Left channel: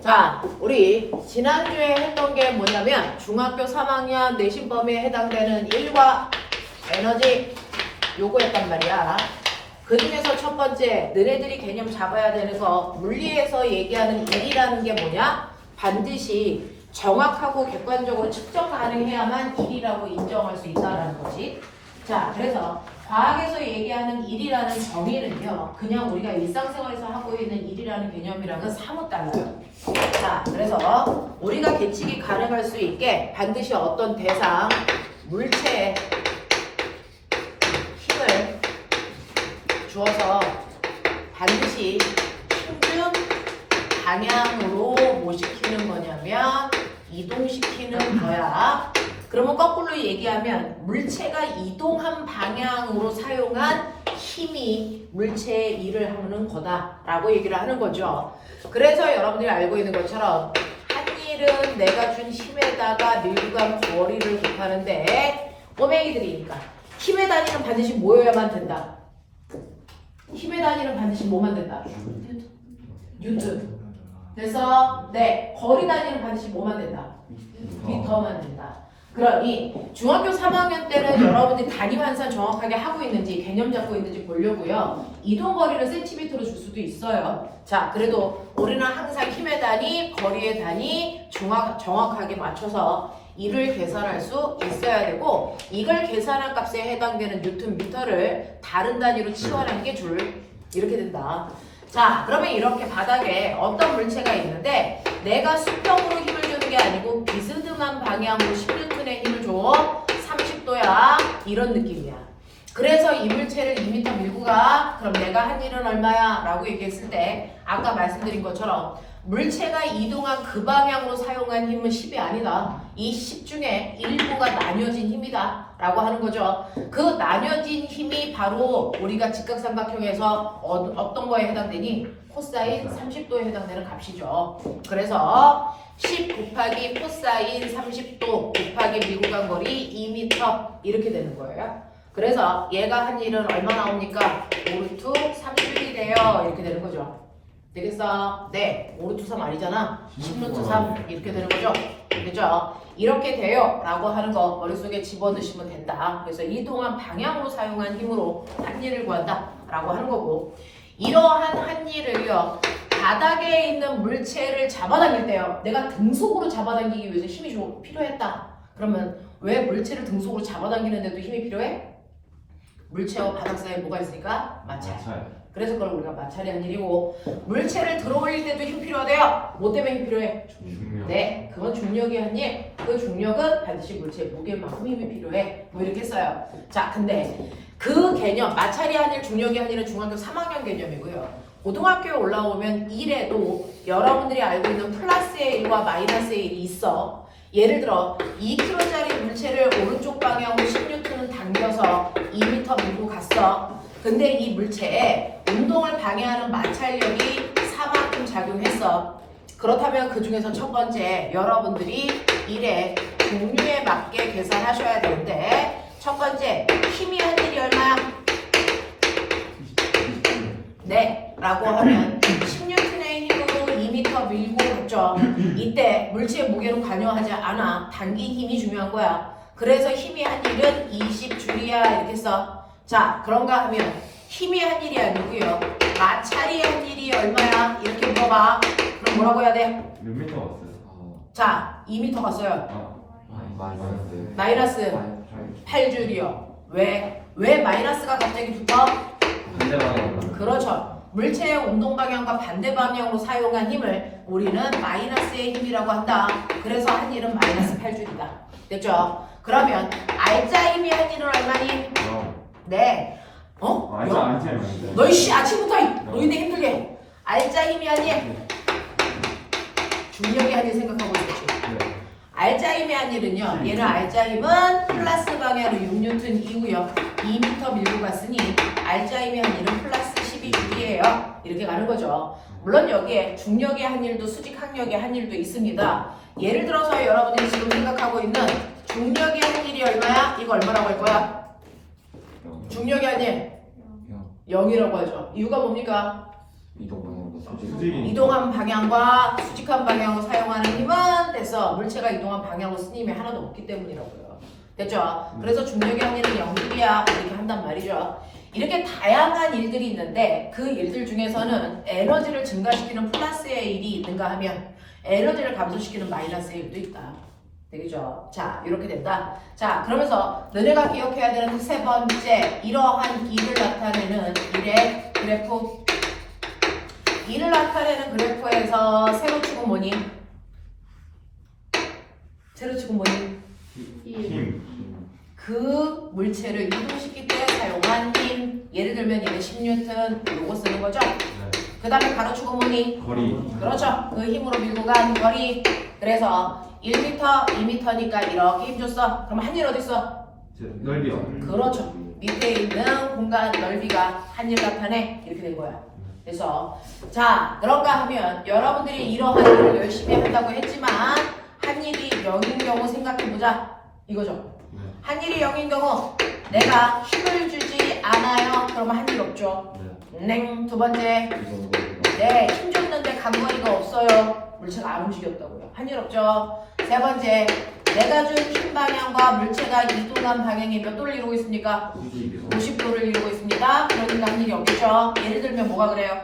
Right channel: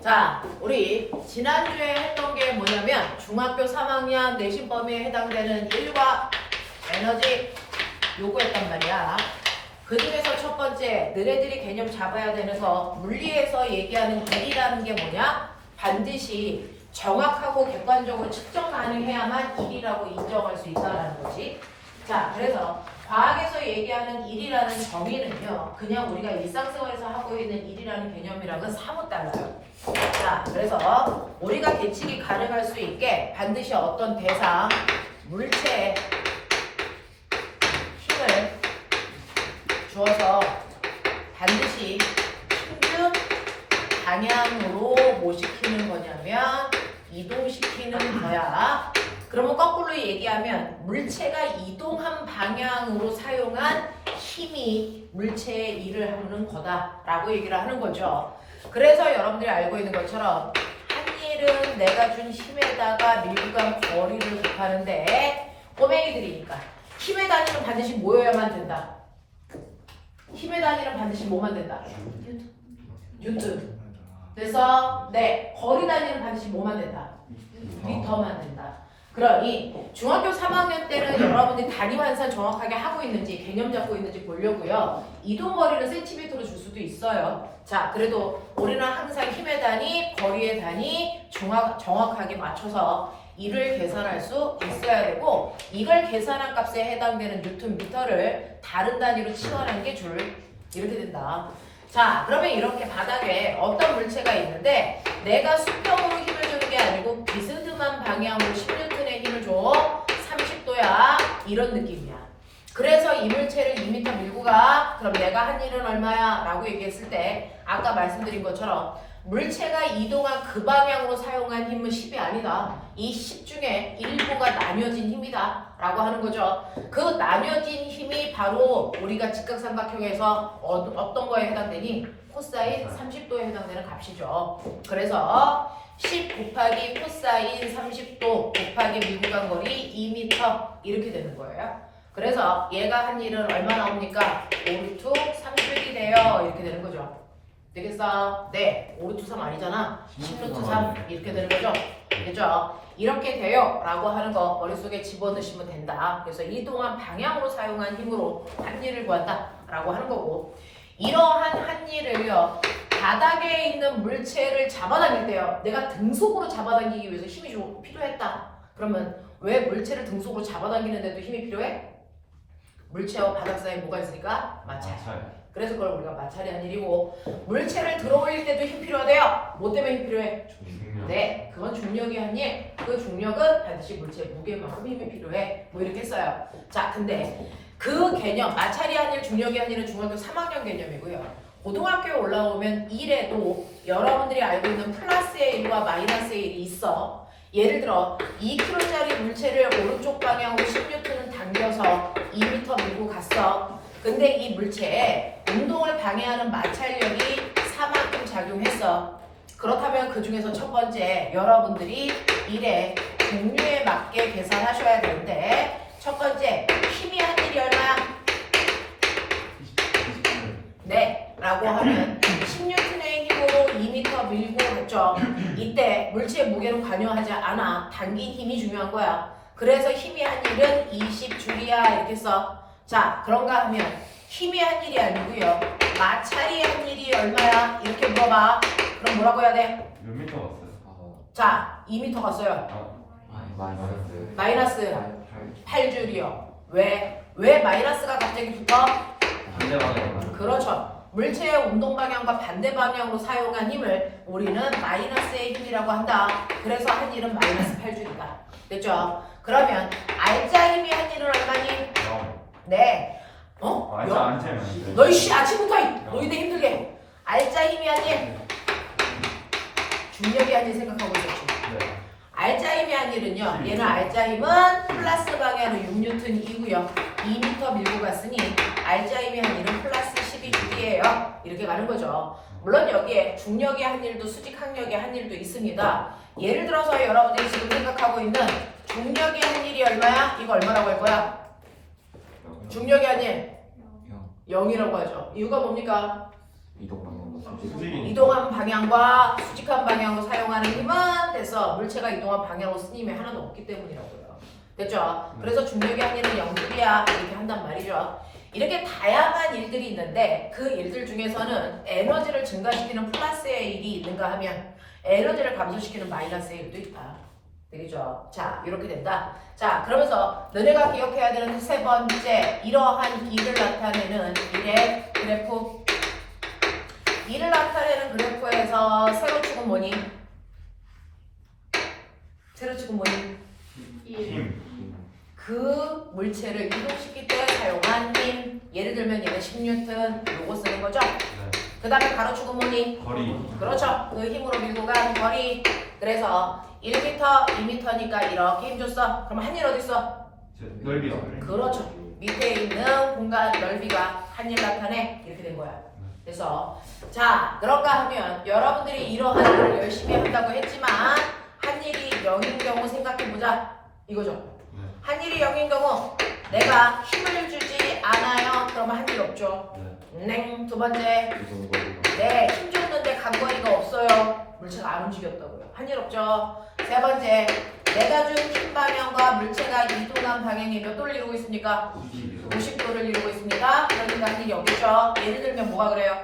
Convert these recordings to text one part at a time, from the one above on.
자, 우리 지난주에 했던 게 뭐냐면 중학교 3학년 내신 범위에 해당되는 일과 에너지 요구했단 말이야. 그 중에서 첫 번째, 너네들이 개념 잡아야 되는 거, 물리에서 얘기하는 일이라는 게 뭐냐? 반드시 정확하고 객관적으로 측정 가능해야만 일이라고 인정할 수 있다는 거지. 자, 그래서 과학에서 얘기하는 일이라는 정의는요, 그냥 우리가 일상생활에서 하고 있는 일이라는 개념이랑은 사뭇 달라요. 자, 그래서 우리가 계측이 가능할 수 있게 반드시 어떤 대상, 물체에 힘을 주어서 반드시 평균 방향으로 뭐 시키는 거냐면 이동시키는 거야. 그러면 거꾸로 얘기하면 물체가 이동한 방향으로 사용한 힘이 물체의 일을 하는 거다라고 얘기를 하는 거죠. 그래서 여러분들이 알고 있는 것처럼 한 일은 내가 준 힘에다가 밀고 간 거리를 곱하는데 꼬맹이들이니까 힘의 단위는 반드시 모여야만 된다. 힘의 단위는 반드시 뭐만 된다? 뉴턴. 그래서 네, 거리 단위는 반드시 뭐만 된다? 미터만 된다. 그러니 중학교 3학년 때는 여러분이 단위 환산 정확하게 하고 있는지 개념 잡고 있는지 보려고요. 이동 거리를 센티미터로 줄 수도 있어요. 자, 그래도 우리는 항상 힘의 단위, 거리의 단위 정확하게 맞춰서 이를 계산할 수 있어야 되고, 이걸 계산한 값에 해당되는 뉴턴 미터를 다른 단위로 치환한 게 줄 이렇게 된다. 자, 그러면 이렇게 바닥에 어떤 물체가 있는데 내가 수평으로 힘을 주는 게 아니고 비스듬한 방향으로 10N의 힘을 줘. 30도야. 이런 느낌이야. 그래서 이 물체를 2m 밀고 가. 그럼 내가 한 일은 얼마야? 라고 얘기했을 때 아까 말씀드린 것처럼 물체가 이동한 그 방향으로 사용한 힘은 10이 아니다. 이 10 중에 일부가 나뉘어진 힘이다 라고 하는 거죠. 그 나뉘어진 힘이 바로 우리가 직각삼각형에서 어떤 거에 해당되니? 코사인 30도에 해당되는 값이죠. 그래서 10 곱하기 코사인 30도 곱하기 밀고 간 거리 2m 이렇게 되는 거예요. 그래서 얘가 한 일은 얼마 나옵니까? 5루트 3줄이 돼요. 이렇게 되는 거죠. 되겠어? 네. 5루트 3 아니잖아. 10루트 3 이렇게 되는 거죠. 됐죠? 이렇게 돼요 라고 하는 거 머릿속에 집어넣으시면 된다. 그래서 이동한 방향으로 사용한 힘으로 한 일을 구한다 라고 하는 거고, 이러한 한 일을요 바닥에 있는 물체를 잡아당길 때요, 내가 등속으로 잡아당기기 위해서 힘이 좀 필요했다. 그러면 왜 물체를 등속으로 잡아당기는데도 힘이 필요해? 물체와 바닥 사이에 뭐가 있으니까? 마찰. 그래서 그걸 우리가 마찰이한 일이고, 물체를 들어올릴 때도 힘 필요하대요. 뭐 때문에 힘 필요해? 중력. 네, 그건 중력이 한 일. 그 중력은 반드시 물체 무게만큼 힘이 필요해. 뭐 이렇게 써요. 자, 근데 그 개념, 마찰이 한 일, 중력이 한 일은 중학교 3학년 개념이고요. 고등학교에 올라오면 1에도 여러분들이 알고 있는 플러스의 1과 마이너스의 1이 있어. 예를 들어 2kg짜리 물체를 오른쪽 방향으로 10N은 당겨서 2m 밀고 갔어. 근데 이 물체에 운동을 방해하는 마찰력이 4만큼 작용했어. 그렇다면 그 중에서 첫 번째, 여러분들이 일의 종류에 맞게 계산하셔야 되는데, 첫 번째, 힘이 한 일이 얼마야? 네, 라고 하면 10N의 힘으로 2m 밀고 갔죠. 이때 물체의 무게는 관여하지 않아. 당긴 힘이 중요한 거야. 그래서 힘이 한 일은 20줄이야 이렇게 써. 자, 그런가 하면 힘이 한 일이 아니고요, 마찰이 한 일이 얼마야? 이렇게 물어봐. 그럼 뭐라고 해야 돼? 몇 미터 왔어요? 자, 2m 갔어요. 마이너스 8줄이요. 왜? 왜 마이너스가 갑자기 붙어? 반대방향. 그렇죠. 물체의 운동 방향과 반대 방향으로 사용한 힘을 우리는 마이너스의 힘이라고 한다. 그래서 한 일은 마이너스 8줄이다. 됐죠? 그러면 알짜 힘이 한 일은 얼마니? 네. 안차요. 너희 씨 아침부터 너희들 힘들게 해. 알짜 힘이 한 일, 중력이 한 일 생각하고 있었지. 알짜 힘이 한 일은요, 얘는 알짜 힘은 플러스 방향으로 6N이고요 2m 밀고 갔으니 알짜 힘이 한 일은 플러스 12J이에요 이렇게 가는 거죠. 물론 여기에 중력의 한 일도 수직 항력의 한 일도 있습니다. 예를 들어서 여러분들이 지금 생각하고 있는 중력의 한 일이 얼마야? 이거 얼마라고 할 거야? 중력의 한 일 0이라고 하죠. 이유가 뭡니까? 이동 방향. 이동한 방향과 수직한 방향을 사용하는 힘은 됐어. 물체가 이동한 방향으로 쓴 힘이 하나도 없기 때문이라고요. 됐죠? 그래서 중력의 항의는 0줄이야 이렇게 한단 말이죠. 이렇게 다양한 일들이 있는데 그 일들 중에서는 에너지를 증가시키는 플러스의 일이 있는가 하면 에너지를 감소시키는 마이너스의 일도 있다. 되겠죠? 자, 이렇게 된다. 자, 그러면서 너네가 기억해야 되는 세 번째, 이러한 일을 나타내는 일의 그래프. 일을 나타내는 그래프에서 세로축은 뭐니? 세로축은 뭐니? 힘. 그 물체를 이동시킬 때 사용한 힘. 예를 들면 얘는 10N 요거 쓰는 거죠? 그 다음에 가로축은 뭐니? 거리. 그렇죠. 그 힘으로 밀고 간 거리. 그래서 1m, 2m니까 이렇게 힘 줬어. 그럼 한일 어디 있어? 넓이요. 그렇죠. 밑에 있는 공간 넓이가 한일 나타내. 이렇게 된 거야. 그래서 자, 그런가 하면 여러분들이 이러한 일을 열심히 한다고 했지만 한일이 0인 경우 생각해보자. 이거죠. 한일이 0인 경우 내가 힘을 주지 않아요. 그러면 한일 없죠. 냉. 두 번째, 네, 힘 줬는데 간거리가 없어요. 물체가 안 움직였다고요. 한일 없죠. 세 번째, 내가 준 힘 방향과 물체가 이동한 방향이 몇 도를 이루고 있습니까? 90도를 이루고 있습니다. 그러니까 한일이 없겠죠. 예를 들면 뭐가 그래요?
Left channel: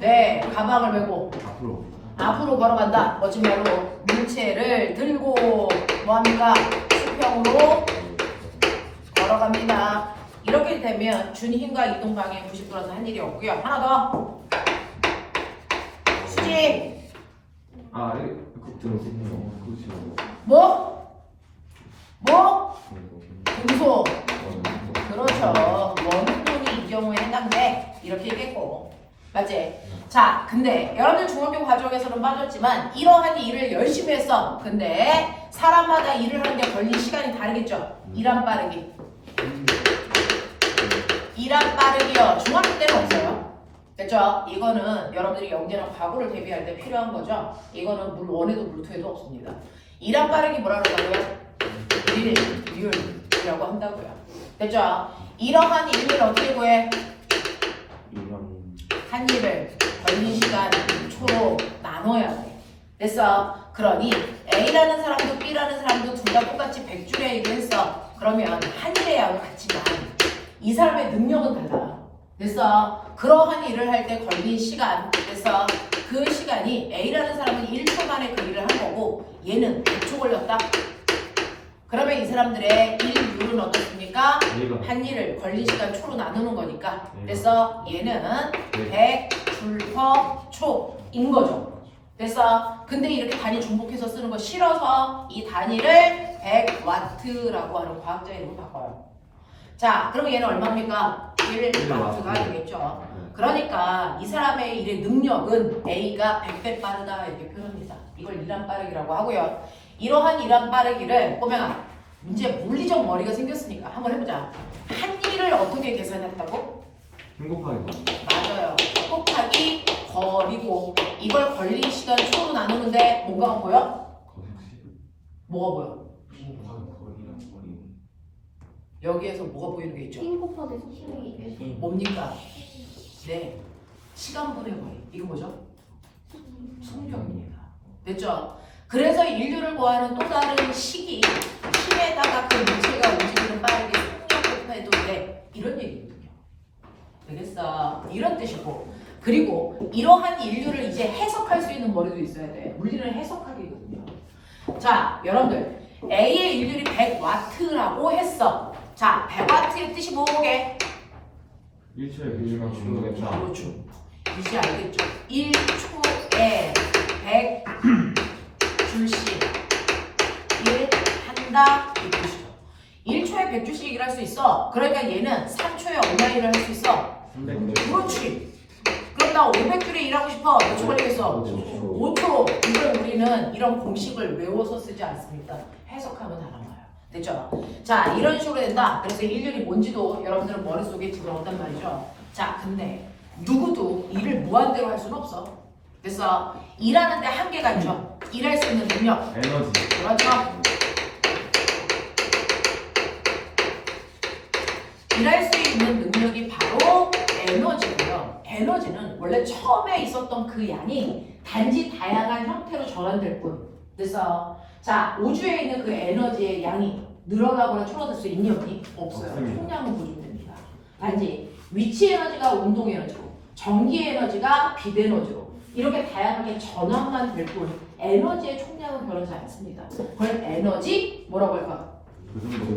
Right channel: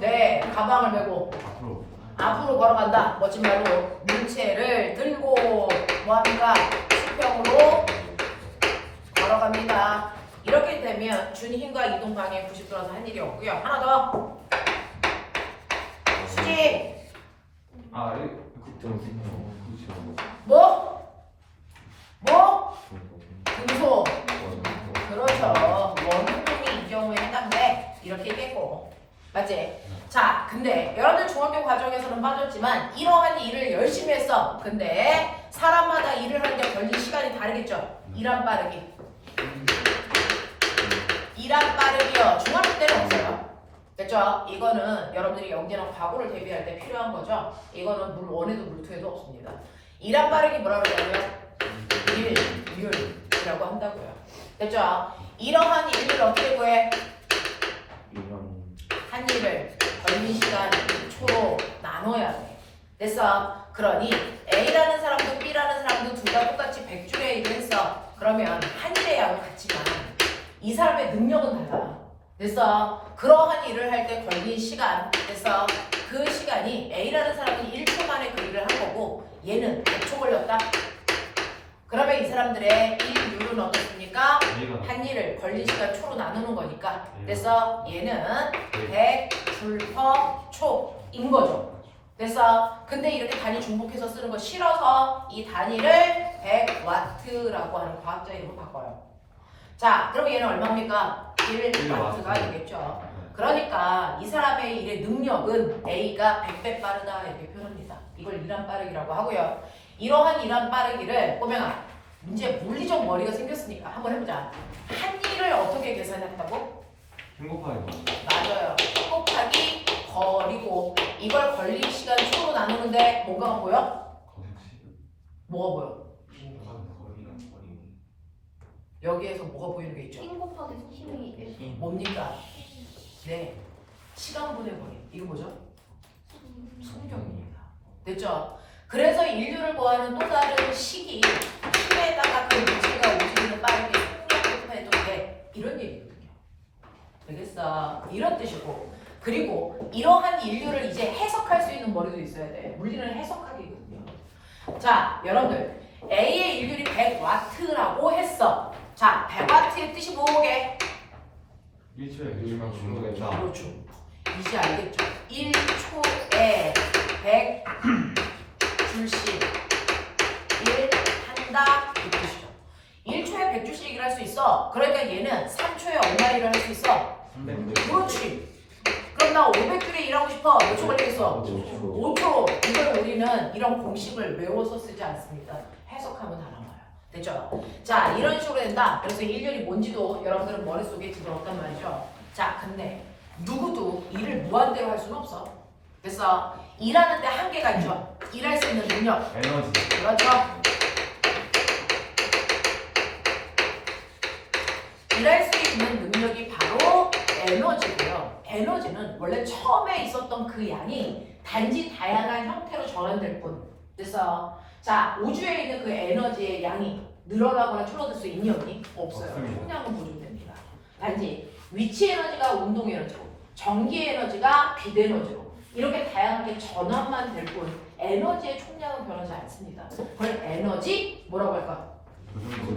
네, 가방을 메고 앞으로 걸어간다. 멋진 말로 물체를 들고 뭐합니까? 수평으로 걸어갑니다. 이렇게 되면 준 힘과 이동 방향 90도라서 한 일이 없고요. 하나 더. 수직. 뭐? 금속. 그렇죠. 원운동이 이 경우에 해당돼. 이렇게 얘기했고. 맞지? 자, 근데 여러분들 중학교 과정에서는 빠졌지만 이러한 일을 열심히 했어. 근데 사람마다 일을 하는데 걸린 시간이 다르겠죠? 일한 빠르기. 일한 빠르기요. 중학교 때는 없어요. 됐죠? 이거는 여러분들이 영재랑 과거를 대비할 때 필요한 거죠. 이거는 물 1에도 물 2에도 없습니다. 일한 빠르기 뭐라 그러냐고요? 일이라고 한다고요. 됐죠? 이러한 일을 어떻게 구해? 한 일을 걸린 시간 초로 나눠야 돼. 됐어? 그러니 A라는 사람도 B라는 사람도 둘 다 똑같이 100줄의 일을 했어. 그러면 한 일의 양은 같지만 이 사람의 능력은 달라. 됐어? 그러한 일을 할 때 걸린 시간. 됐어? 그 시간이 A라는 사람은 1초 만에 그 일을 한 거고 얘는 100초 걸렸다. 그러면 이 사람들의 일률은 어떻습니까? 한 일을 걸린 시간 초로 나누는 거니까. 됐어? 얘는 100줄 초인 거죠. 됐어? 근데 이렇게 단위 중복해서 쓰는 거 싫어서 이 단위를 100와트라고 하는 과학자 이름으로 바꿔요. 자, 그럼 얘는 얼마입니까? 1와트가 되겠죠. 그러니까 이 사람의 일의 능력은 A가 100배 빠르다 이렇게 표현합니다. 이걸 일한 빠르기라고 하고요. 이러한 일한 빠르기를 보면 문제 물리적 머리가 생겼으니까 한번 해보자. 한 일을 어떻게 계산했다고? 행복하게. 맞아요. 곱하기 거리고 이걸 걸린 시간 초로 나누는데 뭐가 보여? 뭐가 보여? 여기에서 뭐가 보이는 게 있죠? 힘 곱하기 속도이 뭡니까? 네, 시간분의 거리. 이거 뭐죠? 속력입니다. 됐죠? 그래서 인류를 구하는 또 다른 식이 힘에다가 그 물체가 움직이는 빠르게 속력을 해도 돼. 이런 얘기거든요. 되겠어? 이런 뜻이고 그리고 이러한 인류를 이제 해석할 수 있는 머리도 있어야 돼. 물리는 해석하기거든요. 자, 여러분들 A의 일률이 100와트라고 했어. 자, 100와트의 뜻이 뭐게? 1초에 100만 주는 거겠다. 그렇죠. 이제 알겠죠? 1초에 100줄씩 일 한다 이 뜻이죠. 1초에 100줄씩 일할 수 있어. 그러니까 얘는 3초에 얼마 일을 할 수 있어? 300. 그렇지. 그럼 나 500줄에 일하고 싶어. 몇 초 걸리겠어? 5초. 이걸 우리는 이런 공식을 외워서 쓰지 않습니다. 해석하면 다 나와요. 됐죠? 자, 이런 식으로 된다. 그래서 일률이 뭔지도 여러분들은 머릿속에 들어온단 말이죠. 자, 근데 누구도 일을 무한대로 할 수는 없어. 됐어? 일하는데 한계가 있죠. 일할 수 있는 능력. 에너지. 그렇죠? 일할 수 있는 능력이 바로 에너지고요. 에너지는 원래 처음에 있었던 그 양이 단지 다양한 형태로 전환될 뿐. 그래서 자, 우주에 있는 그 에너지의 양이 늘어나거나 줄어들 수 있니 없니? 없어요. 없습니다. 총량은 보존됩니다. 단지 위치 에너지가 운동 에너지로, 전기 에너지가 빛 에너지로 이렇게 다양하게 전환만 될 뿐 에너지의 총량은 변하지 않습니다. 그걸 에너지 뭐라고 할까?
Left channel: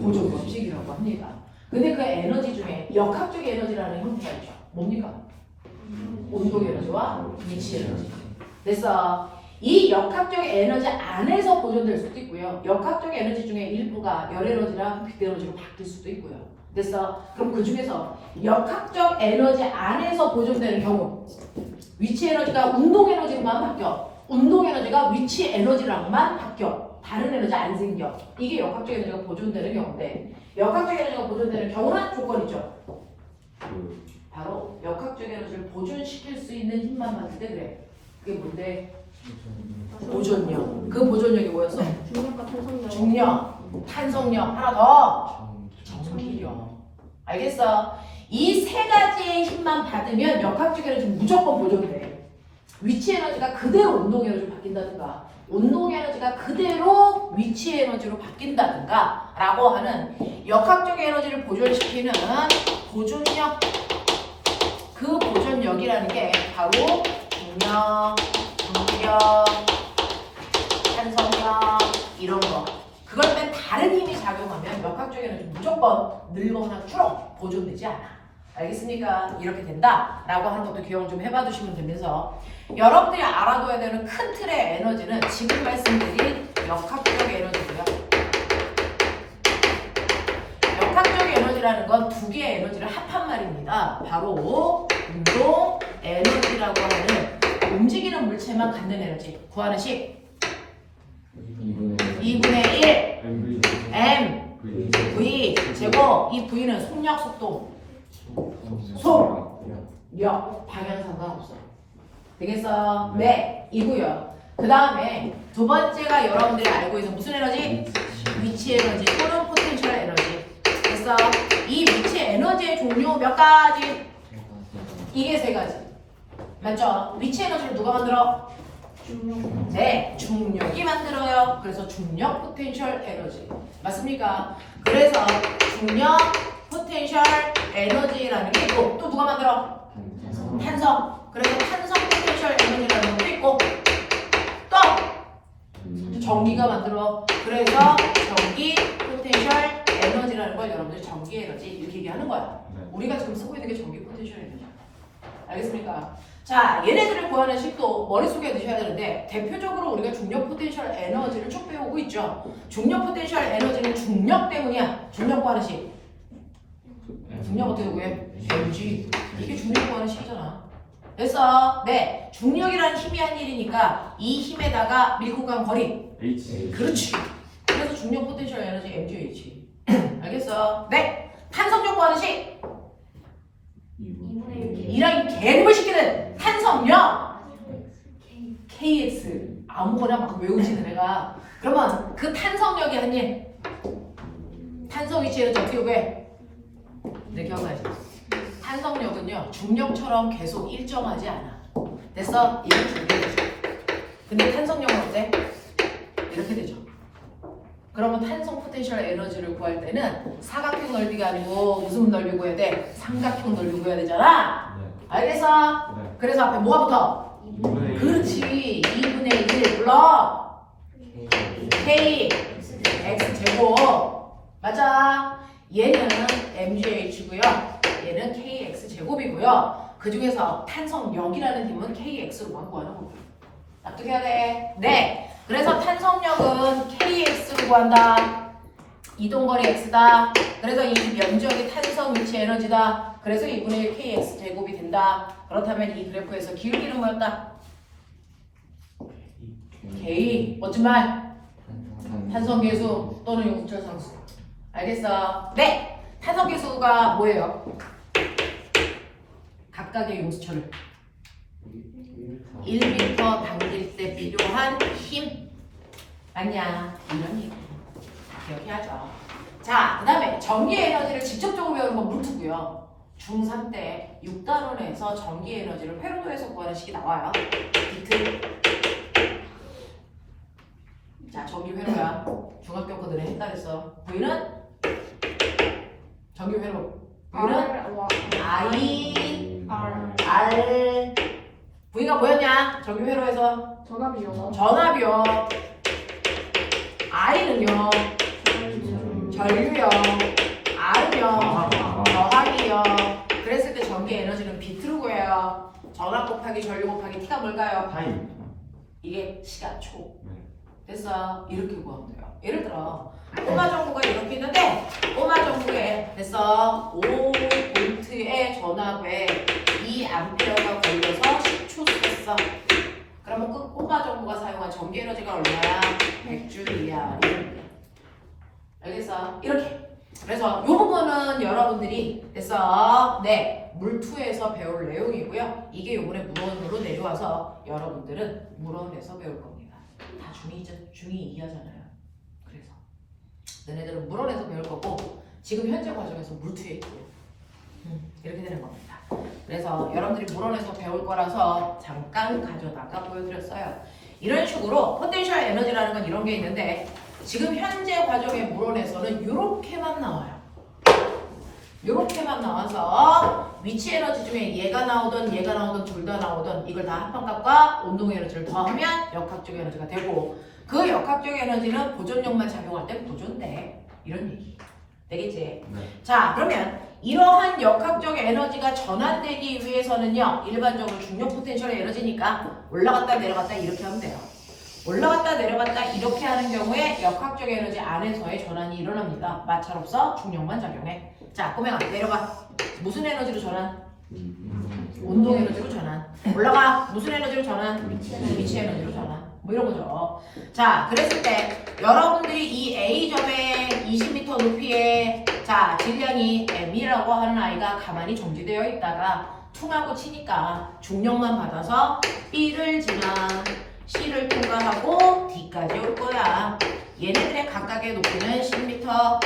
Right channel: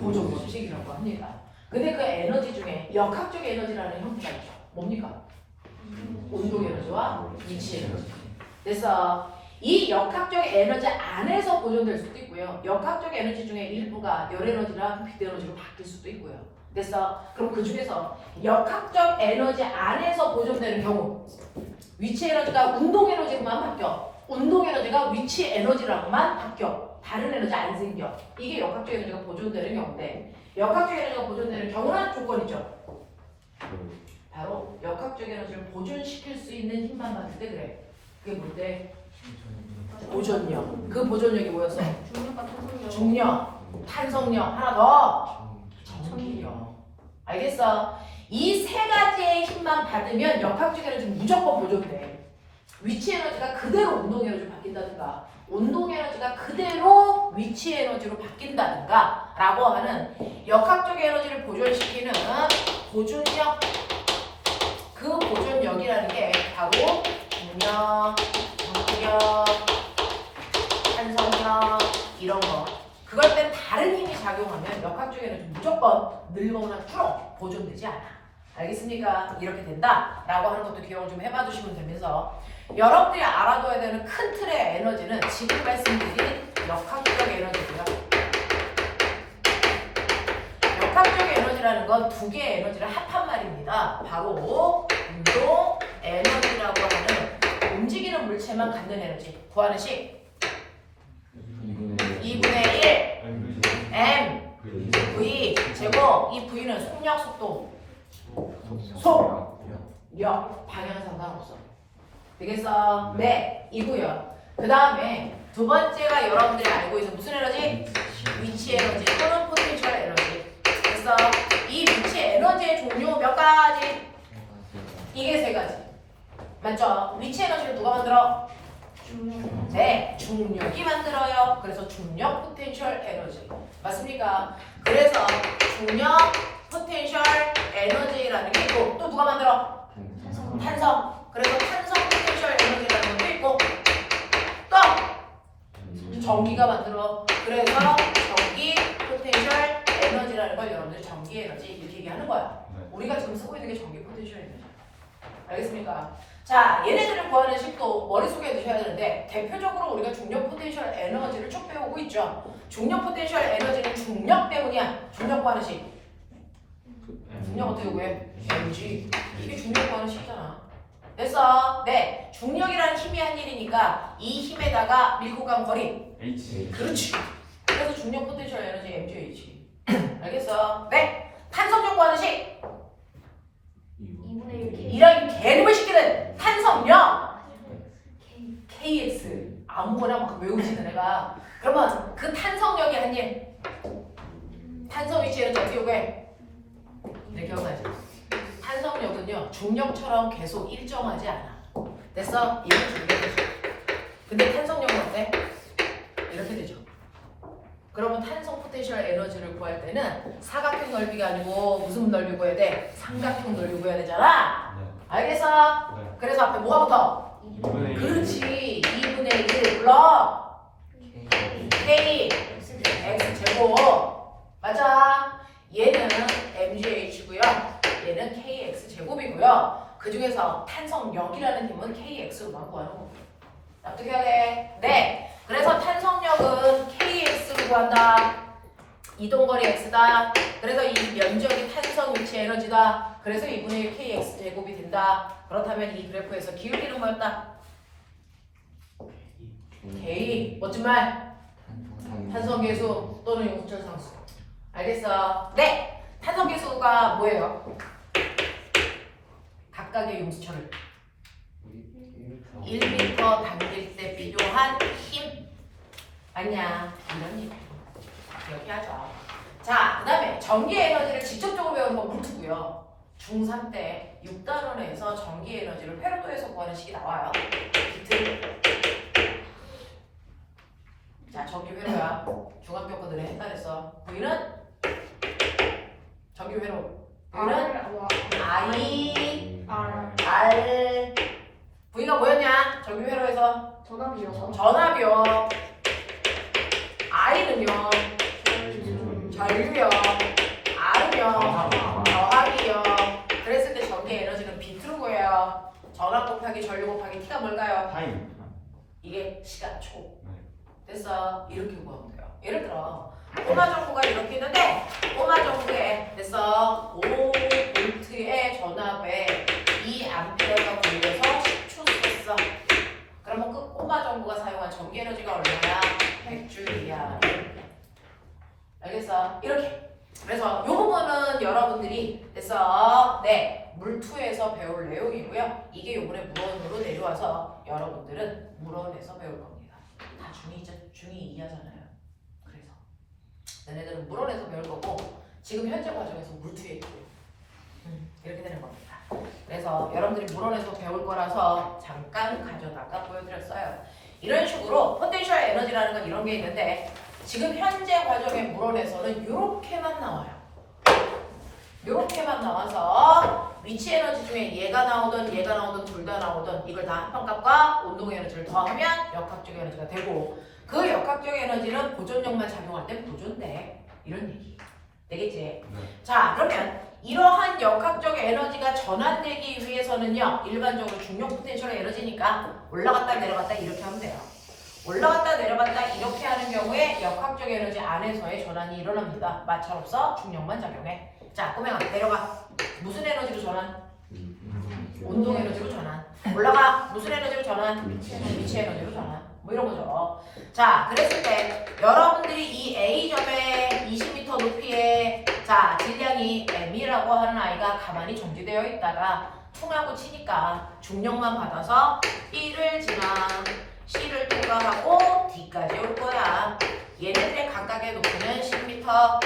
보존 법칙이라고 합니다. 근데 그 에너지 중에 역학적 에너지라는 형태가 있죠. 뭡니까? 운동 에너지와 위치 에너지. 그래서 이 역학적 에너지 안에서 보존될 수도 있고요. 역학적 에너지 중에 일부가 열 에너지랑 빛 에너지로 바뀔 수도 있고요. 그래서 그럼 그 중에서 역학적 에너지 안에서 보존되는 경우 위치 에너지가 운동 에너지만 바뀌어. 운동 에너지가 위치 에너지랑만 바뀌어. 다른 에너지 안 생겨. 이게 역학적 에너지가 보존되는 경우인데 역학적 에너지가 보존되는 경우는 조건이죠. 바로 역학적 에너지를 보존시킬 수 있는 힘만 받을 때 그래. 그게 뭔데? 보존력. 그 보존력이 뭐였어? 중력과 탄성력. 중력, 탄성력, 하나 더 전기력. 알겠어? 이 세 가지의 힘만 받으면 역학적 에너지는 무조건 보존돼. 위치 에너지가 그대로 운동 에너지로 바뀐다든가 운동 에너지가 그대로 위치 에너지로 바뀐다든가 라고 하는 역학적 에너지를 보존시키는 보존력. 그 보존력이라는 게 바로 중력, 전기력, 탄성력 이런 거. 그걸 뺀 다른 힘이 작용하면 역학적 에너지는 무조건 늙거나 줄어 보존되지 않아. 알겠습니까? 이렇게 된다라고 하는 것도 기억을 좀 해봐 주시면 되면서 여러분들이 알아둬야 되는 큰 틀의 에너지는 지금 말씀드린 역학적 에너지고요. 역학적 에너지라는 건 두 개의 에너지를 합한 말입니다. 바로 운동 에너지라고 하는 움직이는 물체만 갖는 에너지. 구하는 식 2분의 1 m v 제곱. 이 v는 속력, 속도, 속력 방향 상관없어. 되겠어요? 네, 이고요. 그 다음에 두 번째가 여러분들이 알고 있는 무슨 에너지? 위치 에너지 또는 포텐셜 에너지. 그래서 이 위치 에너지의 종류 몇 가지? 이게 세 가지. 맞죠? 위치 에너지를 누가 만들어? 네, 중력이 만들어요. 그래서 중력 포텐셜 에너지. 맞습니까? 그래서 중력 포텐셜 에너지라는 게 있고 또 누가 만들어? 탄성. 그래서 탄성 포텐셜 에너지라는 것도 있고 또 전기가 만들어. 그래서 전기 포텐셜 에너지라는 걸 여러분들이 전기 에너지 이렇게 얘기하는 거야. 우리가 지금 쓰고 있는 게 전기 포텐셜 에너지. 알겠습니까? 자, 얘네들을 구하는 식도 머릿속에 드셔야 되는데 대표적으로 우리가 중력 포텐셜 에너지를 쭉 배우고 있죠. 중력 포텐셜 에너지는 중력 때문이야. 중력 구하는 식. 중력 어떻게 구해? mg. 이게 중력 구하는 식이잖아. 됐어? 네. 중력이라는 힘이 한 일이니까 이 힘에다가 밀고 간 거리. H. 그렇지. 그래서 중력 포텐셜 에너지 mgh. 알겠어? 네. 탄성력 구하는 식. 2분의 1. 이런 개그물 시키는 탄성력 kx. 아무거나 막 외우지는 내가. 그러면 그 탄성력이 한 일. 탄성 위치 에너지 어떻게 구해? 네, 기억하지? 탄성력은요 중력처럼 계속 일정하지 않아. 됐어? 이렇게 되죠. 근데 탄성력은 어때? 이렇게 되죠. 그러면 탄성 포텐셜 에너지를 구할 때는 사각형 넓이가 아니고 무슨 넓이 구해야 돼? 삼각형 넓이 구해야 되잖아. 알겠어? 네. 그래서 앞에 뭐가 붙어? 2분의 1. 그렇지. 2분의 1 불러. k x 제곱. 맞아. 얘는 mgh고요. 얘는 kx 제곱이고요. 그 중에서 탄성력이라는 힘은 kx로만 구하는 거고. 납득해야 돼. 네. 그래서 탄성력은 kx로 구한다. 이동거리 x다. 그래서 이 면적이 탄성 위치 에너지다. 그래서 2분의 1 kx 제곱이 된다. 그렇다면 이 그래프에서 기울기는 뭐였다? k. 멋진 말. 탄성계수 또는 용수철상수. 알겠어? 네. 탄성계수가 뭐예요? 각각의 용수철을 1m 당길 때 필요한 힘. 맞냐? 이런 이렇게 하죠. 자, 그 다음에 전기 에너지를 직접적으로 배우는 건 물투고요. 중3 때 6단원에서 전기 에너지를 회로도에서 구하는 식이 나와요. 비트. 자, 전기 회로야. 중학교 거들에 헷갈렸어. 보이는? 전기 회로. 보이는? I, R. V가 뭐였냐? 전기 회로에서 전압이요. 전압이요. I는요. 전류요. R은요. 저항이요. 그랬을 때 전기 에너지는 비트로 구해요. 전압 곱하기 전류 곱하기 T가 뭘까요? 파이. 이게 시간초. 네. 됐어. 이렇게 구하면 돼요. 예를 들어 꼬마 전구가 이렇게 있는데 꼬마 전구에 됐어 5V의 전압에 2A가 걸려서 10초 썼어. 그러면 그 꼬마 전구가 사용한 전기 에너지가 얼마야? 100줄이야. 알겠어? 이렇게. 그래서 이 부분은 여러분들이 됐어. 네. 물투에서 배울 내용이고요. 이게 요번에 물원으로 내려와서 여러분들은 물원에서 배울 겁니다. 다 중2 2하잖아요. 그래서 너네들은 물원에서 배울 거고 지금 현재 과정에서 물투에 있고 이렇게 되는 겁니다. 그래서 여러분들이 물원에서 배울 거라서 잠깐 가져다가 보여드렸어요. 이런 식으로 포텐셜 에너지라는 건 이런 게 있는데 지금 현재 과정의 물원에서는 이렇게만 나와요. 이렇게만 나와서 위치 에너지 중에 얘가 나오든 둘 다 나오든 이걸 다 합방값과 운동 에너지를 더하면 역학적 에너지가 되고 그 역학적 에너지는 보존력만 작용할 때 보존돼. 이런 얘기. 되겠지? 네. 자, 그러면 이러한 역학적 에너지가 전환되기 위해서는요. 일반적으로 중력 포텐셜의 에너지니까 올라갔다 내려갔다 이렇게 하면 돼요. 올라갔다 내려갔다 이렇게 하는 경우에 역학적 에너지 안에서의 전환이 일어납니다. 마찰 없어. 중력만 작용해. 자, 꼬맹아 내려가. 무슨 에너지로 전환? 운동 에너지로 전환. 올라가. 무슨 에너지로 전환? 위치 에너지로 전환. 뭐 이런 거죠. 자, 그랬을 때 여러분들이 이 A점의 20m 높이의 자 질량이 M이라고 하는 아이가 가만히 정지되어 있다가 퉁하고 치니까 중력만 받아서 B를 지나 C를 통과하고 D까지 올 거야. 얘네들의 각각의 높이는 10m,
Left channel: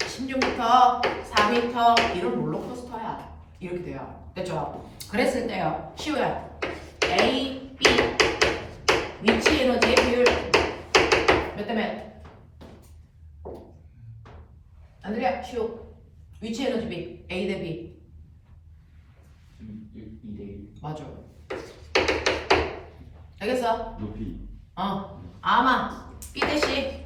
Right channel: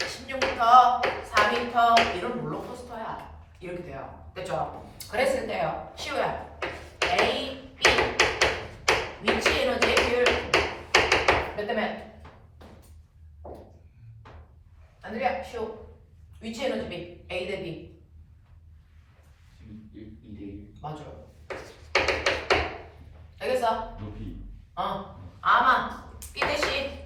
16m, 4m 이런 롤러코스터야. 이렇게 돼요. 됐죠? 그랬을 때요. 시우야. A, B 위치 에너지의 비율 몇 대 몇? 안드레아 시우. 위치 에너지 비 A 대 B. 2대1. 맞아. 알겠어? 높이. 아마 B 대 C.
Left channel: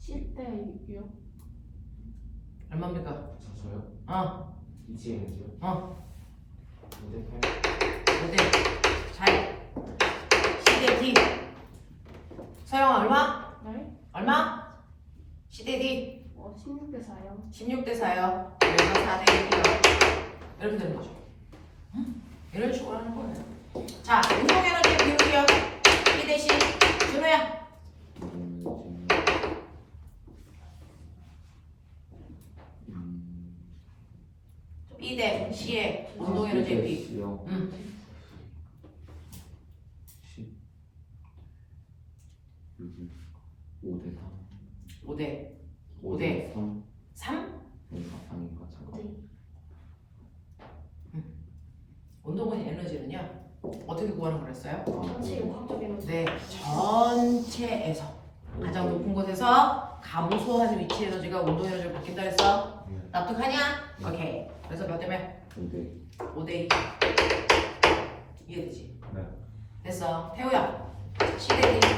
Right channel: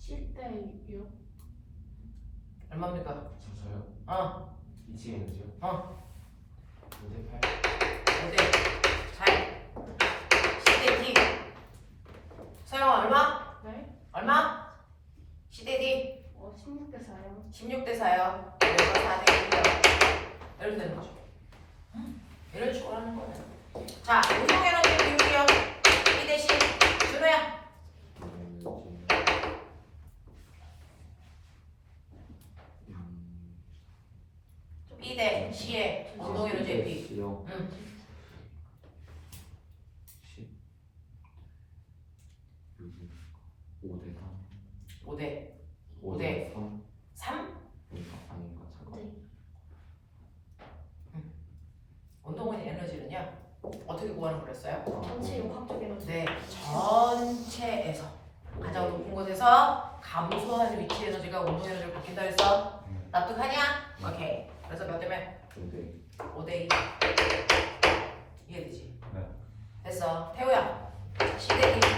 10대 6. 얼마입니까? 저요? 위치 에너지요? 5대8. 어때? 잘. C 대 D. 서영아 얼마? 네? 얼마? C 대 D. 16대 4요. 16대 4요. 그래서 4대 1이요. 이렇게 되는 거죠. 이런 식으로 하는 거예요. 자, 운동 에너지 비율이요. B 대 C. 준호야. B 대 C의 운동 에너지의 비. 5대 5대 3? 운동은 에너지는요. 어떻게 구하는 거랬어요? 전체 역학적 에너지. 네, 전체에서 가장 높은 곳에서 감소하는 위치 에너지가 운동 에너지를 바뀐다 그랬어. 납득하냐? 오케이. 그래서 몇 대 몇? 5대 2. 이해되지? 네. 됐어. 태우야. C 대 D.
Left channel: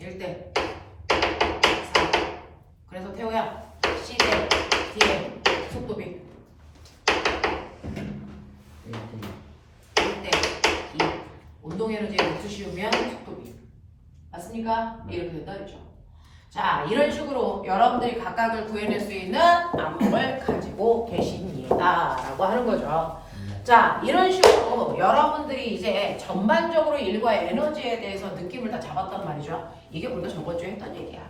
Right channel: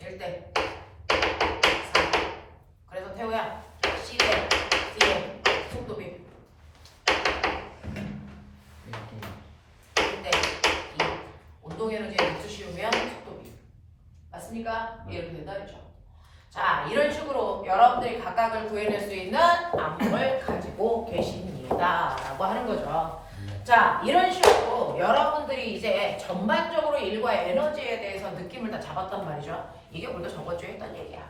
1대 4. 그래서 태우야. C 대 D의 속도비. 1대 2. 운동 에너지에 목수 씌우면 속도비. 맞습니까? 이렇게 된다 그랬죠. 자, 이런 식으로 여러분들이 각각을 구해낼 수 있는 안목을 가지고 계십니다. 라고 하는 거죠. 자, 이런 식으로 여러분들이 이제 전반적으로 일과 에너지에 대해서 느낌을 다 잡았단 말이죠. 이게 우리가 저번 주에 했던 얘기야.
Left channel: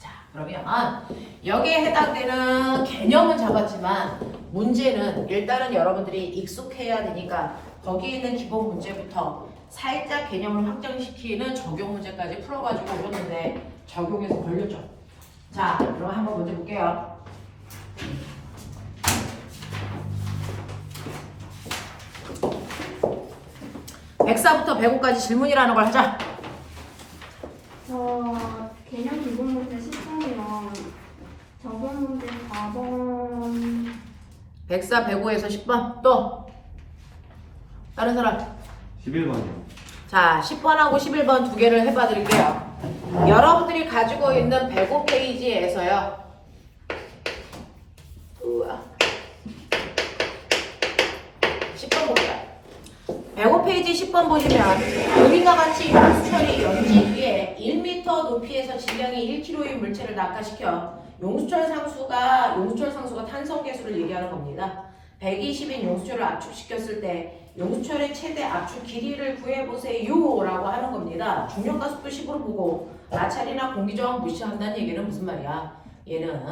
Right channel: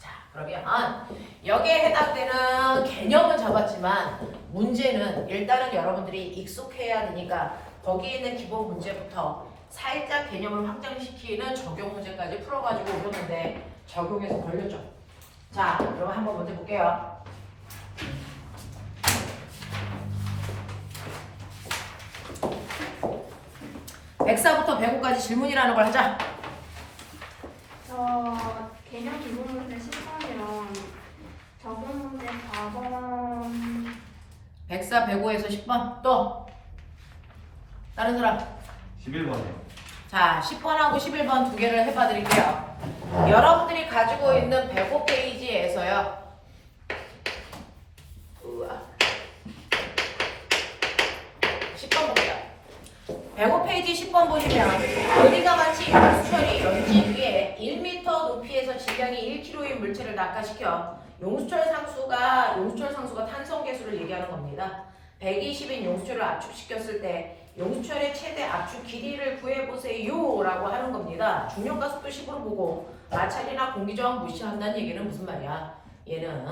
자, 그러면 여기에 해당되는 개념은 잡았지만 문제는 일단은 여러분들이 익숙해야 되니까 거기에 있는 기본 문제부터 살짝 개념을 확장시키는 적용 문제까지 풀어가지고 오셨는데 적용해서 걸려줘. 자, 그럼 한번 먼저 볼게요. (104부터 105까지) 질문이라는 걸 하자. 개념 기본 문제 10번이랑 적용 문제 4번 104, 105에서 10번. 또 다른 사람. 11번이요. 자, 10번하고 11번 두 개를 해봐 드릴게요. 여러분들이 가지고 있는 105페이지에서요. 10번 보자. 105페이지 10번 보시면 여기가 같이 용수철이 연지 위에 1m 높이에서 질량이 1kg의 물체를 낙하시켜 용수철 상수가 탄성 계수를 얘기하는 겁니다. 120인 용수철을 압축시켰을 때 용수철의 최대 압축 길이를 구해보세요 라고 하는 겁니다. 중력가속도 10으로 보고 마찰이나 공기저항 무시한다는 얘기는 무슨 말이야? 얘는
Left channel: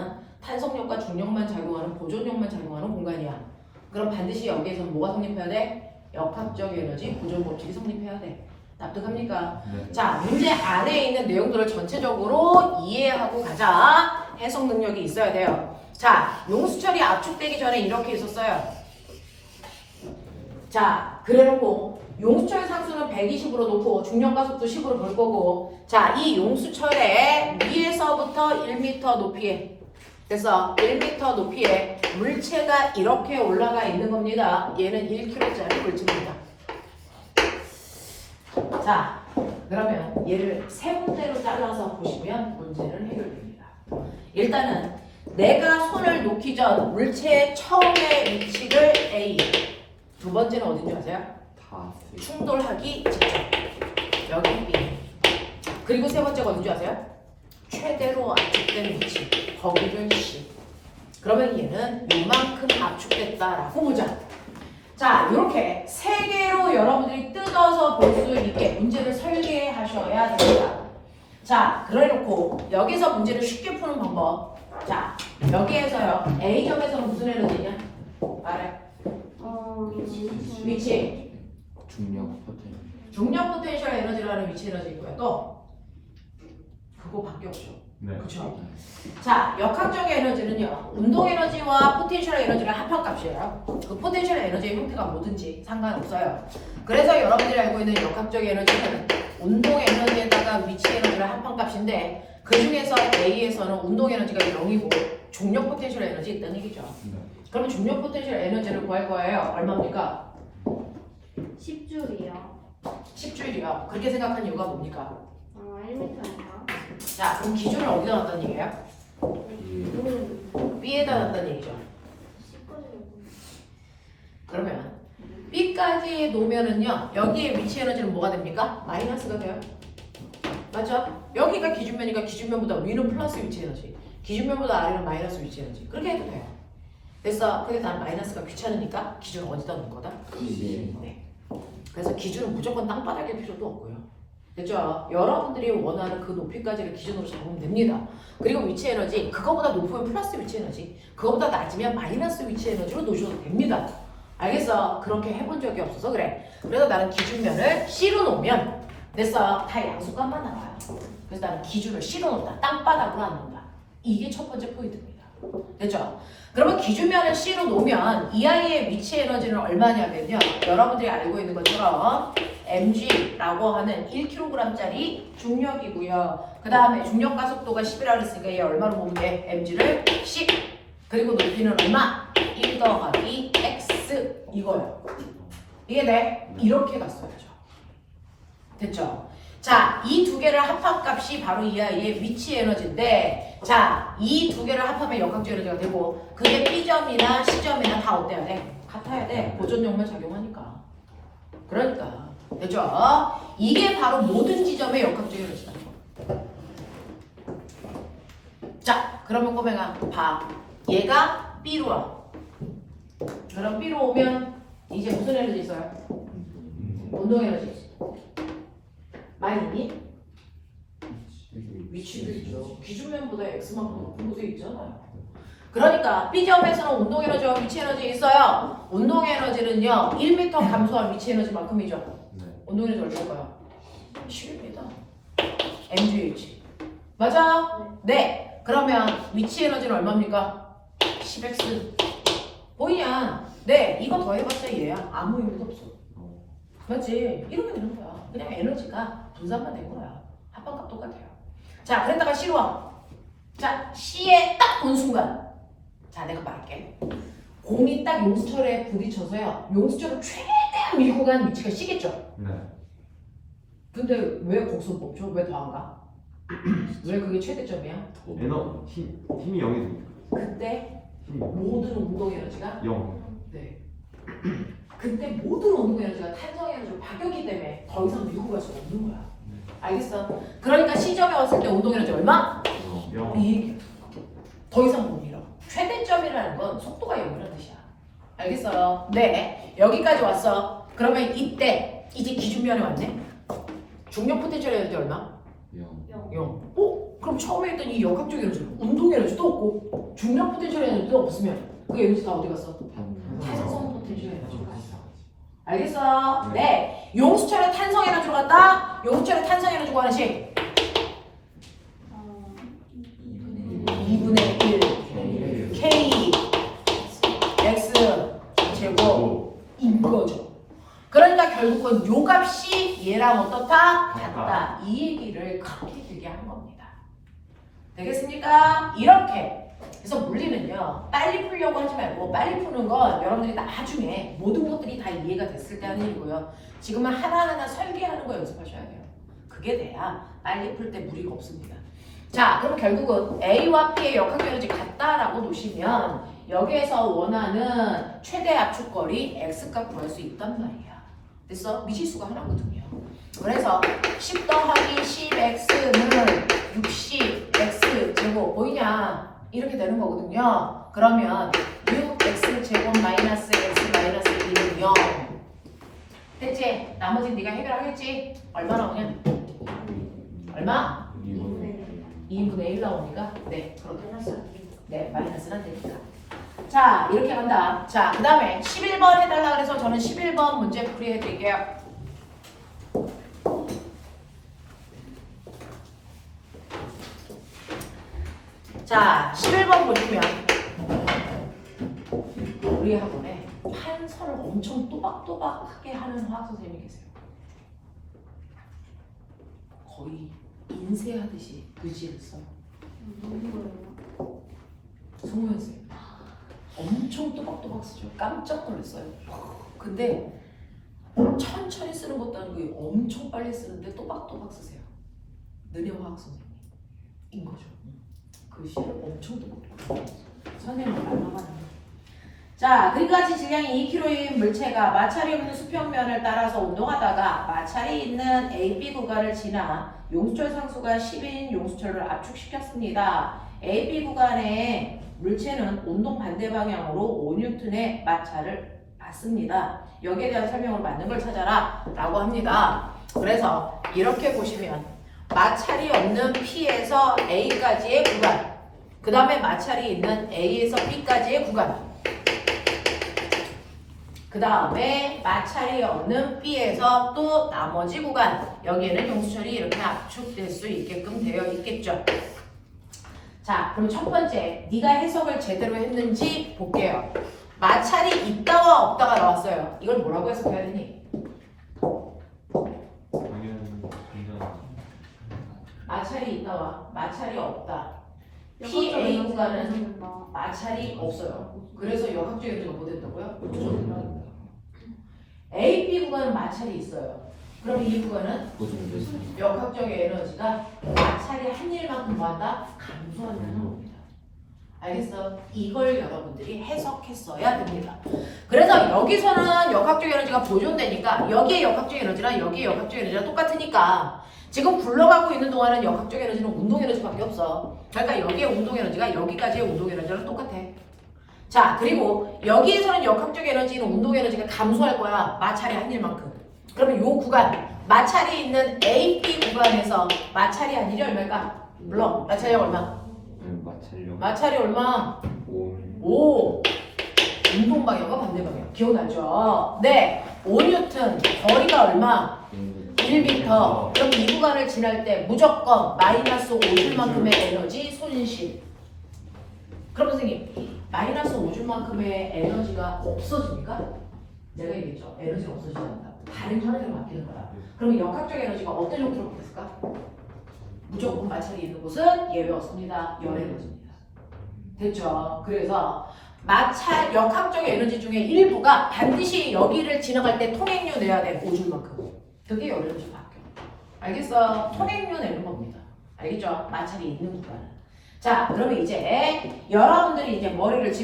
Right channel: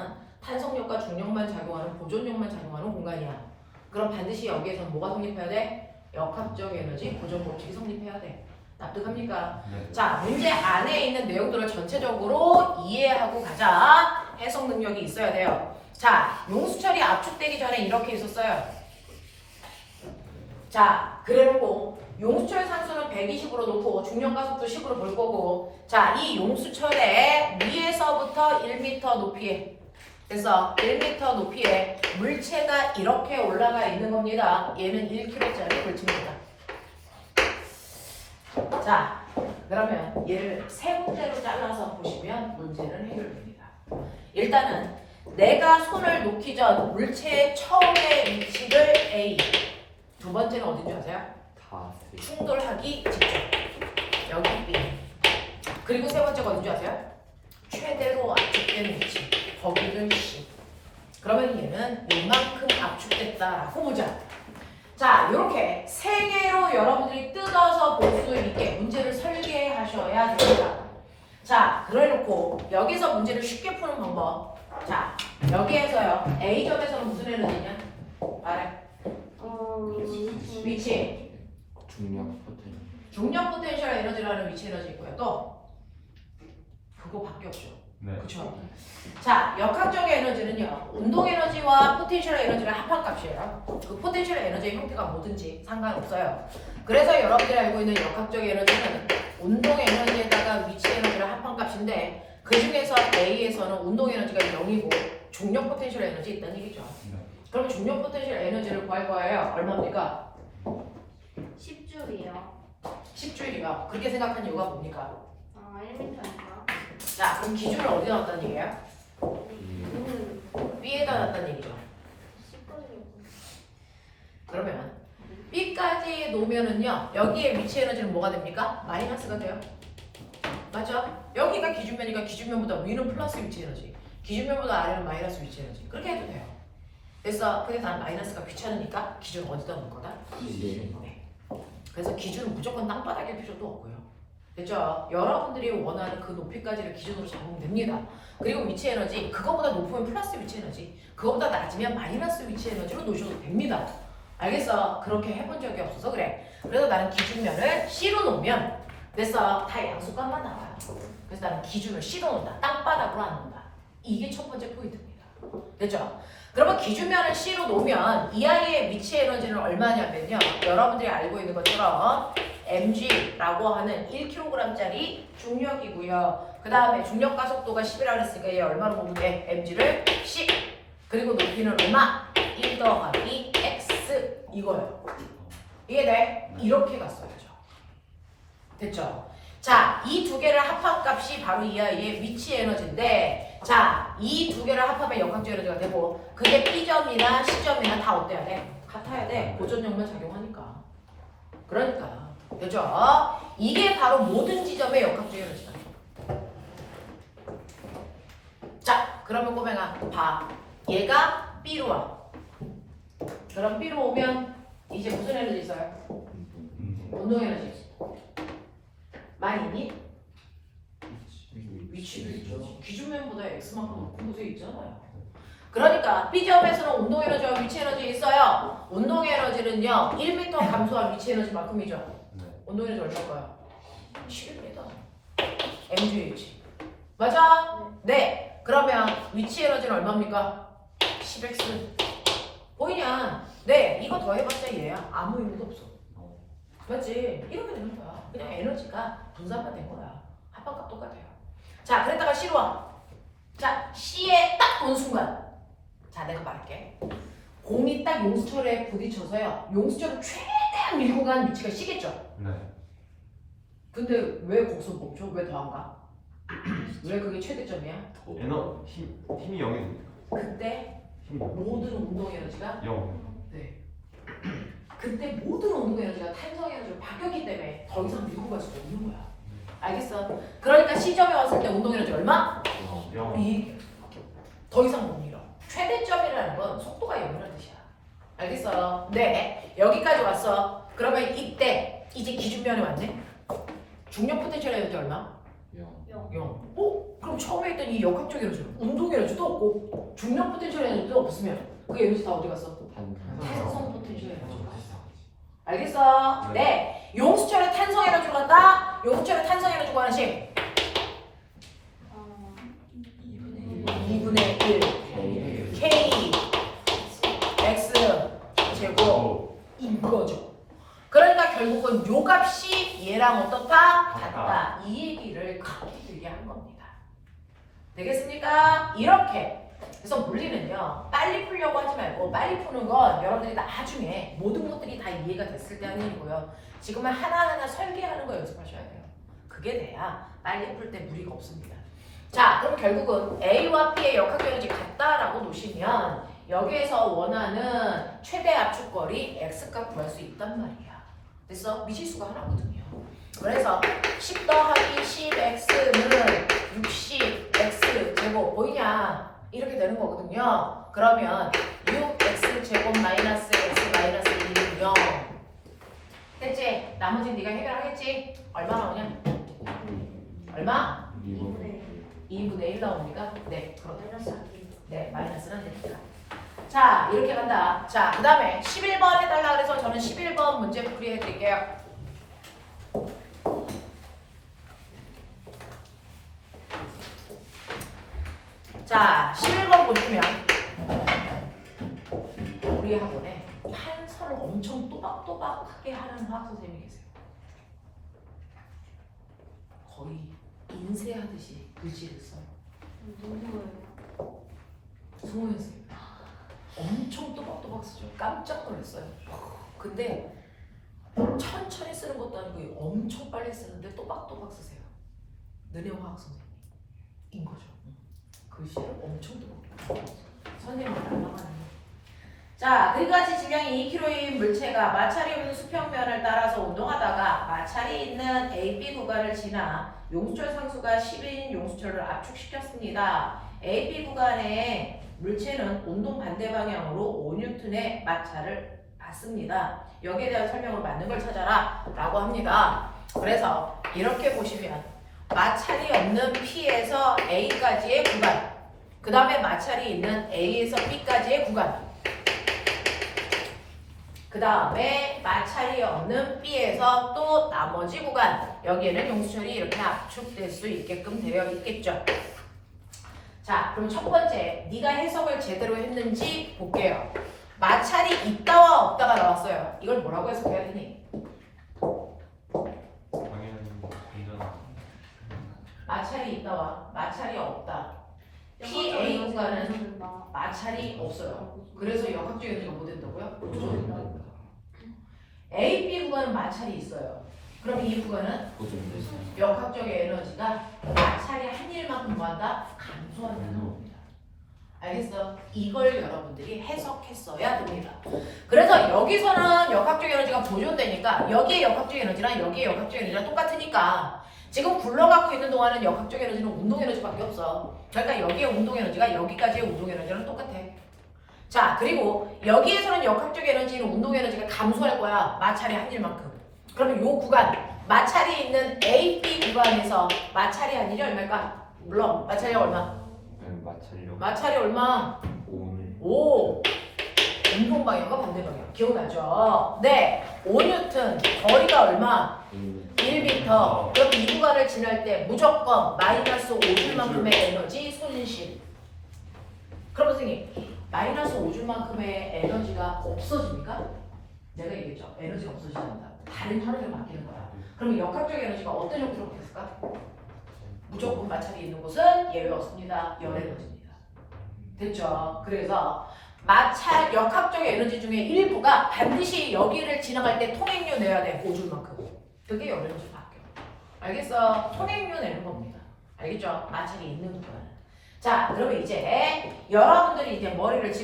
탄성력과 중력만 작용하는 보존력만 작용하는 공간이야. 그럼 반드시 여기에서 뭐가 성립해야 돼? 역학적 에너지 보존 법칙이 성립해야 돼. 납득합니까? 네. 자, 문제 안에 있는 내용들을 전체적으로 이해하고 가자. 해석 능력이 있어야 돼요. 자, 용수철이 압축되기 전에 이렇게 있었어요. 자, 그래놓고 용수철 상수는 120으로 놓고 중력가속도 10으로 볼 거고, 자, 이 용수철의 위에서부터 1m 높이에, 그래서 1m 높이에 물체가 이렇게 올라가 있는 겁니다. 얘는 1kg짜리 물체입니다. 자, 그러면 얘를 세 문제로 잘라서 보시면 문제는 해결됩니다. 일단은 내가 손을 놓기 전 물체의 처음의 위치를 A, 두 번째는 어딘지 아세요? 다 C. 충돌하기 직전, 여기 B. 그리고 세 번째가 어딘지 아세요? 최대로 압축된 위치, 거기를 C. 그러면 얘는 요만큼 압축됐다라고 보자. 자, 이렇게 세 개로 여러분들이 뜯어서 볼 수 있게 문제를 설계하셔야 됩니다. 자, 그래놓고 여기서 문제를 쉽게 푸는 방법. 자, 여기에서요. A점에서는 무슨 에너지냐? 말해. 위치. 중력 포텐. 중력 포텐셜 에너지라는 위치 에너지 있고요. 또 그거밖에 없죠. 네. 그렇죠. 자, 역학적 에너지는요. 운동 에너지와 포텐셜 에너지를 합한 값이에요. 그 포텐셜 에너지의 형태가 뭐든지 상관없어요. 그래서 여러분들이 알고 있는 역학적 에너지는 운동 에너지에다가 위치 에너지를 합한 값인데, 그 중에서 A에서는 운동 에너지가 0이고 중력 포텐셜 에너지 있다는 얘기죠. 네. 그러면 중력 포텐셜 에너지를 구할 거예요. 얼마입니까? 10줄이요. 10주일이요. 그렇게 생각한 이유가 뭡니까? 1m인가? 자, 그럼 기준을 어디다 놨다는 얘기예요? 이 B에다 놨다는 얘기죠. 그러면 B까지 놓으면은요, 여기에 위치 에너지는 뭐가 됩니까? 마이너스가 돼요. 맞죠? 여기가 기준면이니까 기준면보다 위는 플러스 위치 에너지, 기준면보다 아래는 마이너스 위치 에너지. 그렇게 해도 돼요. 됐어. 근데 난 마이너스가 귀찮으니까 기준을 어디다 놓은 거다? 네. 그래서 기준은 무조건 땅바닥일 필요도 없고요. 됐죠? 여러분들이 원하는 그 높이까지를 기준으로 잡으면 됩니다. 그리고 위치 에너지, 그거보다 높으면 플러스 위치 에너지, 그거보다 낮으면 마이너스 위치 에너지로 놓으셔도 됩니다. 알겠어? 그렇게 해본 적이 없어서 그래. 그래서 나는 기준면을 C로 놓으면 됐어. 다 양수값만 나와요. 그래서 나는 기준을 C로 놓는다. 땅바닥으로 안 놓는다. 이게 첫 번째 포인트입니다. 됐죠? 그러면 기준면을 C로 놓으면 이 아이의 위치 에너지는 얼마냐면요. 여러분들이 알고 있는 것처럼 mg라고 하는 1kg짜리 중력이고요. 그 다음에 중력 가속도가 10이라고 했으니까 얘 얼마로 보면 돼? mg를 10. 그리고 높이는 얼마? 1 더하기 x 이거요. 이해돼? 이렇게 갔어야죠. 됐죠? 자, 이 두 개를 합한 값이 바로 이 아이의 위치 에너지인데, 자, 이 두 개를 합하면 역학적 에너지가 되고, 그게 B점이나 C점이나 다 어때야 돼? 같아야 돼. 보존력만 작용하니까. 그러니까. 됐죠? 이게 바로 모든 지점의 역학적 에너지다. 자, 그러면 꼬맹아 봐. 얘가 B로 와. 그럼 B로 오면 이제 무슨 에너지 있어요? 운동 에너지. 많이 있니? 위치도 있죠. 기준면보다 X만큼 높은 곳에 있잖아요. 그러니까 B점에서는 운동 에너지와 위치 에너지 있어요. 운동 에너지는요 1m 감소한 위치 에너지만큼이죠. 네. 운동 에너지 얼마일까요? 7m. mgh. 맞아? 네. 그러면 위치 에너지는 얼마입니까? 10x. 보이냐? 네, 이거 더해봤자 얘야. 아무 의미도 없어. 맞지? 이렇게 되는 거야. 그냥 에너지가 분산만 된 거야. 합방값 똑같아요. 자, 그랬다가 C로 와. 자, C에 딱 본 순간. 자, 내가 말할게. 공이 딱 용수철에 부딪혀서요. 용수철을 최대한 밀고 간 위치가 C겠죠? 네. 근데 왜 거기서 멈춰? 왜 더 안 가? 왜 그게 최대점이야? 힘이 0이 됩니까? 그때 힘이 모든 운동 에너지가 0. 네. 그때 모든 운동 에너지가 탄성 에너지로 바뀌었기 때문에 더 이상 밀고 갈 수 없는 거야. 알겠어? 그러니까 C점에 왔을 때 운동 에너지 얼마? 0. 이. 더 이상 못 밀어. 최대점이라는 건 속도가 0이라는 뜻이야. 알겠어요? 네. 여기까지 왔어. 그러면 이때 이제 기준면에 왔네. 중력 포텐셜 에너지 얼마? 0. 그럼 처음에 했던 이 역학적 에너지, 운동 에너지도 없고 중력 포텐셜 에너지도 없으면 그 에너지 다 어디 갔어? 탄성 포텐셜 에너지. 알겠어? 네. 용수철에 탄성 에너지로 갔다. 용수철에 탄성 에너지 구하는식 2분의 1 K X 제곱인 거죠. 그러니까 결국은 요 값이 얘랑 어떻다? 같다. 이 얘기를 그렇게 길게 한 겁니다. 되겠습니까? 이렇게. 그래서 물리는요, 빨리 풀려고 하지 말고 빨리 푸는 건 여러분들이 나중에 모든 것들이 다 이해가 됐을 때 하는 일이고요. 지금은 하나하나 설계하는 거 연습하셔야 돼요. 그게 돼야 빨리 풀 때 무리가 없습니다. 자, 그럼 결국은 A와 P의 역학적 에너지 같다라고 놓으시면 여기에서 원하는 최대 압축거리 X값 구할 수 있단 말이야. 됐어? 미지수가 하나거든요. 그래서 10 더하기 10X는 60X 제곱 보이냐? 이렇게 되는 거거든요. 그러면 6X 제곱 마이너스 X 마이너스 1은 0. 됐지? 나머지는 네가 해결하겠지? 얼마 나오냐? 얼마? 2분의 1 나오니까? 네, 그렇다. 네, 마이너스는 되니까. 자, 이렇게 간다. 자, 그 다음에 11번 해달라 그래서 저는 11번 문제 풀이 해드릴게요. 자, 11번 보시면 우리 학원에 판서를 엄청 또박또박하게 하는 화학 선생님이 계세요. 거의 인쇄하듯이 글씨를 써요. 송호연 선생님. 엄청 또박또박 쓰죠. 깜짝 놀랐어요. 근데 천천히 쓰는 것도 아니고 엄청 빨리 쓰는데 또박또박 쓰세요. 느려 화학 선생님인 거죠. 글씨를 엄청 또박또박. 선생님은 날라가는. 자, 그까지 질량이 2kg인 물체가 마찰이 있는 수평면을 따라서 운동하다가 마찰이 있는 AB 구간을 지나 용수철 상수가 10인 용수철을 압축시켰습니다. AB 구간의 물체는 운동 반대 방향으로 5N의 마찰을 받습니다. 여기에 대한 설명을 맞는 걸 찾아라 라고 합니다. 그래서 이렇게 보시면 마찰이 없는 P에서 A까지의 구간, 그 다음에 마찰이 있는 A에서 B까지의 구간, 그 다음에 마찰이 없는 B에서 또 나머지 구간, 여기에는 용수철이 이렇게 압축될 수 있게끔 되어 있겠죠. 자, 그럼 첫 번째, 네가 해석을 제대로 했는지 볼게요. 마찰이 있다와 없다가 나왔어요. 이걸 뭐라고 해석해야 되니? 마찰이 있다와 마찰이 없다. PA 구간은 마찰이 없어요. 그래서 역학적 에너지가 뭐 된다고요? AB 구간은 마찰이 있어요. 그럼 이 구간은 역학적 에너지가 마찰이 한 일만큼 뭐한다? 감소한다는 겁니다. 알겠어? 이걸 여러분들이 해석했어야 됩니다. 그래서 여기서는 역학적 에너지가 보존되니까 여기에 역학적 에너지랑 여기에 역학적 에너지랑 똑같으니까 지금 굴러가고 있는 동안은 역학적 에너지는 운동 에너지밖에 없어. 그러니까 여기에 운동 에너지가 여기까지의 운동 에너지랑 똑같아. 자, 그리고 여기에서는 역학적 에너지는 운동 에너지가 감소할 거야. 마찰이 한 일만큼. 그러면 요 구간, 마찰이 있는 AB 구간에서 마찰이 한 일이 얼마일까? 물론 마찰이 얼마? 마찰이 얼마? 5. 운동 방향과 반대 방향. 기억나죠? 네. 5N. 거리가 얼마? 1m. 그럼 이 구간을 지날 때 무조건 마이너스 5줄만큼의 에너지 손실. 그럼 선생님 마이너스 5줄만큼의 에너지가 없어집니까? 내가 얘기했죠. 에너지가 없어지잖아. 다른 형태로 바뀌는 거야. 그러면 역학적 에너지가 어떤 형태로 바뀌었을까? 무조건 마찰이 있는 곳은 예외 없습니다. 열 에너지입니다. 됐죠? 그래서 마찰 역학적 에너지 중에 일부가 반드시 여기를 지나갈 때 통행료 내야 돼. 5줄만큼. 그게 열 에너지 바뀌어. 알겠어? 통행료 내는 겁니다. 알겠죠? 마찰이 있는 구간은. 자, 그러면 이제 여러분들이 이제 머리를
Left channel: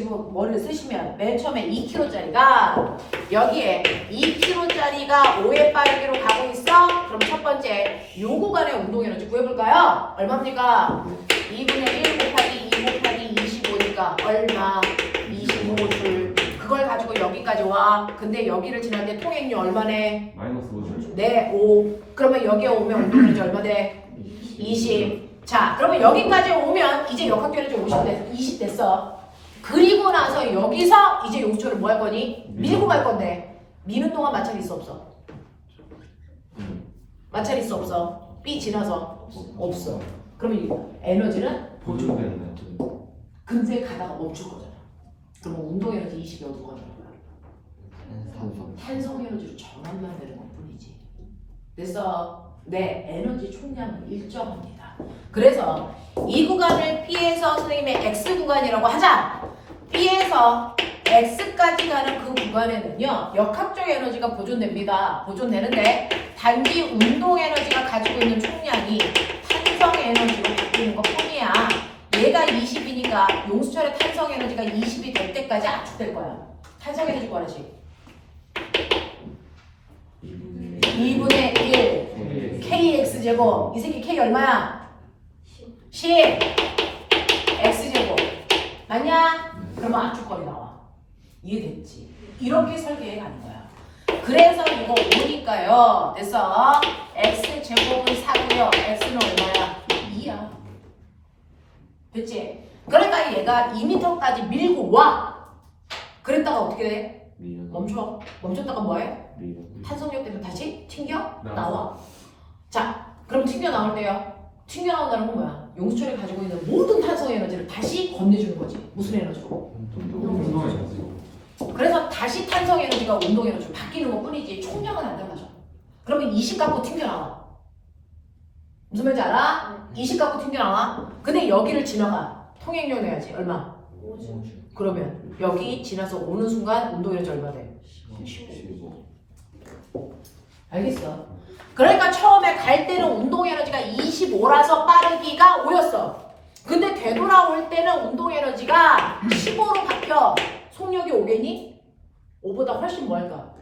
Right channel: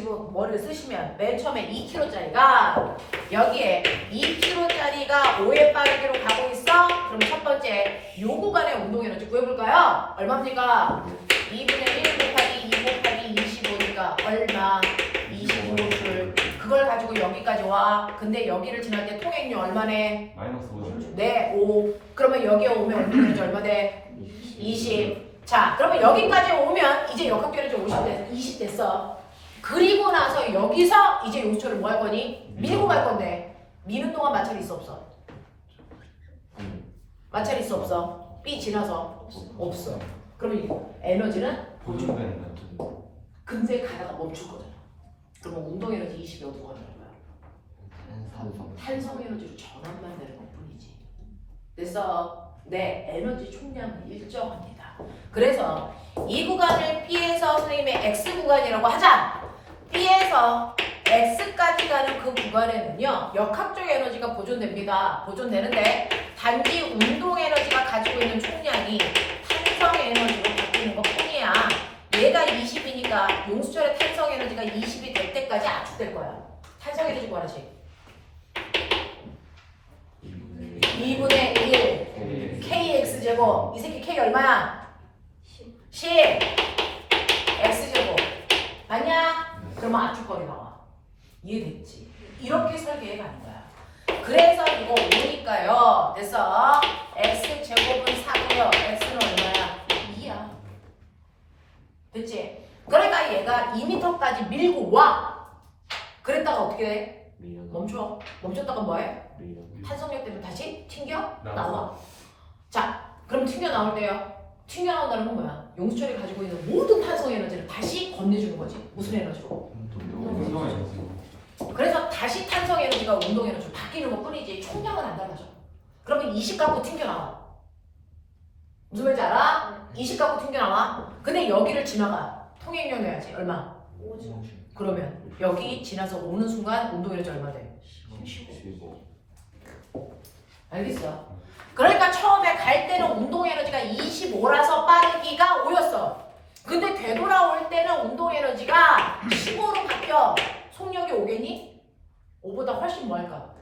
쓰시면 맨 처음에 2kg짜리가 여기에 2kg짜리가 5의 빠르기로 가고 있어. 그럼 첫 번째 요 구간의 운동 에너지 구해볼까요? 얼마입니까? 2분의 1 곱하기 2 곱하기 25니까 얼마? 25줄. 그걸 가지고 여기까지 와. 근데 여기를 지날 때 통행료 얼마네? 마이너스 5줄. 네, 5. 그러면 여기에 오면 운동 에너지 얼마 돼? 20. 자, 그러면 여기까지 오면 이제 역학결에서 20 됐어. 그리고 나서 여기서 이제 용수철을 뭐 할 거니? 밀고 갈 건데 미는 동안 마찰이 있어 없어? 마찰이 있어 없어? B 지나서 없어. 그러면 이 에너지는 보존되는 근데 가다가 멈출 거잖아. 그러면 운동 에너지 20이 어디로 가는 거야? 탄성 에너지로 전환만 되는 것 뿐이지. 그래서 내 에너지 총량은 일정합니다. 그래서 이 구간을 B에서 선생님의 X 구간이라고 하자. B에서 X까지 가는 그 구간에는요 역학적 에너지가 보존됩니다. 보존되는데 단지 운동 에너지가 가지고 있는 총량이 탄성 에너지로 바뀌는 것 뿐이야. 얘가 20이니까 용수철의 탄성 에너지가 20이 될 때까지 압축될 거야. 탄성 에너지 구하지. 2분의 1 KX제곱. 이 새끼 K 얼마야? 10 X제곱. 맞냐? 그러면 압축거리 나와. 이해됐지? 이렇게 설계해 가는 거야. 그래서 이거 5니까요. 됐어? X제곱은 4고요. X는 얼마야? 2야. 됐지? 그러니까 얘가 2m까지 밀고 와. 그랬다가 어떻게 돼? 멈춰. 멈췄다가 뭐해? 탄성력 때문에 다시 튕겨 나와. 자, 그럼 튕겨 나올 때요. 튕겨 나온다는 건 뭐야? 용수철이 가지고 있는 모든 탄성 에너지를 다시 건네주는 거지. 무슨 에너지로? 운동 에너지. 그래서 다시 탄성 에너지가 운동 에너지로 바뀌는 것 뿐이지 총량은 안 달라져. 그러면 20 갖고 튕겨 나와. 무슨 말인지 알아? 20 갖고 튕겨 나와. 근데 여기를 지나가. 통행료 내야지. 얼마? 그러면 여기 지나서 오는 순간 운동 에너지 얼마 돼? 15. 알겠어? 그러니까 처음에 갈 때는 운동 에너지가 25라서 빠르기가 5였어. 근데 되돌아올 때는 운동 에너지가 15로 바뀌어. 속력이 5겠니? 5보다 훨씬 뭐 할까?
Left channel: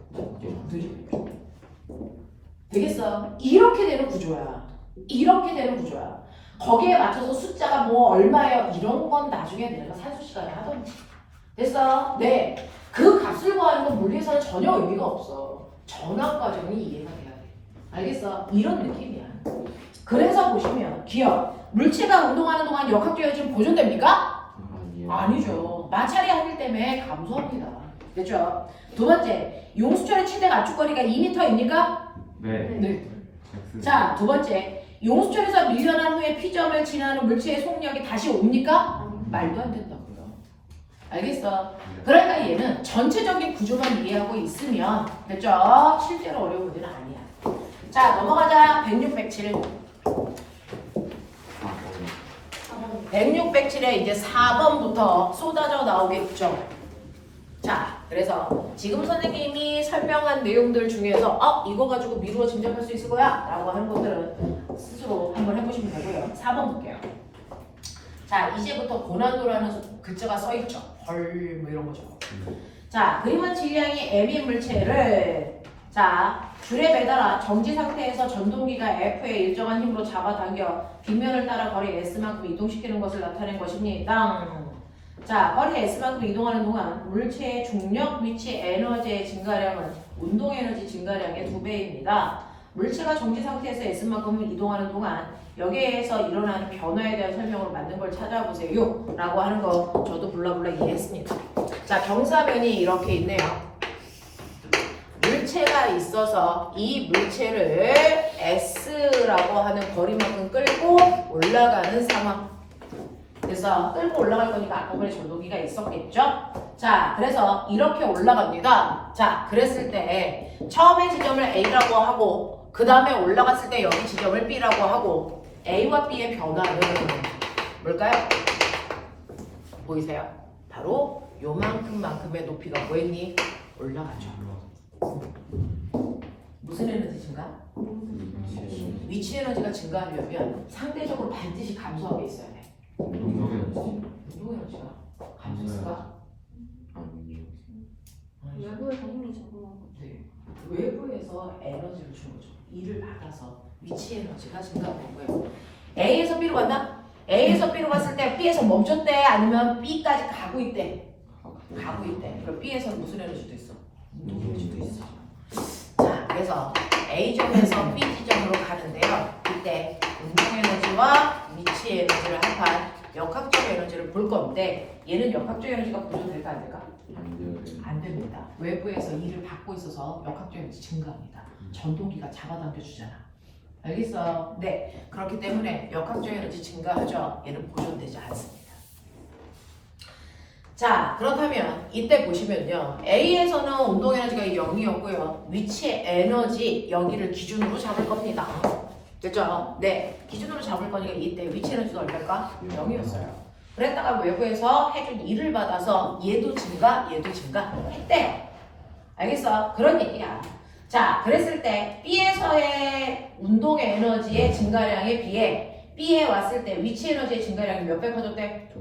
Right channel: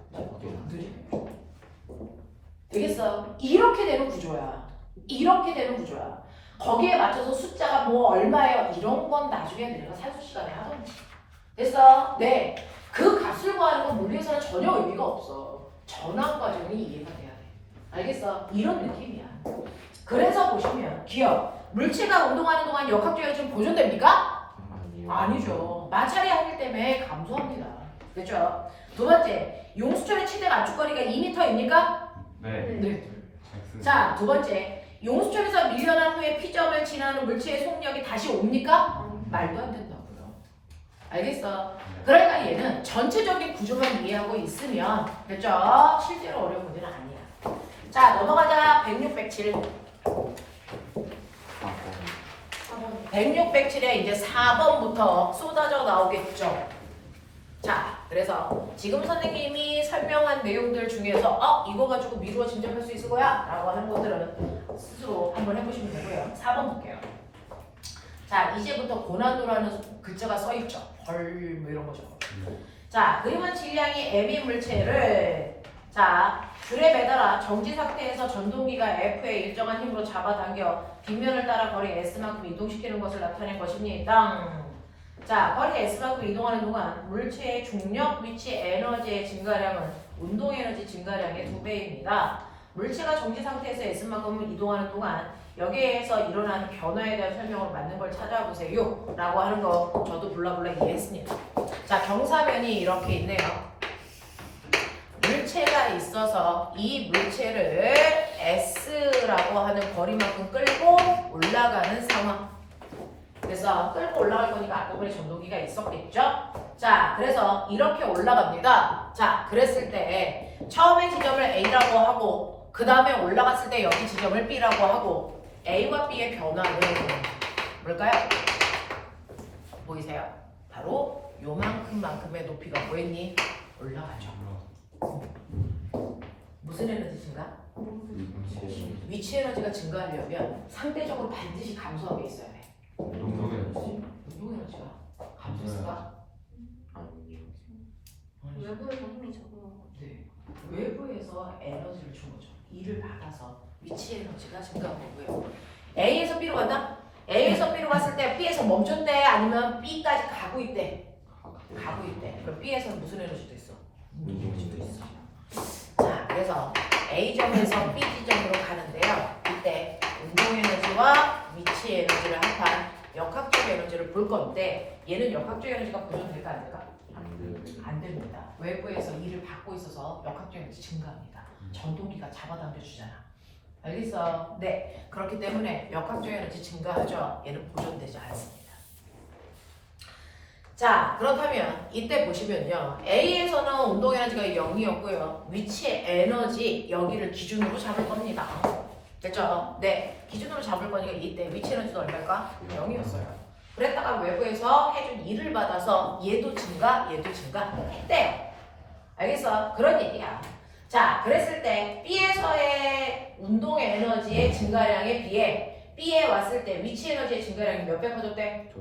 되겠어? 이렇게 되는 구조야. 이렇게 되는 구조야. 거기에 맞춰서 숫자가 뭐 얼마예요? 이런 건 나중에 내가 산수 시간에 하던지. 됐어? 네. 그 값을 구하는 건 물리에서는 전혀 의미가 없어. 전환 과정이 이해가 돼야 돼. 알겠어? 이런 느낌이야. 그래서 보시면 기억. 물체가 운동하는 동안 역학적 에너지는 보존됩니까? 아니죠. 마찰이 하기 때문에 감소합니다. 그렇죠? 두 번째, 용수철의 최대 압축거리가 2m입니까? 네. 네. 자, 두 번째, 용수철에서 밀려난 후에 P점을 지나는 물체의 속력이 다시 옵니까? 말도 안 된다고요. 알겠어? 그러니까 얘는 전체적인 구조만 이해하고 있으면 됐죠? 실제로 어려운 문제는 아니야. 자, 넘어가자. 106, 107. 106, 107에 이제 4번부터 쏟아져 나오겠죠. 자, 그래서 지금 선생님이 설명한 내용들 중에서 이거 가지고 미루어 진접할 수 있을 거야? 라고 하는 것들은 스스로 한번 해보시면 되고요. 4번 볼게요. 자, 이제부터 고난도라는 글자가 써있죠. 벌, 뭐 이런 거죠. 자, 그림은 질량이 M인 물체를 자, 줄에 매달아 정지 상태에서 전동기가 F의 일정한 힘으로 잡아당겨 빗면을 따라 거리 S만큼 이동시키는 것을 나타낸 것입니다. 자, 거리 S만큼 이동하는 동안 물체의 중력, 위치, 에너지의 증가량은 운동 에너지 증가량의 2배입니다. 물체가 정지 상태에서 S만큼 이동하는 동안 여기에서 일어나는 변화에 대한 설명으로 맞는 걸 찾아보세요 라고 하는 거 저도 블라블라 이해했습니다. 자, 경사면이 이렇게 있네요. 물체가 있어서 이 물체를 S라고 하는 거리만큼 끌고 올라가는 상황. 그래서 끌고 올라갈 거니까 앞부분에 전동기가 있었겠죠? 자, 그래서 이렇게 올라갑니다. 자, 그랬을 때 처음에 지점을 A라고 하고 그 다음에 올라갔을 때 여기 지점을 B라고 하고 A와 B의 변화는 뭘까요? 보이세요? 바로 요만큼만큼의 높이가 뭐했니? 올라가죠. 무슨 에너지 증가? 위치 에너지가 증가하려면 상대적으로 반드시 감소하게 있어야 돼. 운동 에너지가 감소했을까? 외부에서 힘이 적응한 거죠. 네. 외부에서 에너지를 준 거죠. 이를 받아서 위치 에너지가 증가하는 거예요. A에서 B로 간다? A에서 B로 갔을 때 B에서 멈췄대? 아니면 B까지 가고 있대? 가고 있대. 그럼 B에서 무슨 에너지도 있어? 운동 에너지도 있어. 자, 그래서 A점에서 B 지점으로 가는데요. 이때 운동 에너지와 위치 에너지를 합한 역학적 에너지를 볼 건데 얘는 역학적 에너지가 보존될까 안 될까? 안 됩니다. 외부에서 일을 받고 있어서 역학적 에너지 증가합니다. 전동기가 잡아당겨 주잖아. 알겠어? 네. 그렇기 때문에 역학적 에너지 증가하죠. 얘는 보존되지 않습니다. 자, 그렇다면 이때 보시면요. A에서는 운동 에너지가 0이었고요. 위치 에너지 여기를 기준으로 잡을 겁니다. 됐죠? 네. 기준으로 잡을 거니까 이때 위치 에너지도 얼마일까? 0이었어요. 그랬다가 외부에서 해준 일을 받아서 얘도 증가, 얘도 증가했대. 알겠어? 그런 얘기야. 자, 그랬을 때 B에서의 운동의 에너지의 증가량에 비해 B에 왔을 때 위치 에너지의 증가량이 몇 배 커졌대?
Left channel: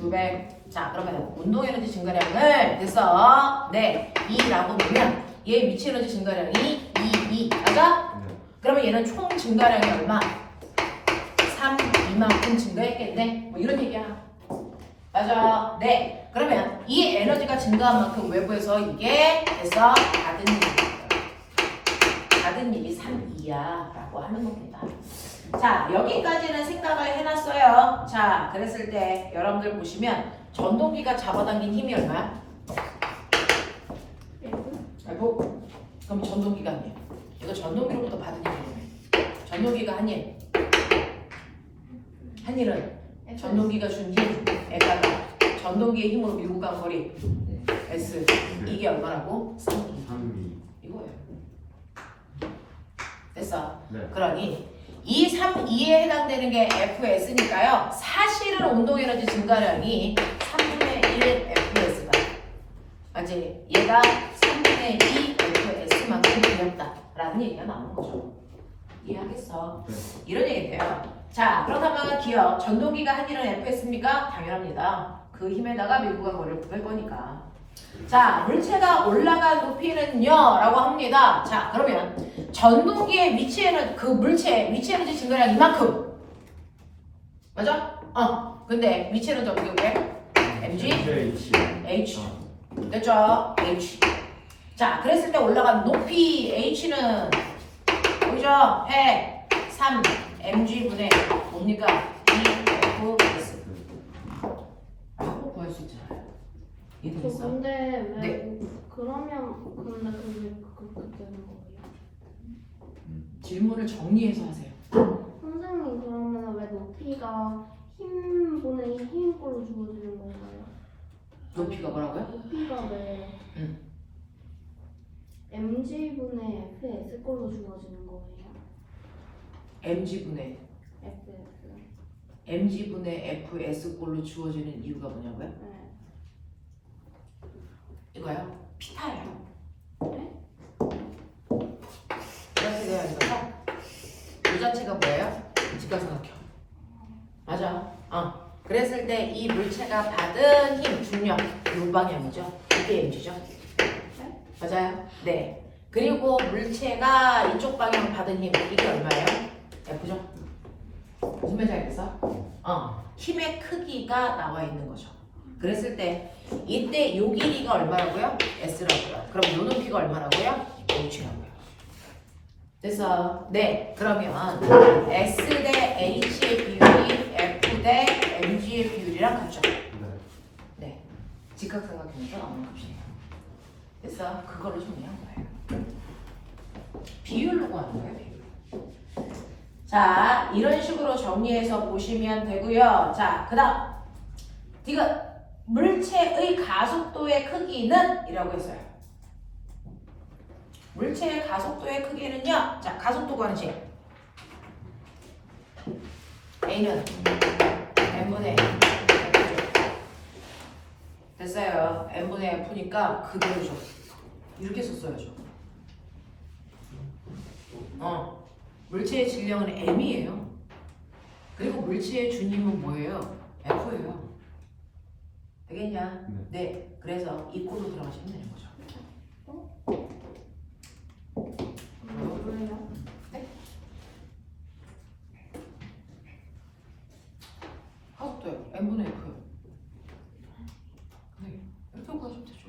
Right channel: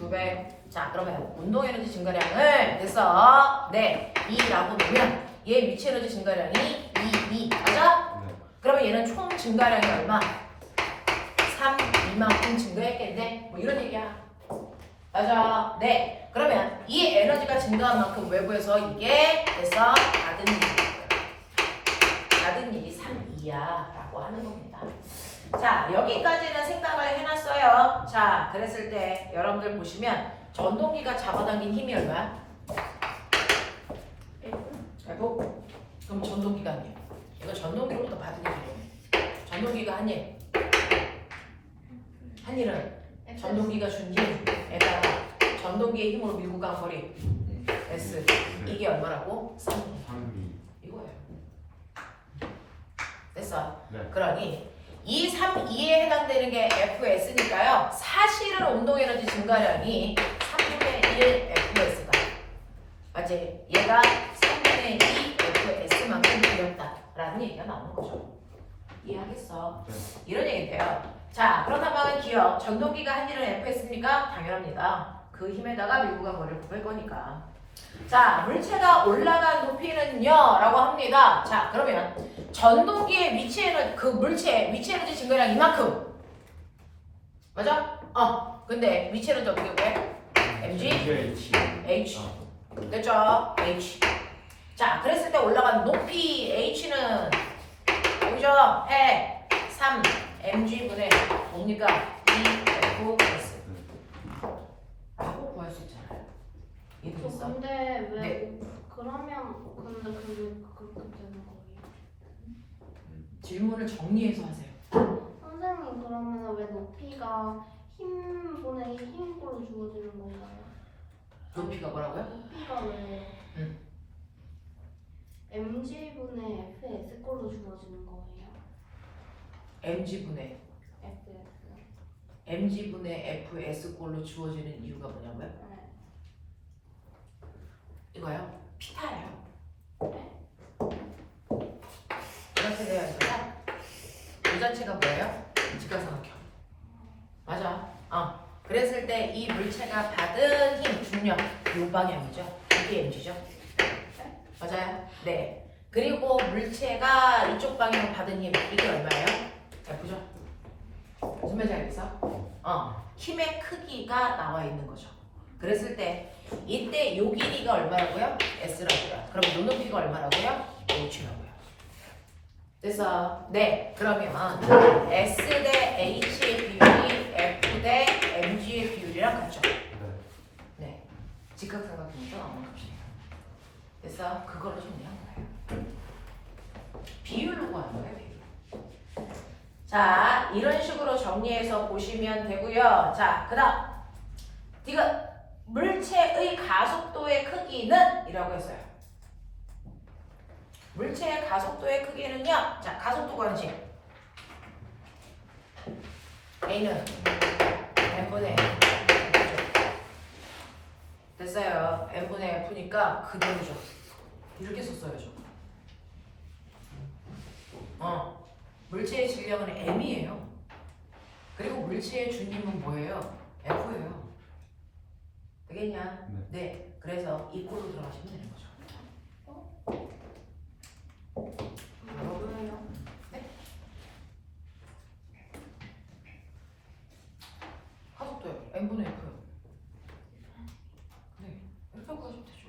2배. 자, 그러면 운동 에너지 증가량을 됐어. 네, 2라고 보면 얘 위치 에너지 증가량이 2 맞아? 그러면 얘는 총 증가량이 얼마? 3, 2만큼 증가했겠네? 뭐 이런 얘기야. 맞아. 네. 그러면 이 에너지가 증가한 만큼 외부에서 이게 됐어. 받은 일이 3, 2야 라고 하는 겁니다. 자, 여기까지는 생각을 해놨어요. 자, 그랬을 때 여러분들 보시면 전동기가 잡아당긴 힘이 얼마야? F? 그럼 전동기가 아니에요. 이거 전동기로부터 받은 힘이에요. 전동기가 한 일. 한 일은 전동기가 준 힘에다가 전동기의 힘으로 밀고 간 거리 S. 이게 얼마라고? 3기. 이거예요. 됐어. 네. 그러니 이 3, 2에 해당되는 게 FS니까요. 사실은 운동에너지 증가량이 3분의 1 FS가 맞지? 얘가 3분의 2 FS만큼 되었다라는 얘기가 나오는 거죠. 이해하겠어? 네. 이런 얘기인데요. 자, 그렇다면 기억, 전동기가 한 일은 Fs입니까? 당연합니다. 그 힘에다가 밀고 간 거리를 구할 거니까. 자, 물체가 올라간 높이는요 라고 합니다. 자, 그러면 전동기의 위치 에너지, 그 물체 위치 에너지 증가량 이만큼 맞아? 근데 위치 에너지 어떻게 구해? mg h 됐죠? h. 자, 그랬을 때 올라간 높이 h는 보이죠? 해 3 mg분의 뭡니까? 2fs 라고 구할 수 있잖아요. 이해되겠어? 근데 왜 네. 그러면 근데 그렇게 되는 거예요? 질문을 정리해서 하세요. 선생님 그러면 왜 높이가 힘분의 힘꼴로 주어지는 건가요? 높이가 뭐라고요? 높이가 왜 mg분의 fs꼴로 주어지는 거예요? mg분의 fs. mg분의 fs 꼴로 주어지는 이유가 뭐냐고요? 네. 이거요? 피타예요. 네? 이렇게 돼야 되잖아. 이 자체가 뭐예요? 직각삼각형. 맞아. 그랬을 때 이 물체가 받은 힘, 중력, 이 방향이죠. 이게 mg죠. 맞아요. 네. 그리고 물체가 이쪽 방향 받은 힘, 이게 얼마예요? F죠. 무슨 말인지 알겠어? 힘의 크기가 나와 있는 거죠. 그랬을 때 이때 요 길이가 얼마라고요? S라고요. 그럼 요 높이가 얼마라고요? H라고요. 됐어. 네. 그러면 S 대 H의 비율이 F 대 mg의 비율이랑 같죠? 네. 직각삼각형에서 나오는 값이에요. 됐어. 그걸로 정리한 거예요. 비율로 구하는 거예요. 비율. 자, 이런 식으로 정리해서 보시면 되고요. 자, 그 다음 이거 물체의 가속도의 크기는 이라고 했어요. 물체의 가속도의 크기는요. 자, 가속도 구하는 A는 n분의 A. 됐어요. n분의 F니까 그대로죠. 이렇게 썼어야죠. 물체의 질량은 m이에요. 그리고 물체의 준임은 뭐예요? F예요. 되겠냐? 네. 그래서 이 꼴로 들어가시면 되는 거죠. 뭐예요? 가속도요. n분의 F요. 네. 이렇게 가시면 되죠.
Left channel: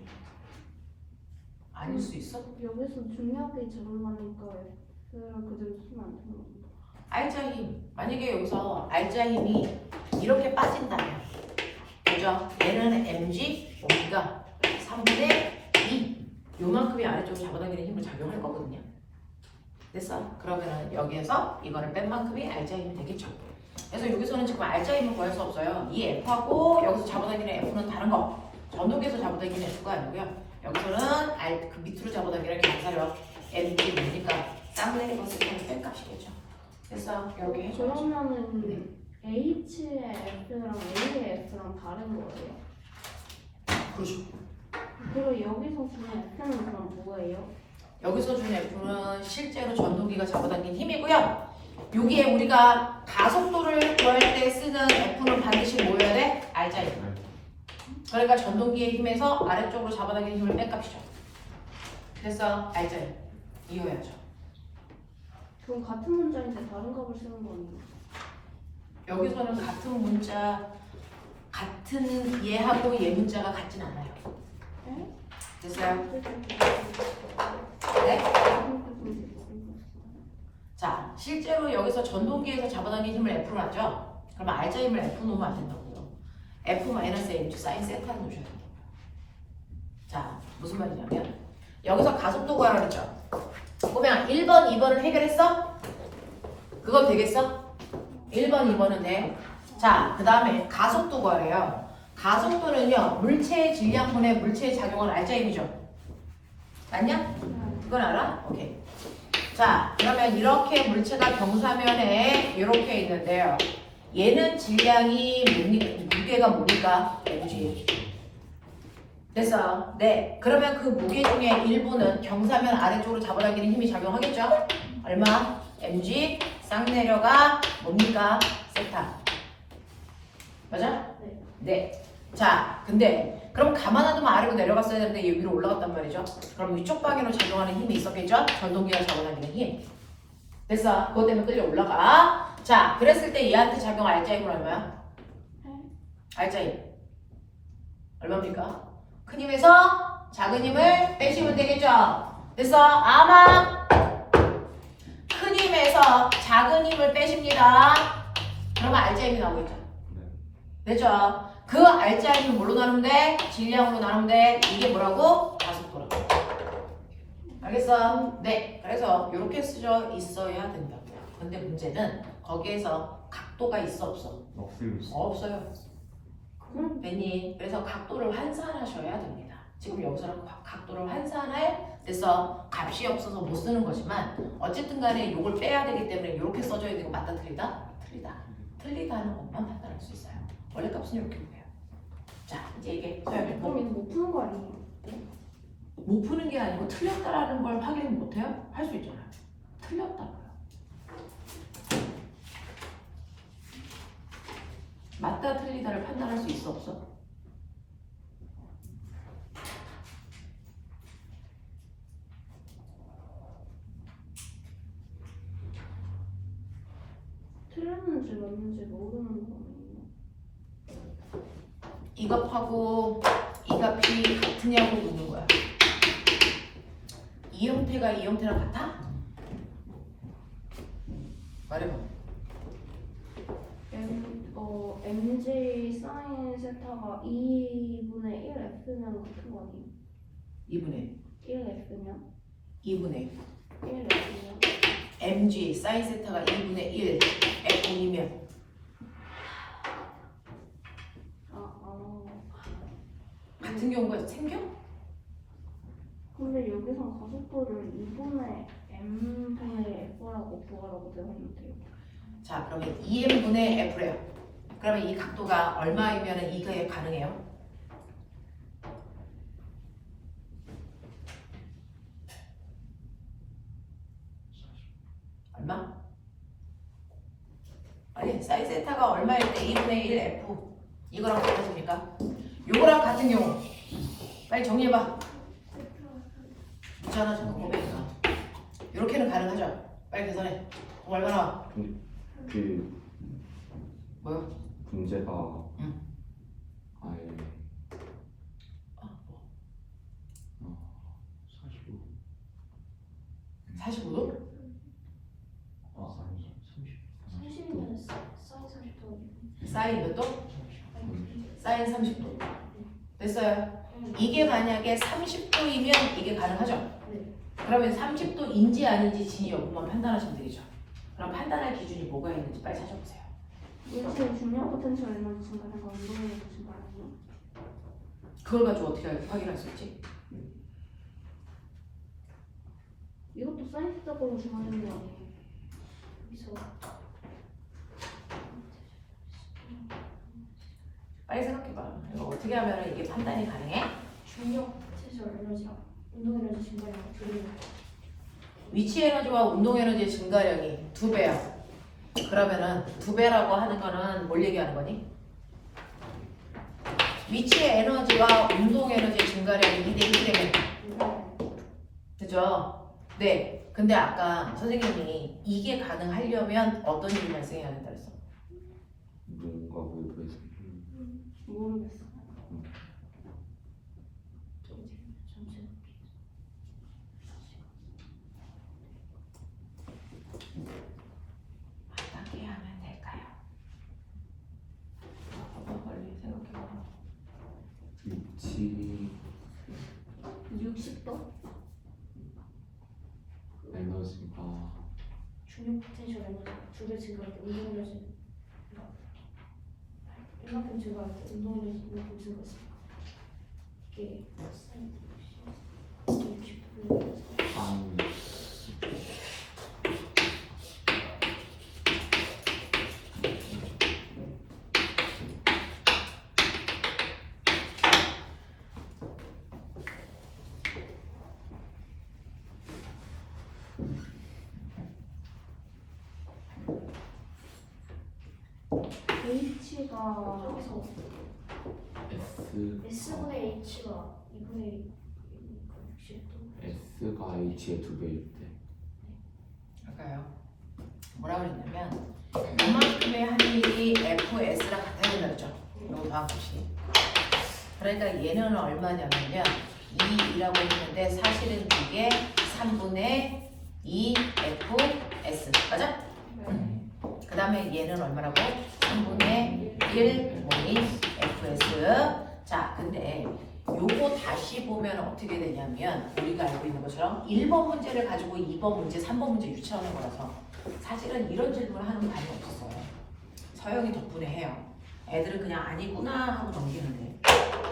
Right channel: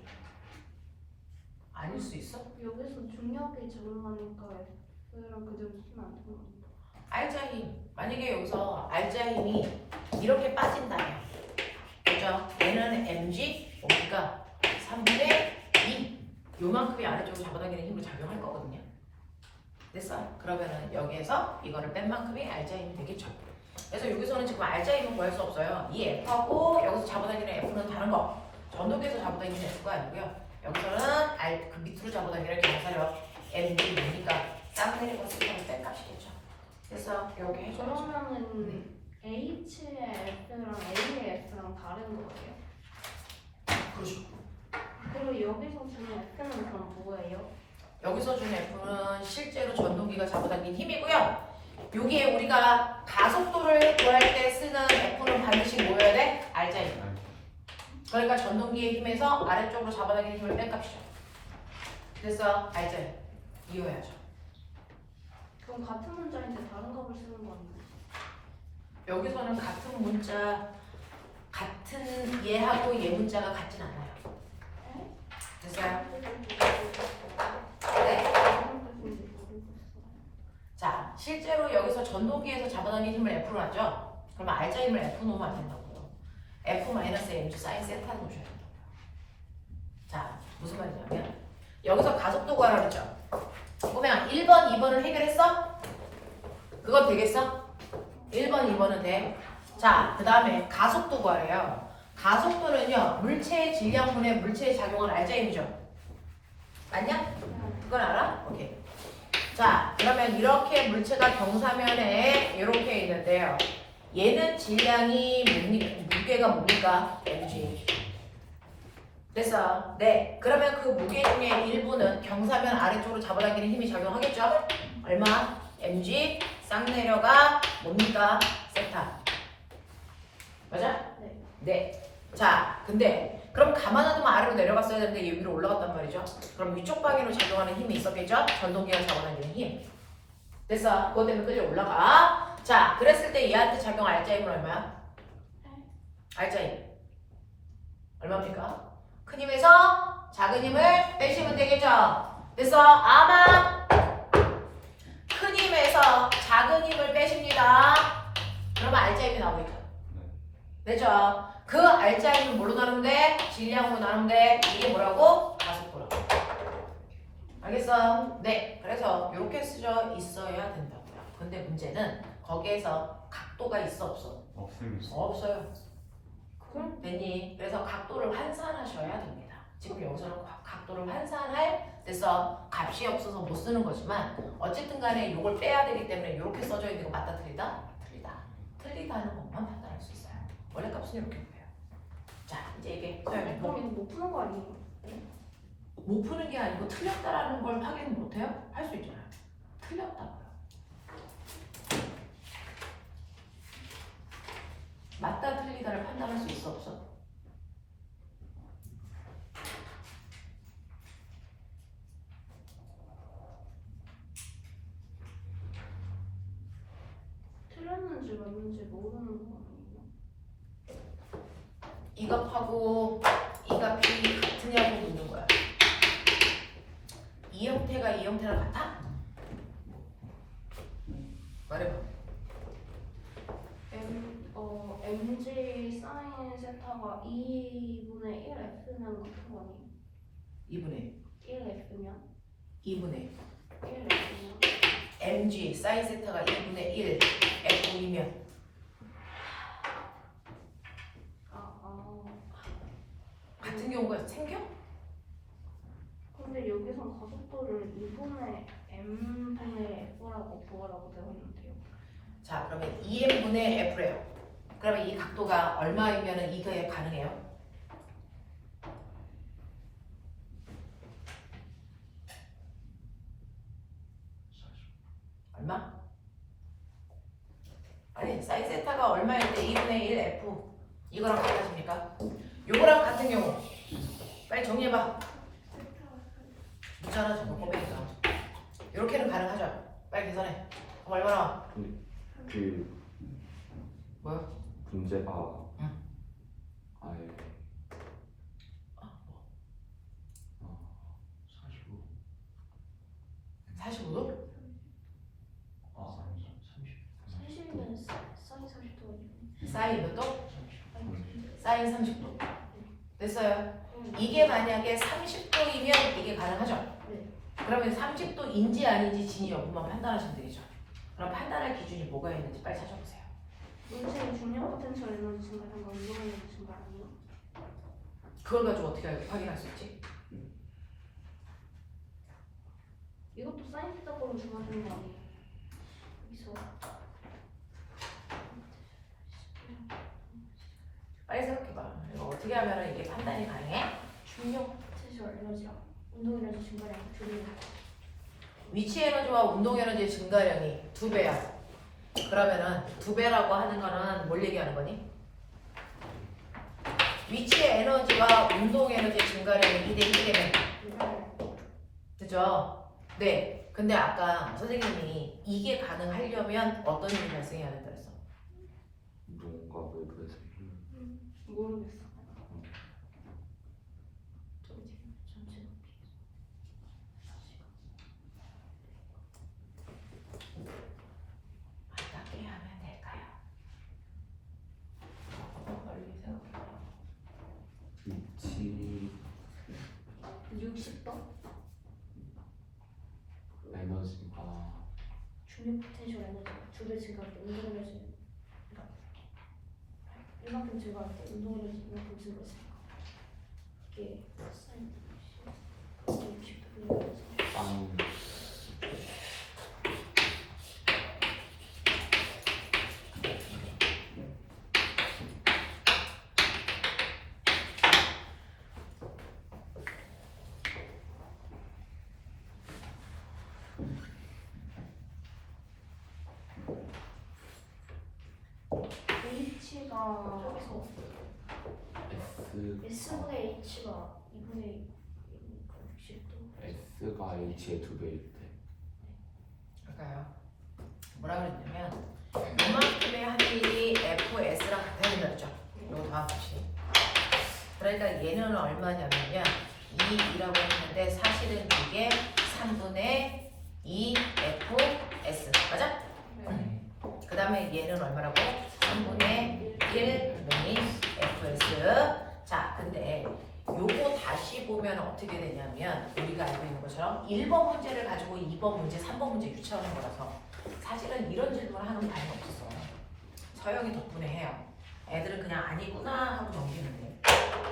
아닐 수 있어? 여기서 중력이 적용하니까 F랑 그대로 쓰면 안 되는 건가? 알자 힘. 만약에 여기서 알자 힘이 이렇게 빠진다면, 그죠? 얘는 mg, 오메가 3분의 2. 요만큼이 아래쪽으로 잡아당기는 힘을 작용할 거거든요. 됐어? 그러면은 여기에서 이거를 뺀 만큼이 알자 힘이 되겠죠. 그래서 여기서는 지금 알자 힘을 구할 수 없어요. 이 F하고 여기서 잡아당기는 F는 다른 거. 전동기에서 잡아당기는 F가 아니고요. 여기서는 그 밑으로 잡아당기는 경사력 mg 뭐니까 땀을 내리고서 뺄 값이겠죠. 그래서 이렇게 해줘야죠. 그러면은 H의 F랑 A의 F랑 다른 거예요? 그렇죠. 그리고 여기서 주는 F는 그럼 뭐예요? 여기서 준 F는 실제로 전동기가 잡아당긴 힘이고요. 여기에 우리가 가속도를 구할 때 쓰는 F는 반드시 뭐여야 돼? 알자 힘. 그러니까 전동기의 힘에서 아래쪽으로 잡아당기는 힘을 뺀 값이죠. 그래서 알자 힘. 이해해야죠. 그럼 같은 문자인데 다른 값을 쓰는 거 아니에요? 여기서는 같은 문자, 같은 얘하고 얘 문자가 같진 않아요. 됐어요? 네? 자, 실제로 여기서 전동기에서 잡아당긴 힘을 F로 하죠? 그러면 알자 힘을 F 놓으면 안 된다고요. F-mg 사인 세타를 놓으셔야 된다고요. 자, 무슨 말이냐면 여기서 가속도 구하라 그랬죠? 그러면 1번, 2번을 해결했어? 그거 되겠어? 1번, 2번은 돼. 자, 그 다음에 가속도 구하래요. 가속도는요, 물체의 질량분의 물체의 작용은 알자 힘이죠. 맞냐? 그건 알아? 오케이. 자, 그러면 이렇게 물체가 경사면에 이렇게 있는데요. 얘는 질량이 무게가 뭡니까? mg. 됐어. 네. 그러면 그 무게 중에 일부는 경사면 아래쪽으로 잡아당기는 힘이 작용하겠죠? 얼마? mg 쌍내려가 뭡니까? 세타. 맞아? 네. 자, 근데 그럼 가만히 두면 아래로 내려갔어야 되는데 얘 위로 올라갔단 말이죠. 그럼 위쪽 방향으로 작용하는 힘이 있었겠죠? 전동기가 잡아당기는 힘. 됐어. 그것 때문에 끌려 올라가. 자, 그랬을 때 얘한테 작용 알자 힘은 얼마야? 알자 힘. 얼마입니까? 큰 힘에서 작은 힘을 빼시면 되겠죠? 그래서 아마 큰 힘에서 작은 힘을 빼십니다. 그러면 알자 힘이 나오겠죠? 그렇죠? 그 알자 힘을 뭘로 나누면 돼? 질량으로 나누면 돼. 이게 뭐라고? 가속도라고. 알겠어? 네. 그래서 이렇게 쓰져 있어야 된다고요. 근데 문제는 거기에서 각도가 있어 없어? 없어요. 그럼 되니? 그래서 각도를 환산하셔야 됩니다. 지금 여기서는 각도를 환산할 그래서 값이 없어서 못 쓰는 거지만 어쨌든 간에 이걸 빼야 되기 때문에 이렇게 써줘야 되고 맞다 틀리다? 틀리다. 틀리다 하는 것만 판단할 수 있어요. 원래 값은 이렇게 돼요. 자, 이제 이게 서영이 그럼 이거 못 푸는 거 아니에요? 못 푸는 게 아니고 틀렸다라는 걸 확인 못 해요? 할 수 있잖아요. 틀렸다고요. 맞다 틀리다를 판단할 수 있어 없어? 틀렸는지 맞는지 모르는 거 아니에요? 이 값하고 이 값이 같으냐고 묻는 거야. 이 형태가 이 형태랑 같아? 말해봐. mg 사인 세타가 2분의 1f면 같은 거 아니에요? 2분의 1f면? 2분의 1f면? 속도를 2분의 m분의 f라고 구하라고 되어 있는데요. 자, 그러면 2m분의 f래요. 그러면 이 각도가 얼마이면 이게 가능해요? 얼마? 아니, 사인 세타가 얼마일 때 2분의 1 f 이거랑 같아집니까? 요거랑 같은 경우 빨리 정리해봐. 문자 하나 정도 보니까 이렇게는 가능하죠? 빨리 계산해. 얼마나? 그 뭐요? 문제가 응. 아예 아, 뭐? 45 45도? 아 30 30이면 사인 40도 사인 몇 도? 사인 30도. 됐어요? 이게 만약에 30도이면 이게 가능하죠? 그러면 30도인지 아닌지 진위 여부만 판단하시면 되겠죠? 그럼 판단할 기준이 뭐가 있는지 빨리 찾아보세요. 인체의 중력 포텐셜 에너지 증가량과 운동 에너지 증가량이요. 그걸 가지고 어떻게 확인할 수 있지? 이것도 사인스적으로 주어지는 거 아니에요? 여기서 빨리 생각해봐. 이거 어떻게 하면 이게 판단이 가능해? 중력 포텐셜 에너지랑 운동 에너지 증가량 둘이 위치 에너지와 운동 에너지 증가량이 2배야. 그러면은 2배라고 하는 거는 뭘 얘기하는 거니? 위치 에너지와 운동 에너지 증가량이 2대 1이라며. 그죠? 네. 근데 아까 선생님이 이게 가능하려면 어떤 일이 발생해야 된다 그랬어? 뭔가 모르겠어. 모르겠어. 어떻게 하면 될까요? 빨리 생각해봐. 위치 60도? 에너지가 중력 포텐셜 에너지 두배 증가할 때 운동 에너지 이만큼 증가할 때 운동 에너지 이만큼 증가했으니까 이게 사인 60도 빵 H가 여기서 S S분의 H가 2분의 60도 S가 H의 2배일 때 그러니까요. 뭐라 그랬냐면 이만큼의 한 일이 FS랑 같아야 된다 그랬죠? 이거 다음 봅시. 그러니까 얘는 얼마냐면요. 2라고 했는데 사실은 이게 3분의 2 FS 맞아? 그 다음에 얘는 얼마라고? 3분의 1 모인 FS. 자, 근데 요거 다시 보면 어떻게 되냐면 우리가 알고 있는 것처럼 1번 문제를 가지고 2번 문제, 3번 문제 유치하는 거라서 사실은 이런 질문을 하는 반이 없었어요. 서영이 덕분에 해요. 애들은 그냥 아니구나 하고 넘기는데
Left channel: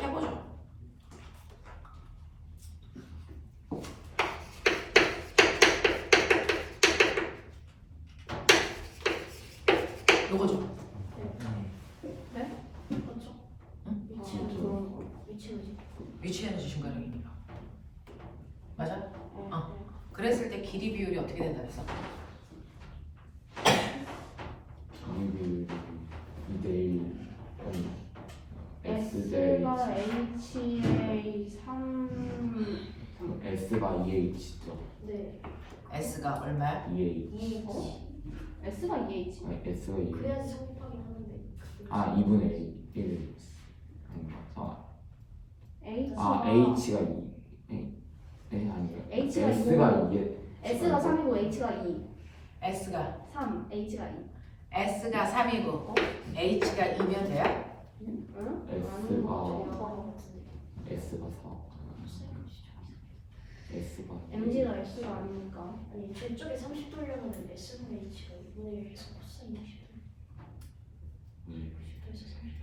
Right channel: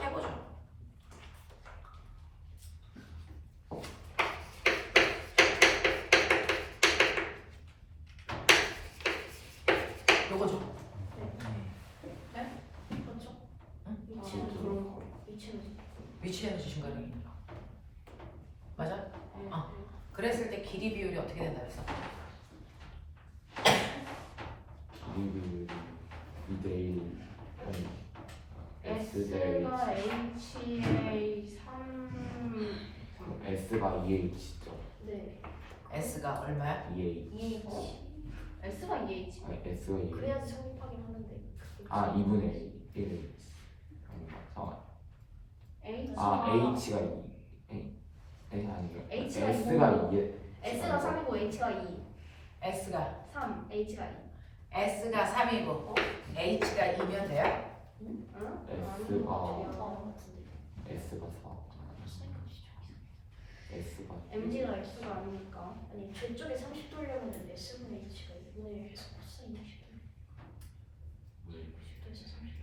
해보죠. 요거죠. 그렇죠? 응? 위치 에너지 그런 거. 위치 에너지 위치 에너지 증가량이니까. 맞아? 그랬을 때 길이 비율이 어떻게 된다 했어? 길이 2대1 S 대 S가 HA 3 S가 2H죠. 네 S가 얼마야? 2H EH S가 2H? 네, S가 2H 그래야지 성립하긴 하는데 아 2분의 1 H가 H가 2 아니요 H가 S가 2에 S가 3이고 H가 2 S가 3 H가 2 S가 3이고 H가 2면 돼요? 응? S가 S가 4 S가 MG가 S가 아니니까 아니 저쪽에 30도려면 S분의 H가 2분의 1에서 코사인 60도 60도에서 30도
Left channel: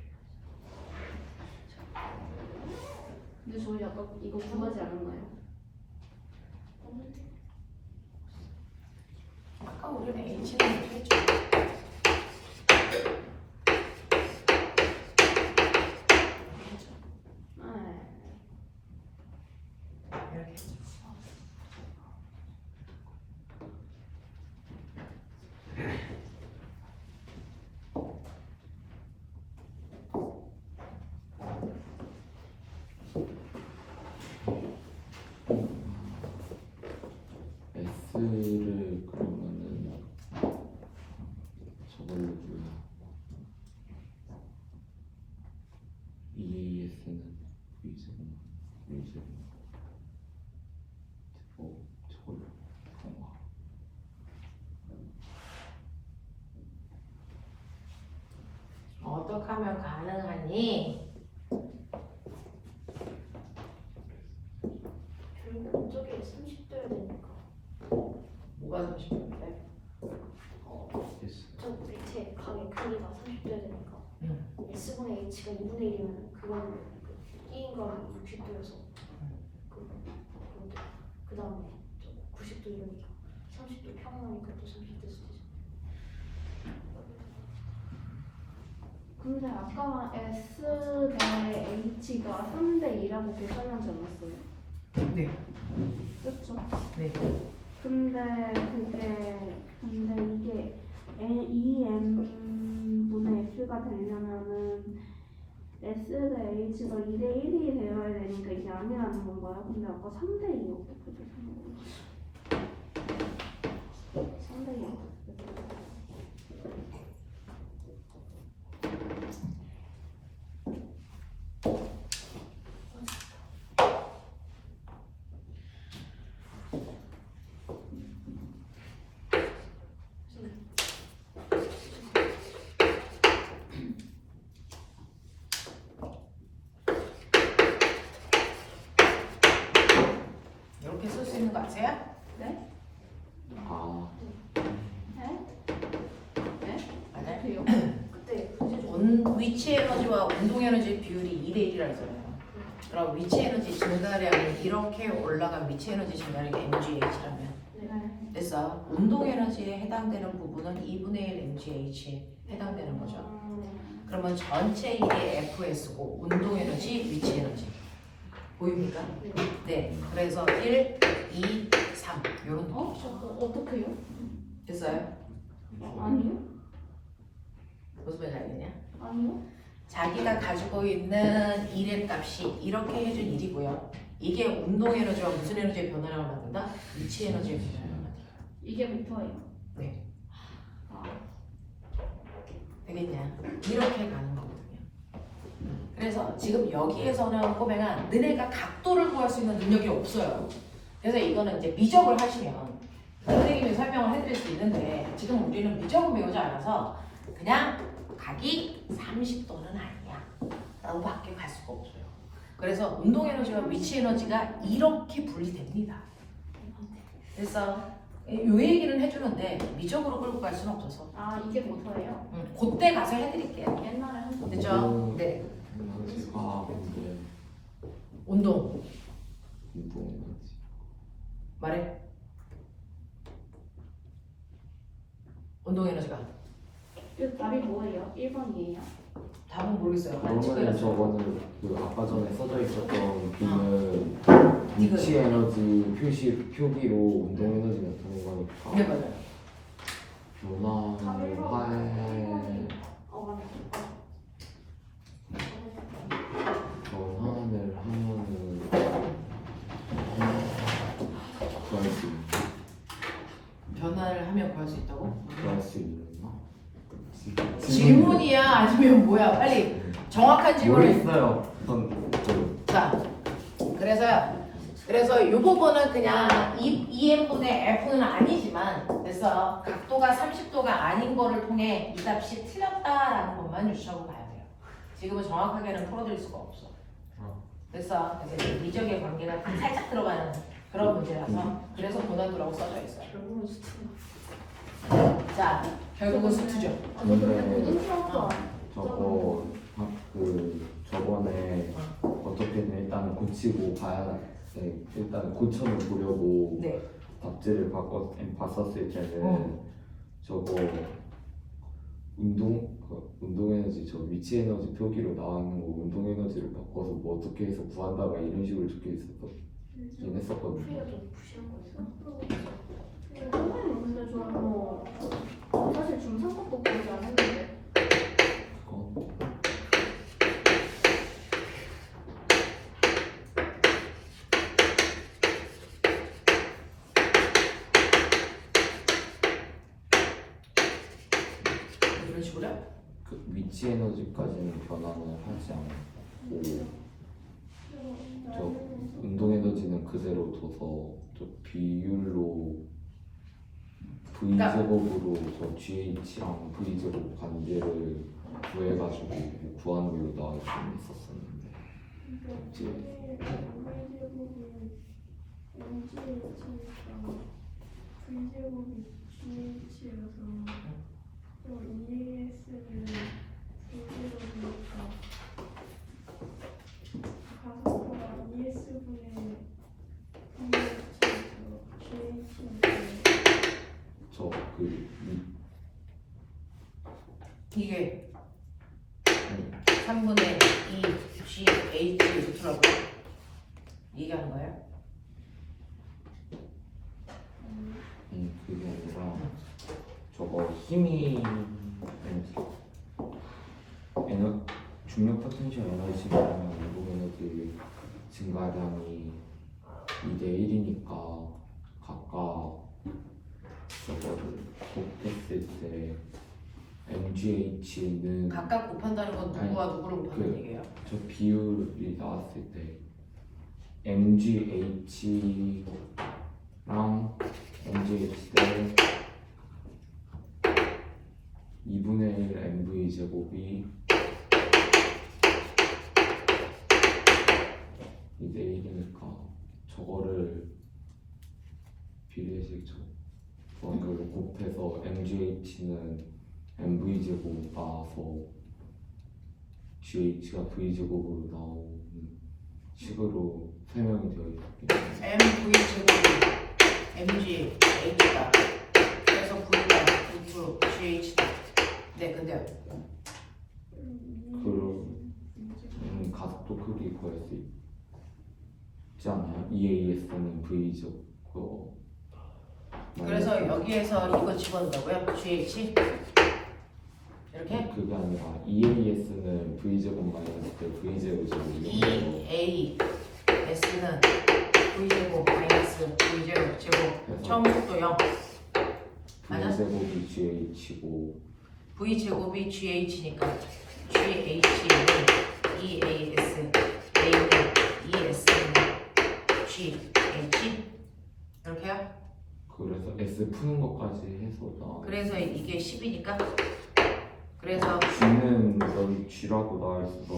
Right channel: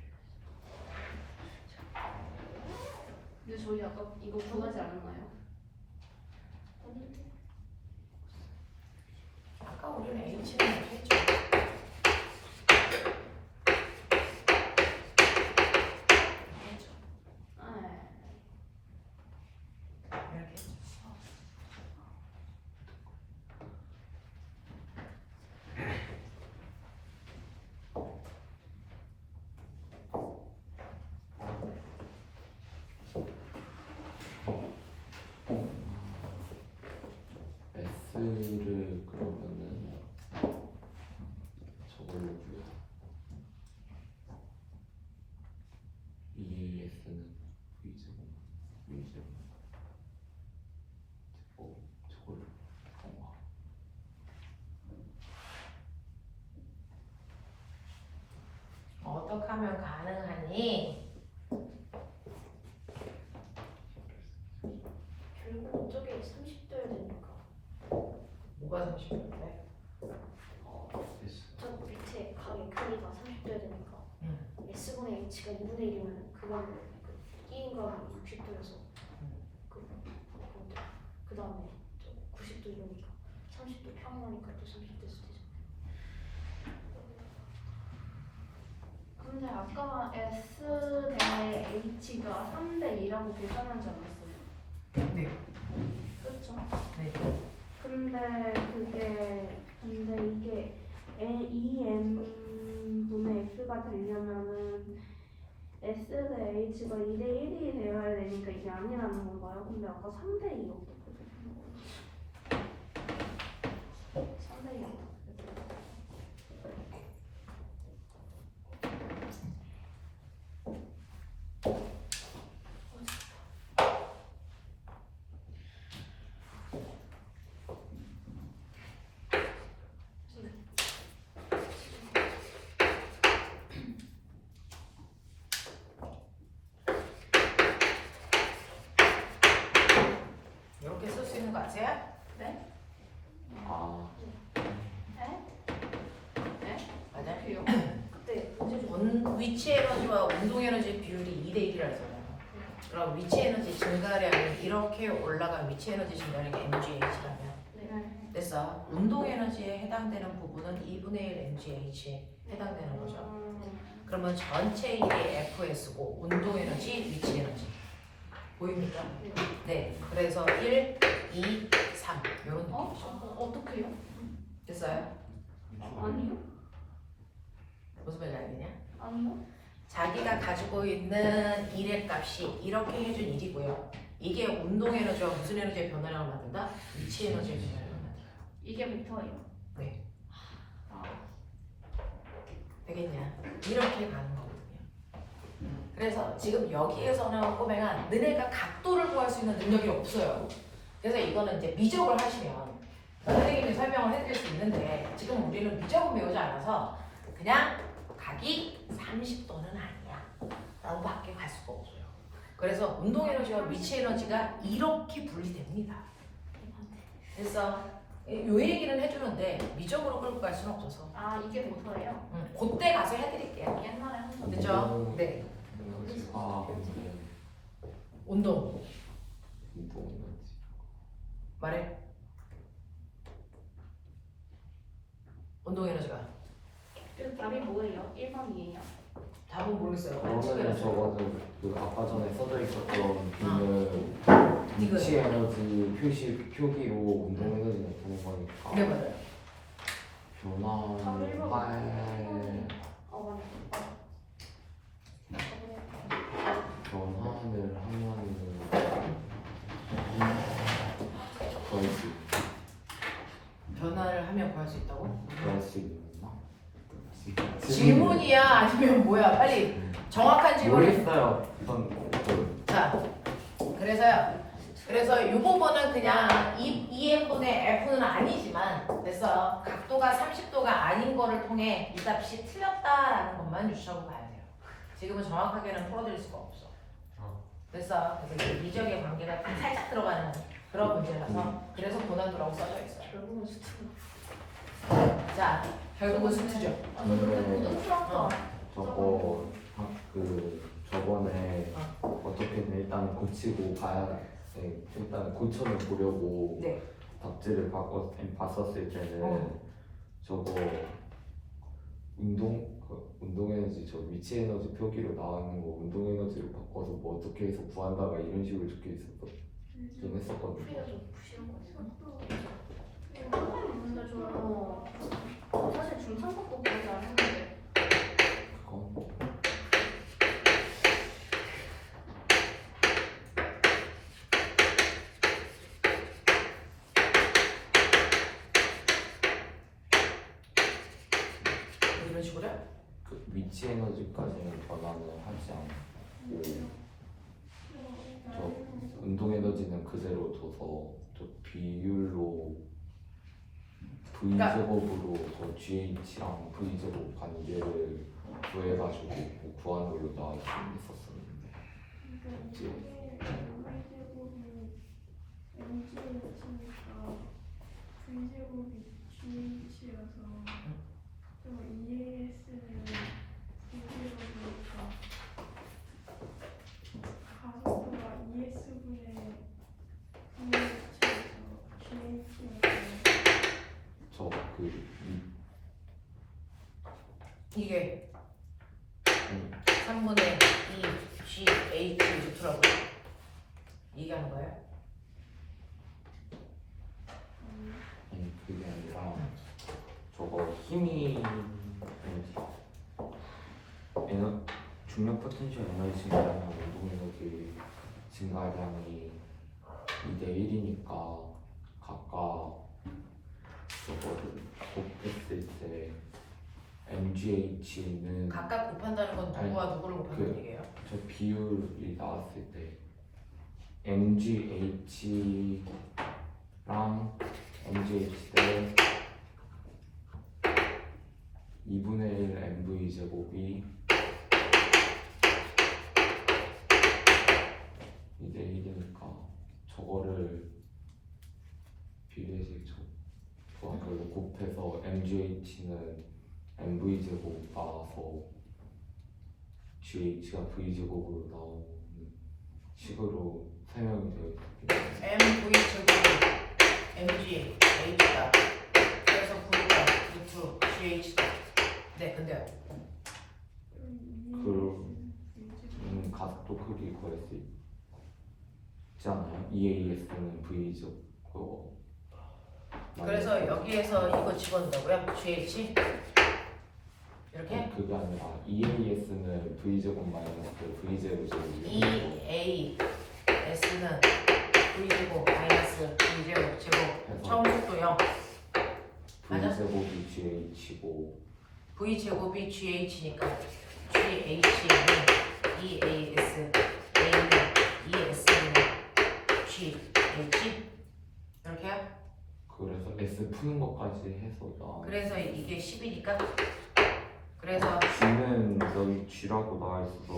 근데 저희 아까 이거 구하지 않았나요? 아니 S를 그러면은 저걸로 구해. EAS는 V제곱 V제곱 저걸로 어떻게 하면 가능하니? 결국 저게 30도여야 되니까 뭐가 30도인데? 저 밑에 각의 크기가 30도여야 되니까 응. S분의 H가 2분의 1이면 그거는 1인가 60도여서 그 다음에 90도 이러니까 30도 평행하니까 또 30도 수되죠. 근데 아까 S 대 H가 3대 2라고 계산하지 않았어요? 네. 그렇죠? 네. 근데 이게 2m분의 x가 되려면은 s 대 h가 2대 1이 되어야 되니까 이게 아니라는 건가요? 근데 아까 3대 2 어떻게 되는 거지? 3대 2 이렇게 쓸 수 있는 거 아세요? 네? 아 네? 네? 맞아요. 그때 위치 에너지와 운동 에너지 비율이 2대 1이라 했잖아요. 그럼 위치 에너지 증가량이 이렇게 올라간 위치 에너지 증가량이 mgh라면 네. 됐어. 운동 에너지에 해당되는 부분은 2분의 1 mgh에 해당되는 거죠. 그러면 전체 이게 fs고 운동 에너지, 위치 에너지 보입니까? 네. 그래서 1, 2, 3 이런 느낌. 어떻게요? 됐어요? 아니요? 무슨 말인지 알겠냐? 아니요? 자기가 가지고 있는 일의 값이 이렇게 해준 일이고요. 이게 운동 에너지와 무슨 에너지의 변화량을 만든다? 위치 에너지의 변화량을 만든다. 이게 목표예요? 네. 아, 되겠냐? 이렇게 가는 거거든요. 그래서 지금 여기에서는 꼬맹아 너네가 각도를 구할 수 있는 능력이 없어요. 그래서 이거는 이제 미적을 하시면 선생님이 설명을 해드릴 수 있는데 지금 우리는 미적은 배우지 않아서 그냥 각이 30도는 아니야 라고 밖에 갈 수가 없어요. 그래서 운동 에너지와 위치 에너지가 이렇게 분리됩니다. 그래서 요 얘기는 해주는데 미적으로 끌고 갈 수는 없어서 아 이게 목표예요? 그때 가서 해드릴게요. 옛날에 한 번. 됐죠? 네. 아 문제 운동 운동 에너지 말해. 운동 에너지가 그 답이 뭐예요? 1번이에요? 답은 모르겠어요. 안 그러면 찍어요. 저거는 그 아까 전에 써져 있었던 B는 이거. 위치 에너지 표기로 운동 에너지 나타내는 거니까 이게 맞아요. 변화를 할 변환을 하면은 구할 수 변화를 하면 구할 수 있다고? 구할 수 있나? 질문이야 아니면 뭐야? 빨리 정확한 질문을. 모르겠어요. 자, 그래서 이 부분은 그냥 EM분의 F는 아니지만 됐어. 각도가 30도가 아닌 거를 통해 이 값이 틀렸다라는 것만 유추하고 가야 돼요. 지금은 정확하게는 풀어드릴 수가 없어. 됐어. 그래서 미적의 관계가 살짝 들어가는 그런 문제라서 그래서 고난도라고 써져 있어요. 결국은 수트. 자, 결국은 수트죠. 무슨 수학과? 저거 저번에 어떻게든 일단 고치고 가야 일단 고쳐는 보려고 네. 답지를 봤었을 때는 저거 운동 에너지 저 위치 에너지 표기로 나와 있는 거 운동 에너지를 바꿔서 뭐 어떻게 해서 구한다 막 이런 식으로 적혀 있었거든 했었거든요. 풀이가 좀 부실한 거예요. 근데 저는 사실 중상급도 그렇게 안 했는데 그건 위치 에너지까지는 변화는 하지 않고 저 운동 에너지는 그대로 둬서 저 비율로 V 제곱으로 저 GH랑 V 제곱 관계를 구해가지고 구하는 걸로 나와있긴 있었었는데 이제 V제곱이 GH여서 또 EAS는 V제곱이니까 가속도가 ES분의 VH여서 GH여서 저그 이게 3분의 2 GH 루트라고 얘기하는 거예요? 그게 아니라 저거 힘이 중력 포텐셜 에너지랑 운동 에너지 증가량이 2대 1이니까 각각 저거를 곱했을 때 MGH는 각각 곱한다는 건 누구와 누구를 곱하는 얘기예요? 저 비율이 나왔을 때 MGH랑 MGH를 2분의 1 MV 제곱이 2대 1이니까 저거를 비례식 구하는 걸로 곱해서 MGH는 MV 제곱 나와서 GH가 V 제곱으로 나오는 식으로 설명이 되어 있기 때문에 MV 제곱이 MG H다. 그래서 V가 루트 GH다. 네, 근데요. 그럼 가속도 크기 구할 수 있지 않아요? EAS는 V 제곱 그래서 여기에서 이거 집어넣는다고요? GH? 이렇게? 그게 아니라 EAS는 V 제곱 마이너스 V 제곱 EAS는 V 제곱 마이너스 V 제곱 처음 속도 0. 맞아? V 제곱이 GH고 V 제곱이 GH니까 GH는 EAS, A는 ES는 GH 이렇게요? 그래서 S 푸는 것까지 해서 나 그래서 이게 10이니까 그래서 G는 여기 G라고 나와 있어서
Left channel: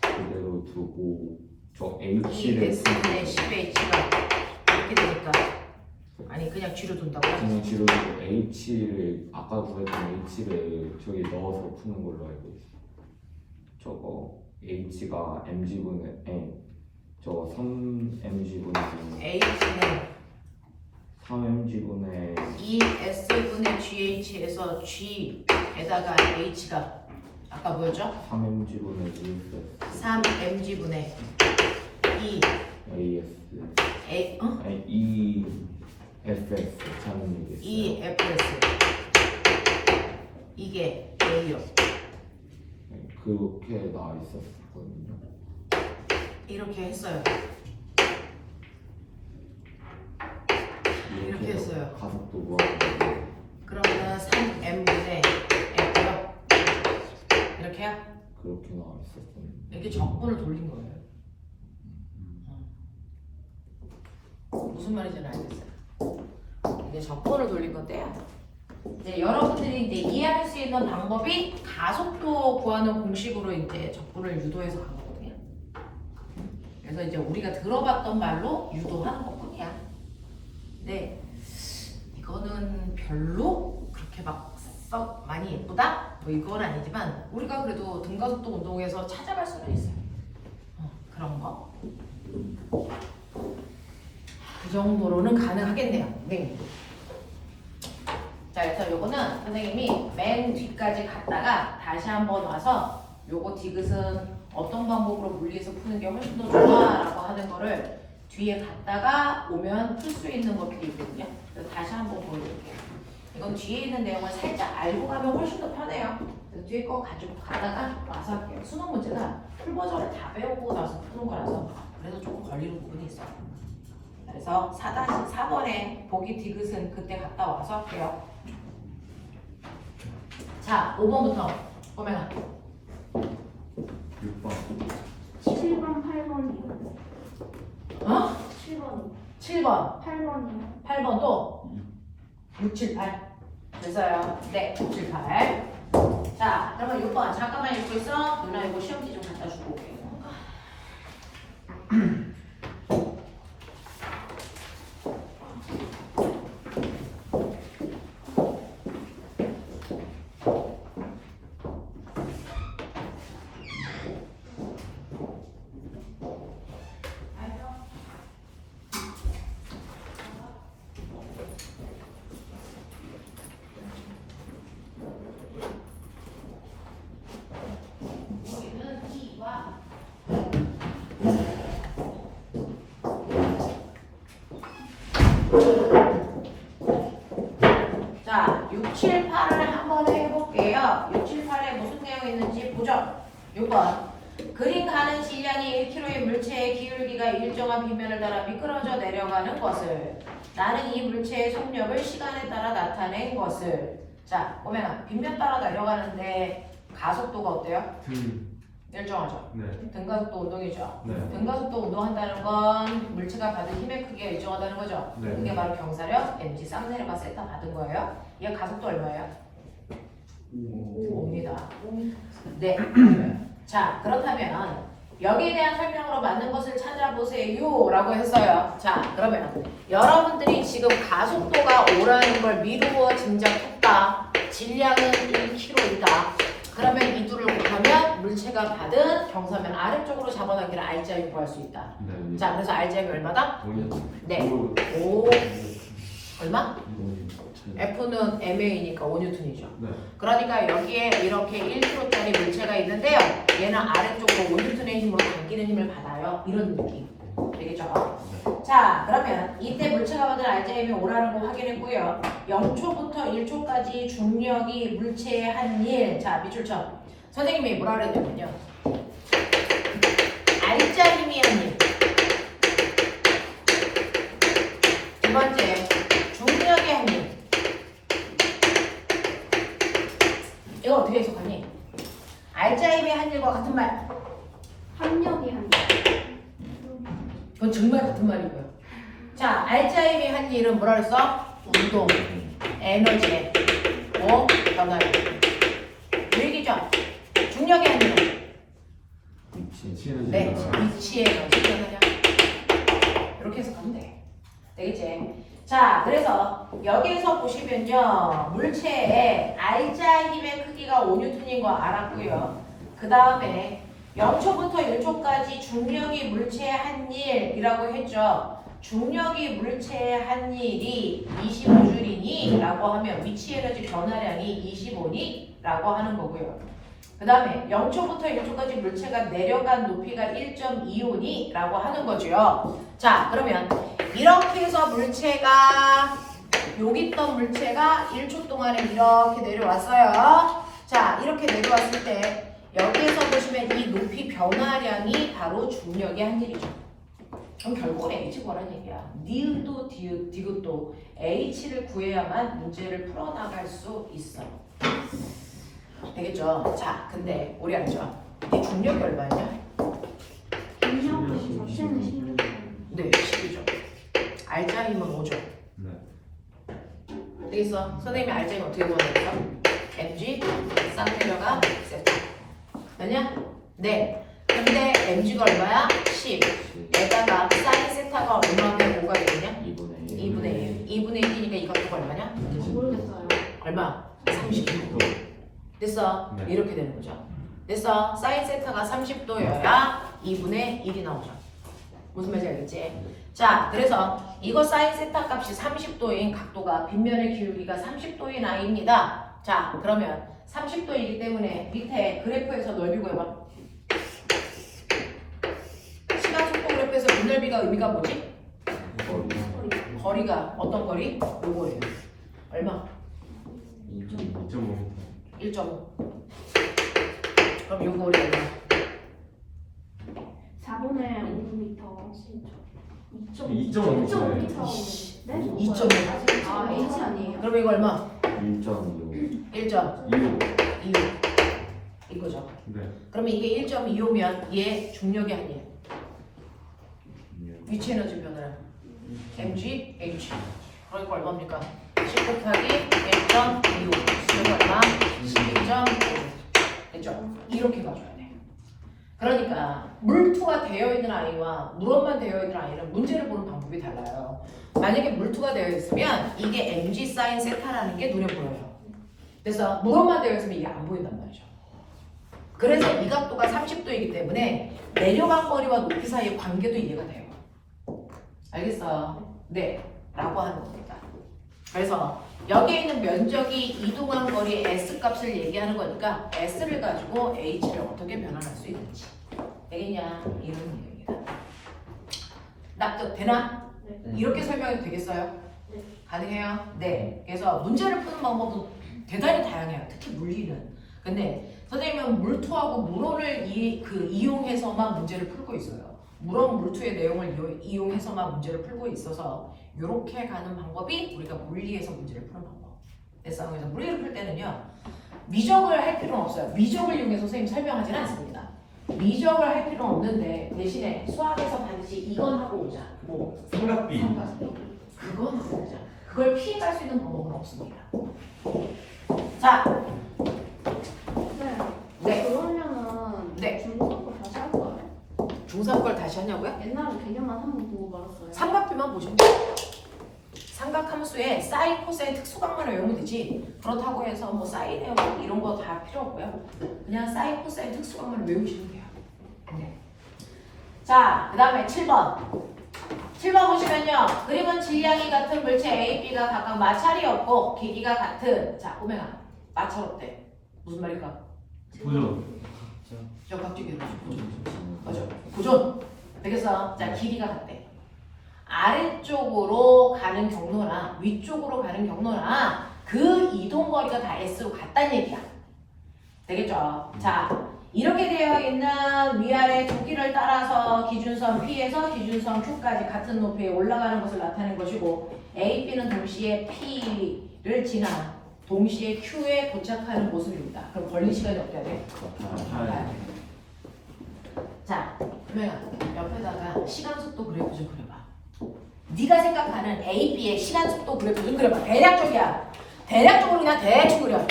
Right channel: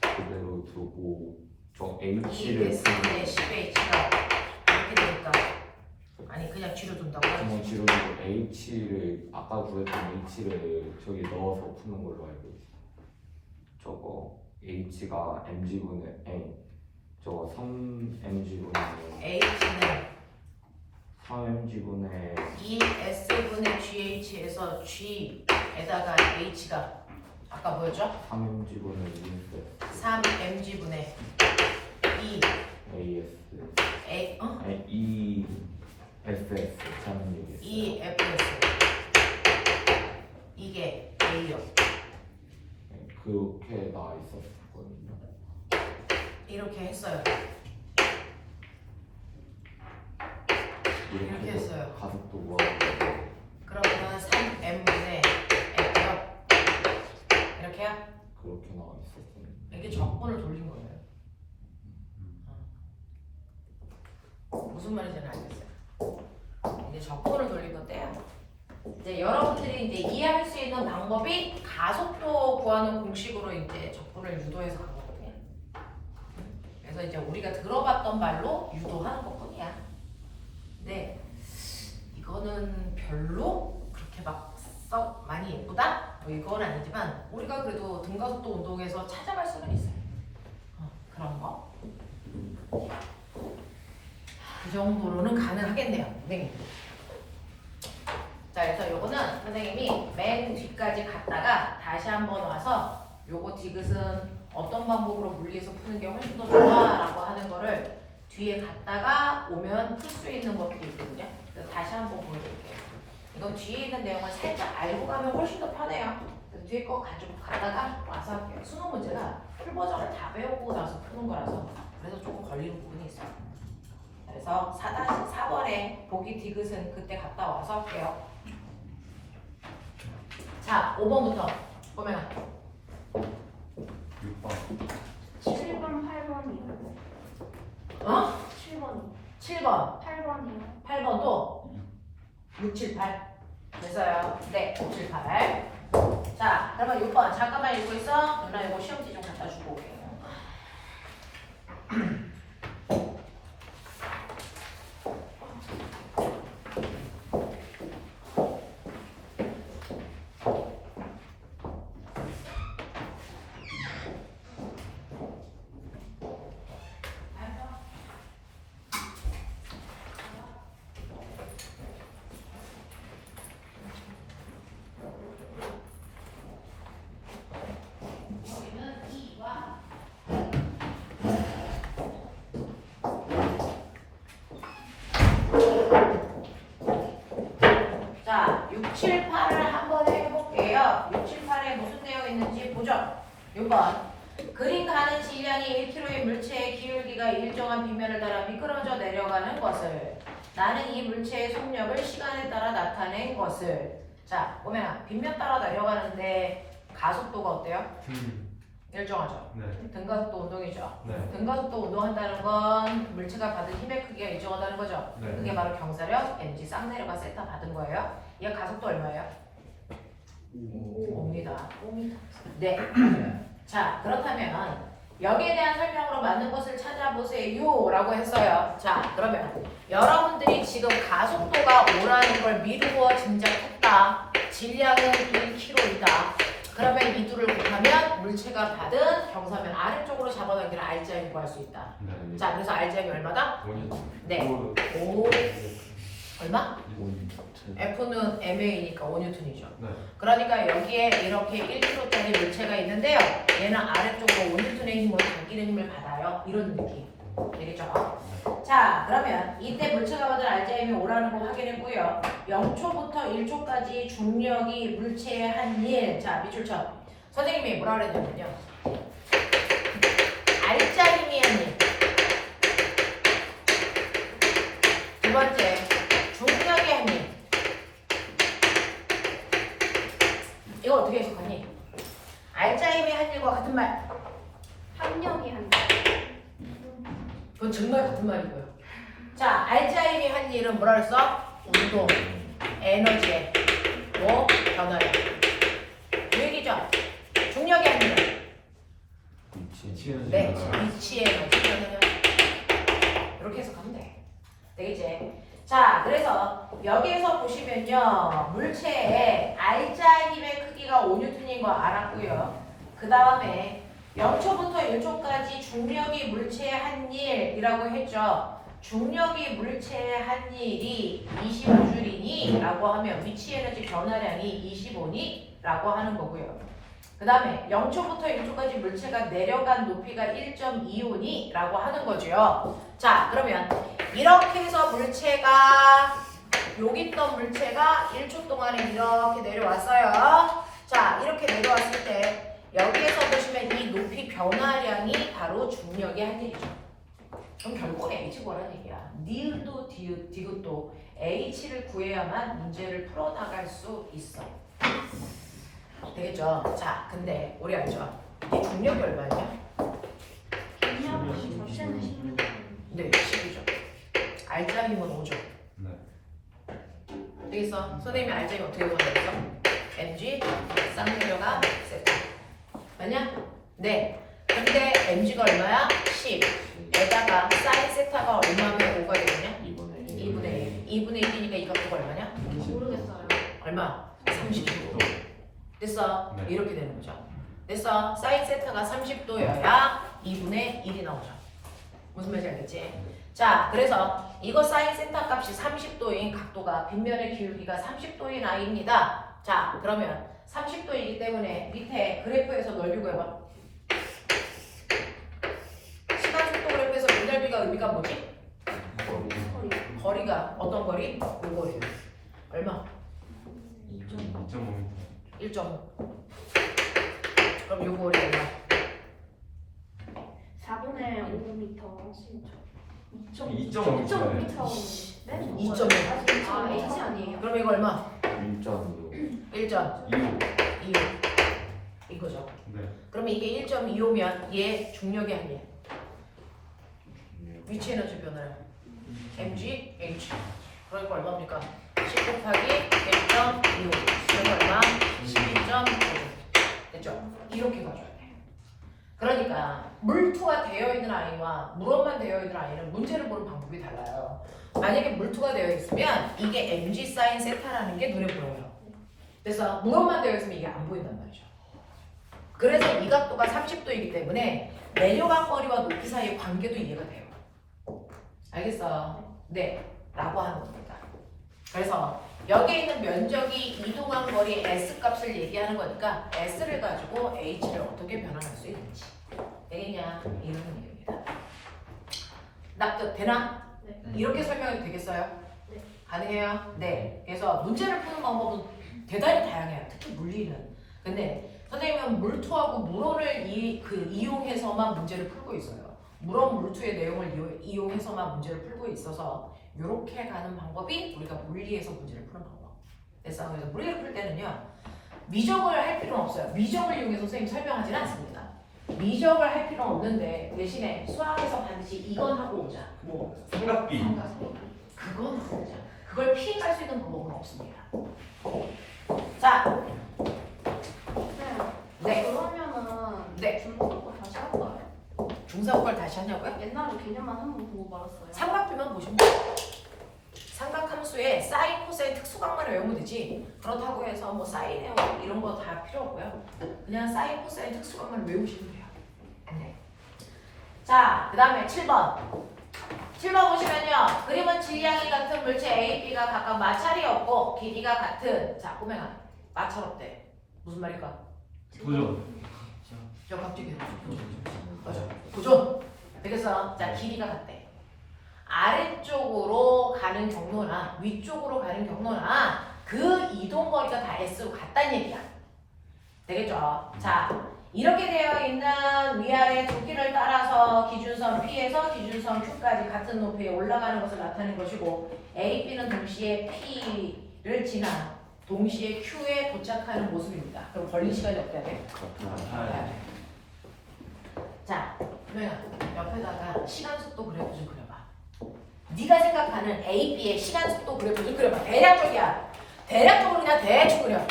그대로 두고 저 H를 ES분의 10H가 이렇게 되니까 아니 그냥 G로 둔다고요? 그냥 G로 두고 H를 아까 구했던 H를 저기 넣어서 푸는 걸로 알고 있어. 저거 H가 mg분의 n 저 3mg분의 H는 3mg분의 ES분의 GH에서 G에다가 H가 아까 뭐였죠? 3mg분의 EFS 3mg분의 E AS A 아니 EFS 잘못 얘기했어요. EFS 이게 A요. 그렇게 나와 있었거든요. 이렇게 했어요. 이렇게 이렇게 했어요. 가속도 구하는 그러면 3m분의 F요. 이렇게요? 그렇게 나와 있었거든요. 이게 적분을 돌린 거예요. 무슨 말인지는 알겠어요. 이제 적분을 돌린 건데요. 이제 여러분들이 이제 이해할 수 있는 방법이 가속도 구하는 공식으로 이제 적분을 유도해서 간 거거든요. 그래서 이제 우리가 들어봤던 말로 유도하는 것뿐이야. 근데 이거는 별로 그렇게 막 썩 많이 예쁘다? 뭐 이건 아니지만 우리가 그래도 등가속도 운동에서 찾아갈 수는 있어요. 그런 거. 그 정도로는 가능하겠네요. 네. 자, 그래서 요거는 선생님이 맨 뒤까지 갔다가 다시 한번 와서 요거 디귿은 어떤 방법으로 물리해서 푸는 게 훨씬 더 좋아라고 하는 거를 뒤에 갔다가 오면 풀 수 있는 것도 있거든요. 그래서 다시 한번 보여드릴게요. 이건 뒤에 있는 내용을 살짝 알고 가면 훨씬 더 편해요. 그래서 뒤에 거 가지고 갔다가 와서 할게요. 수능 문제는 풀 버전을 다 배우고 나서 푸는 거라서 그래서 조금 걸리는 부분이 있어요. 그래서 4번에 보기 디귿은 그때 갔다 와서 할게요. 자, 5번부터 꼬매나. 6번. 7번, 8번이요. 어? 7번이 7번, 8번이요. 8번 또 6, 7, 8. 됐어요. 네, 6, 7, 8. 자, 그러면 6번 잠깐만 읽고 있어. 누나 이거 시험지 좀 갖다 주고 올게요. 우리는 2와 자, 6, 7, 8을 한번 해볼게요. 6, 7, 8에 무슨 되어 있는지 보죠. 6번. 그림 가는 시간이 1km의 물체의 기울기가 일정한 빗면을 따라 미끄러져 내려가는 것을 나는 이 물체의 속력을 시간에 따라 나타낸 것을 자, 보면 빗면 따라 내려가는데 가속도가 어때요? 일정하죠. 네. 등가속도 운동이죠. 네. 등가속도 운동한다는 건 물체가 받은 힘의 크기가 일정하다는 거죠. 네. 그게 바로 경사력, mg 쌍내려가 세타 받은 거예요. 얘 가속도 얼마예요? 5입니다. 네. 자, 그렇다면 여기에 대한 설명으로 맞는 것을 찾아보세요 라고 했어요. 자, 그러면 여러분들이 지금 가속도가 5라는 걸 미루어 짐작했다. 질량은 1kg이다. 그러면 이 둘을 곱하면 물체가 받은 경사면 아래쪽으로 잡아당기는 R자를 구할 수 있다. 네. 자, 그래서 R자가 얼마다? 5년. 네. 5 얼마? 5년. F는 MA니까 5N이죠. 네. 그러니까 여기에 이렇게 1kg짜리 물체가 있는데요. 얘는 아래쪽으로 5N의 힘으로 당기는 힘을 받아요. 이런 느낌. 되겠죠? 자, 그러면 이때 물체가 받은 R자임이 5라는 거 확인했고요. 0초부터 1초까지 중력이 물체의 한 일. 자, 밑줄쳐. 선생님이 뭐라 그랬냐면요. R자임이 한 일. 두 번째, 중력이 한 일. 이거 어떻게 해석하니? R자임이 한 일과 같은 말. 합력이 한 그건 정말 같은 말이고요. 자, R자임이 한 일은 뭐라 그랬어? 운동, 에너지, 뭐? 변화요. 이 얘기죠? 중력이 한 일은 위치. 네, 위치 에너지 변화요. 이렇게 해석하면 돼. 되겠지? 자, 그래서 여기에서 보시면요. 물체의 R자의 힘의 크기가 5N인 거 알았고요. 그 다음에 0초부터 1초까지 중력이 물체의 한 일이라고 했죠. 중력이 물체의 한 일이 25줄이니 라고 하면 위치 에너지 변화량이 25니 라고 하는 거고요. 그 다음에 0초부터 1초까지 물체가 내려간 높이가 1.25니 라고 하는 거죠. 자, 그러면 이렇게 해서 물체가 여기 있던 물체가 1초 동안에 이렇게 내려왔어요. 자, 이렇게 내려왔을 때 여기에서 보시면 이 높이 변화량이 바로 중력의 한 일이죠. 그럼 결국은 H거라는 얘기야. 니은도 디귿도 H를 구해야만 문제를 풀어나갈 수 있어. 되겠죠? 자, 근데 우리 알죠? 이 중력이 얼마냐? 중력 자체는 16. 네, 10이죠. R자 힘은 5죠. 네. 되겠어? 선생님이 R자 힘 어떻게 구하겠어? mg 쌍내려가 세타. 맞냐? 네. 근데 mg가 얼마야? 10. 여기다가 사인 세타가 얼마면 5가 되겠냐? 2분의 1. 2분의 1이니까 이것도 얼마냐? 모르겠어요. 얼마? 30도. 됐어? 네. 이렇게 되는 거죠. 됐어? 사인 세타가 30도여야 2분의 1이 나오죠. 무슨 말인지 알겠지? 자, 그래서 이거 사인 세타 값이 30도인 각도가 빗면의 기울기가 30도인 아이입니다. 자, 그러면 30도이기 때문에 밑에 그래프에서 넓이 구해봐. 시간 속도 그래프에서 이 넓이가 의미가 뭐지? 거리가 어떤 거리? 요 거리. 얼마? 2.5m. 1.5. 그럼 요 거리 얼마? 4분의 5m. 2.5m. 네? 2.5. 아, H 아니에요? 그럼 이거 얼마? 1.25. 1.25. 이게 1.25면 얘 중력이 아니에요. 위치 에너지 변화량 mg, h. 그러니까 얼마입니까? 10 곱하기 1.25. 수는 얼마? 12.5. 됐죠? 이렇게 가져야 돼. 그러니까 물투가 되어 있는 아이와 물원만 되어 있는 아이는 문제를 보는 방법이 달라요. 만약에 물투가 되어 있으면 이게 mg 사인 세타라는 게 눈에 보여요. 그래서 물원만 되어 있으면 이게 안 보인단 말이죠. 그래서 이 각도가 30도이기 때문에 내려간 거리와 높이 사이의 관계도 이해가 돼요. 알겠어요? 네, 라고 하는 겁니다. 그래서 여기에 있는 면적이 이동한 거리 S 값을 얘기하는 거니까 S를 가지고 H를 어떻게 변환할 수 있는지 되겠냐 이런 얘기입니다. 납득 되나? 네. 이렇게 설명해도 되겠어요? 네. 가능해요? 네. 그래서 문제를 푸는 방법은 대단히 다양해요. 특히 물리는. 근데 선생님은 물투하고 물원을 이용해서만 문제를 풀고 있어요. 물원 물투의 내용을 이용해서만 문제를 풀고 있어서 이렇게 가는 방법이 우리가 물리에서 문제를 푸는 방법. 그래서 물리를 풀 때는요. 미적을 할 필요는 없어요. 미적을 이용해서 선생님 설명하지는 않습니다. 미적을 할 필요는 없는데 대신에 수학에서 반드시 이건 하고 오자. 뭐 삼각비. 그건 하고 오자. 그걸 피해갈 수 있는 방법은 없습니다. 자, 네. 그러면은 네. 중국어 다시 할 거예요? 중3 걸 다시 하냐고요? 옛날에 개념만 한번 보고 말았어요. 삼각비만 보시면 돼요. 삼각함수에 사인, 코사인 특수각만 외우면 되지. 그렇다고 해서 뭐 사인에 뭐 이런 거 다 필요 없고요. 그냥 사인, 코사인 특수각만 외우시면 돼요. 네. 자, 그 다음에 7번. 7번 보시면요. 그림은 질량이 같은 물체 A, B가 각각 마찰이 없고 길이가 같은 자, 오메가 마찰 없대. 무슨 말일까? 도전. 저 갑자기 맞아. 도전. 되겠어. 자, 길이가 같대. 아래쪽으로 가는 경로나 위쪽으로 가는 경로나 그 이동 거리가 다 S로 같다는 얘기야. 되겠죠? 자, 이렇게 되어 있는 위아래 두 길을 따라서 기준선 P에서 기준선 Q까지 같은 높이에 올라가는 것을 나타낸 것이고 A, B는 동시에 P를 지나 동시에 Q에 도착하는 모습입니다. 그럼 걸린 시간이 어때야 돼? 자, 그러면 옆에다가 시간 속도 그래프 좀 그려봐. 네가 생각하는 A, B의 시간 속도 그래프 좀 그려봐. 대략적이야. 대략적으로 그냥 대충 그려.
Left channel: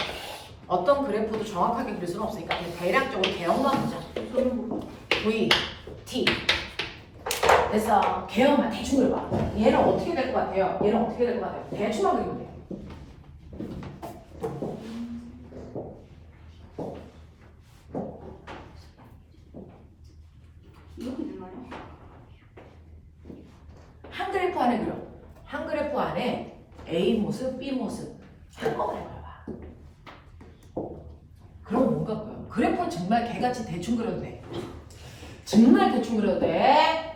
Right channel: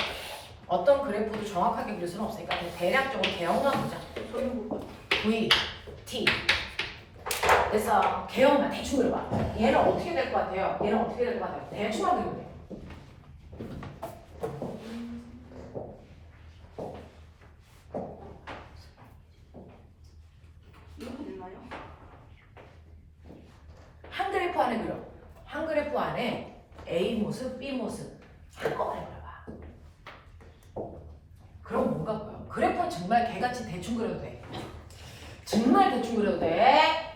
어떤 그래프도 정확하게 그릴 수는 없으니까 그냥 대략적으로 개형만 보자. V, T. 그래서 개형만 대충 그려봐. 얘는 어떻게 될 것 같아요? 얘는 어떻게 될 것 같아요? 대충만 그리면 돼. 이렇게 되나요? 한 그래프 안에 그려. 한 그래프 안에 A 모습, B 모습 한꺼번에 그려봐. 그럼 뭔가 보여. 그래프는 정말 개같이 대충 그려도 돼. 정말 대충 그려도 돼.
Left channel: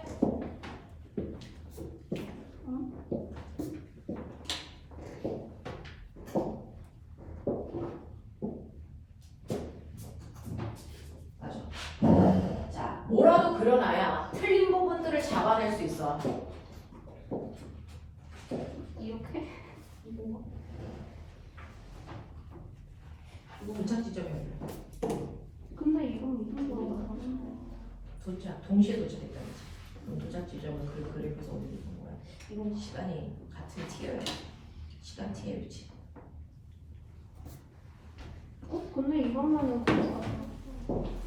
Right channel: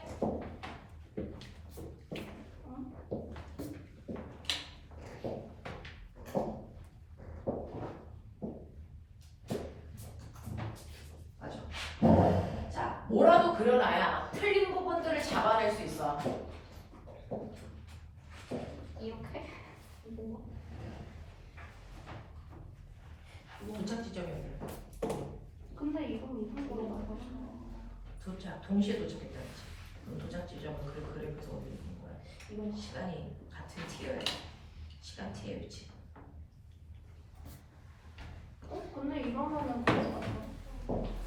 맞아. 자, 뭐라도 그려놔야 틀린 부분들을 잡아낼 수 있어. 이렇게? 도착 지점이야. 근데 이건 이 정도로 나가는데. 도착, 동시에 도착했다는지. 도착 지점은 그 그래프에서 어디 있는 거야? 이건 시간이 같은 t예요. 시간 t의 위치. 근데 이러면은 그거 같아요.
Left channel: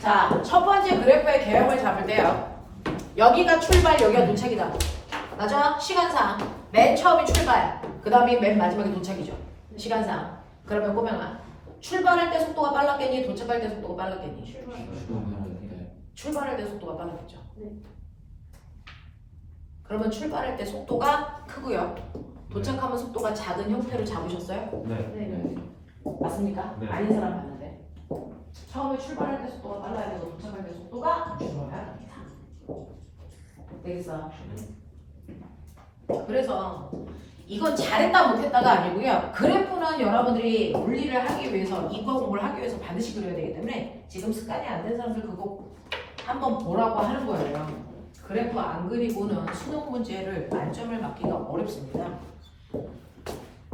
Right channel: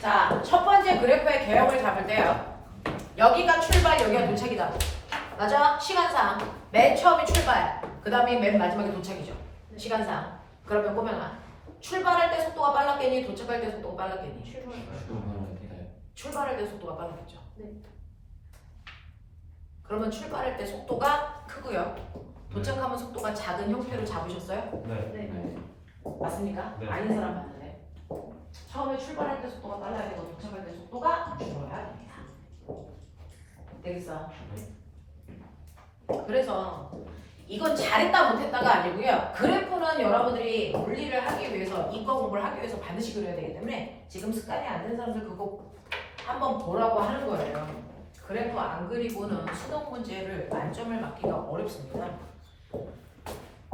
자, 첫 번째 그래프의 개형을 잡을 때요. 여기가 출발, 여기가 도착이다. 맞아? 시간상 맨 처음이 출발, 그 다음이 맨 마지막에 도착이죠. 시간상. 그러면 꼬맹아, 출발할 때 속도가 빨랐겠니? 도착할 때 속도가 빨랐겠니? 출발할 때 속도가 빨랐겠죠. 네. 그러면 출발할 때 속도가 크고요. 도착하면 속도가 작은 형태로 잡으셨어요? 네. 맞습니까? 네. 아닌 사람 봤는데. 처음에 출발할 때 속도가 빨라야 되고 도착할 때 속도가 줄어야 됩니다. 되겠어? 그래서 이건 잘했다 못했다가 아니고요. 그래프는 여러분들이 물리를 하기 위해서 이과 공부를 하기 위해서 반드시 그려야 되기 때문에 지금 습관이 안 된 사람들 그거 한번 보라고 하는 거예요. 그래프 안 그리고는 수능 문제를 만점을 맞기가 어렵습니다.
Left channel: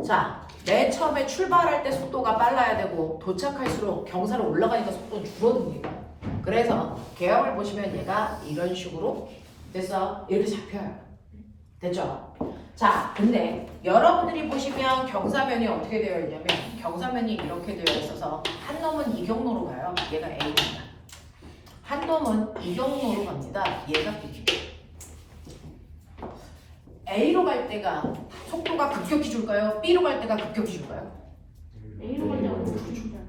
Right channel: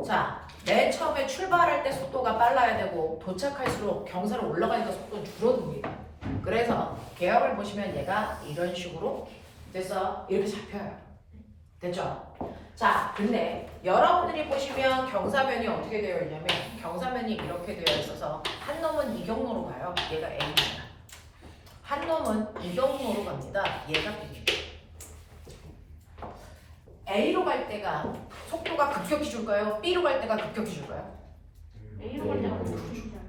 자, 맨 처음에 출발할 때 속도가 빨라야 되고 도착할수록 경사로 올라가니까 속도는 줄어듭니다. 그래서 개형을 보시면 얘가 이런 식으로 돼서 이렇게 잡혀요. 됐죠? 자, 근데 여러분들이 보시면 경사면이 어떻게 되어 있냐면 경사면이 이렇게 되어 있어서 한 놈은 이 경로로 가요. 얘가 A입니다. 한 놈은 이 경로로 갑니다. 얘가 B입니다. A로 갈 때가 속도가 급격히 줄까요? B로 갈 때가 급격히 줄까요? A로 갈 때가 좋지 않을까요?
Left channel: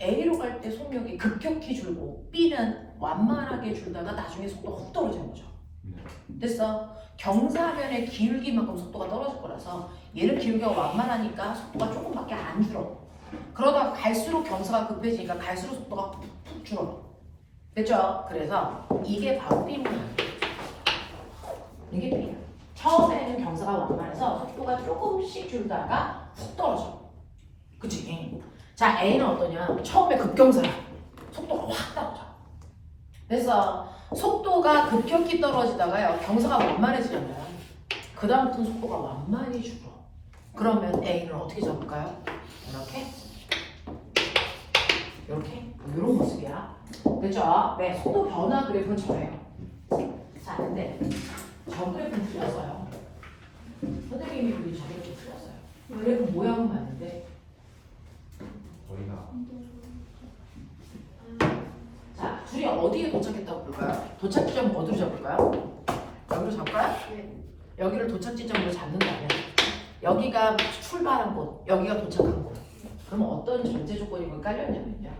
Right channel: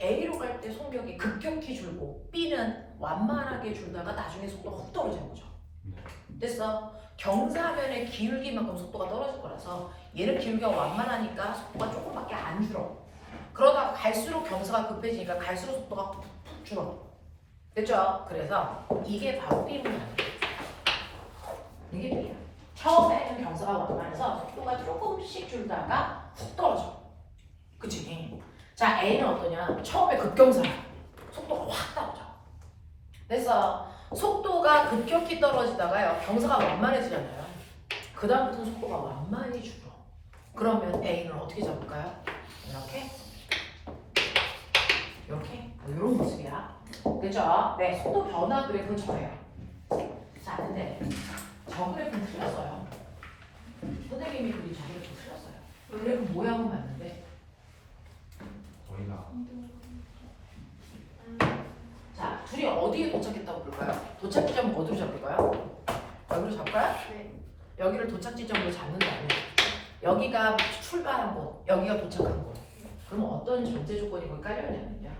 A로 갈 때 속력이 급격히 줄고 B는 완만하게 줄다가 나중에 속도가 훅 떨어지는 거죠. 됐어? 경사면의 기울기만큼 속도가 떨어질 거라서 얘는 기울기가 완만하니까 속도가 조금밖에 안 줄어. 그러다가 갈수록 경사가 급해지니까 갈수록 속도가 푹 줄어. 됐죠? 그래서 이게 바로 B로 가는 거예요. 이게 B야. 처음에는 경사가 완만해서 속도가 조금씩 줄다가 훅 떨어져. 그치? 자, A는 어떠냐? 처음에 급경사야. 속도가 확 떨어져. 그래서 속도가 급격히 떨어지다가요. 경사가 완만해지잖아요. 그 다음부터 속도가 완만히 줄어. 그러면 A는 어떻게 잡을까요? 이렇게. 이렇게. 이런 모습이야. 됐죠? 네, 속도 변화 그래프는 저예요. 자, 근데 저 그래프는 틀렸어요. 선생님이 그린 저 그래프 틀렸어요. 그래프 모양은 맞는데. 거리가 자, 둘이 어디에 도착했다고 볼까요? 도착 지점은 어디로 잡을까요? 여기로 잡을까요? 네. 여기를 도착 지점으로 잡는 다음에 여기가 출발한 곳, 여기가 도착한 곳. 그럼 어떤 전제 조건이 거기 깔려있냐면요.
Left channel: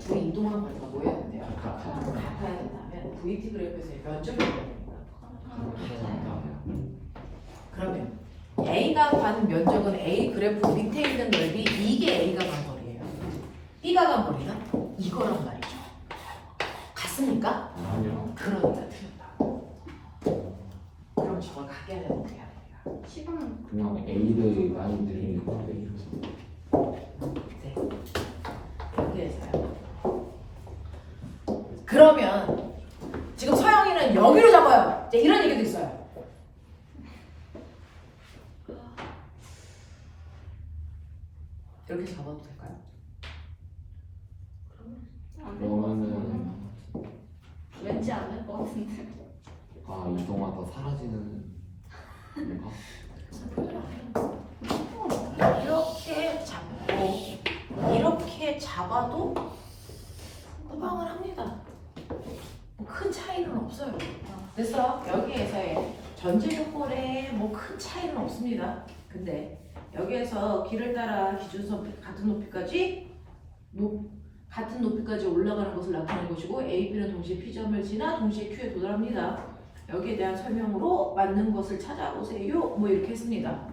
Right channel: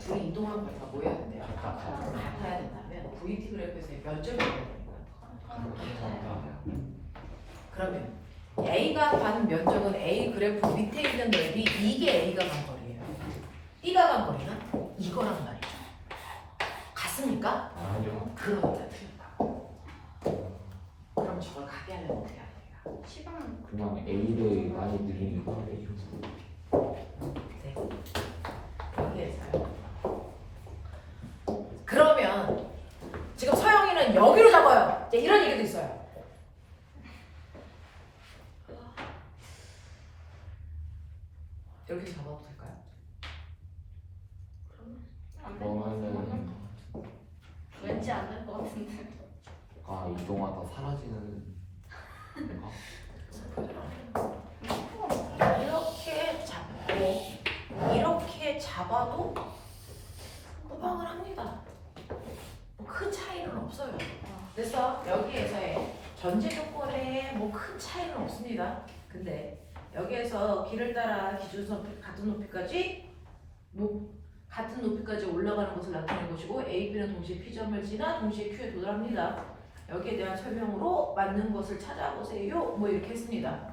둘이 이동한 거리가 뭐 해야 된대요? 같아야 된다면 VT 그래프에서의 면적이 돼야 됩니다. 그러면 A가 받은 면적은 A 그래프 밑에 있는 넓이 이게 A가 간 거리예요. B가 간 거리는 이거란 말이죠. 같습니까? 아니요. 그러니까 틀렸다. 그럼 저걸 가게 하려면 어떻게 해야 돼요? 시간은 그냥 A를 많이 늘리는 거예요. 네. 여기에서요. 그러면 지금 서영이는 여기로 잡아요. 이제 이런 얘기도 있어요. 이렇게 잡아도 될까요? 안될것 같은데. 그러면은 왠지 안 될 것 같은데. 이동하다 사라지는 건가? 이렇게 잡고 이렇게 잡아도 후방을 합니다. 뭐 큰 차이는 없어요. 그래서 여기에서의 전제 조건에 뭐 큰 차이는 없습니다. 근데 여기에서 길을 따라 기준선 같은 높이까지 같은 높이까지 올라가는 것을 나타내는 것이고 A, B는 동시에 P점을 지나 동시에 Q에 도달합니다. 여기에 대한 설명으로 맞는 것을 찾아보세요. 뭐 이렇게 했습니다.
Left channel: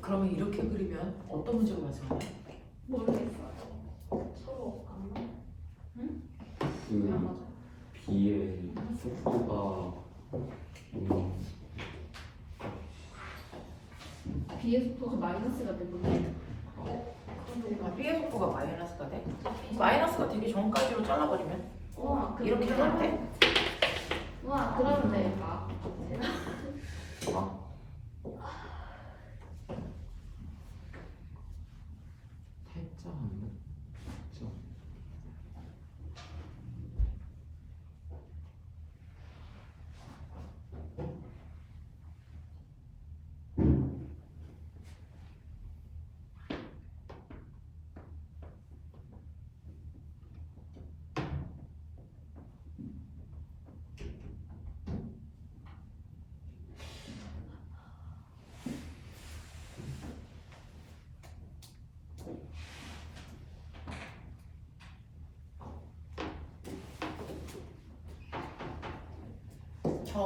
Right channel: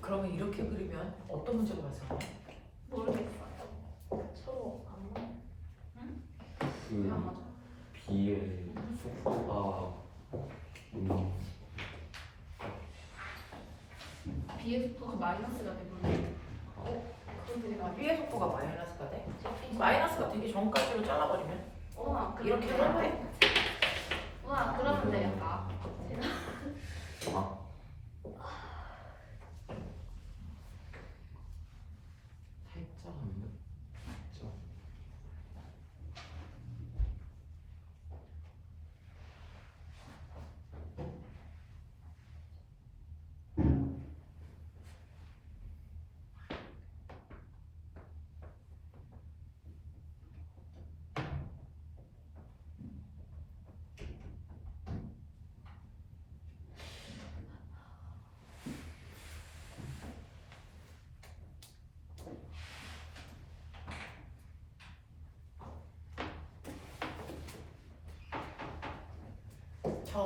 그러면 이렇게 그리면 어떤 문제가 발생하나요? 모르겠어요. 서로 안 맞아. 그 B의 속도가 B의 속도가 마이너스가 되는데. B의 속도가 마이너스가 돼? 마이너스가 되기 전까지로 잘라버리면 와, 이렇게 하면 안 돼? 와, 그러면 돼요. 아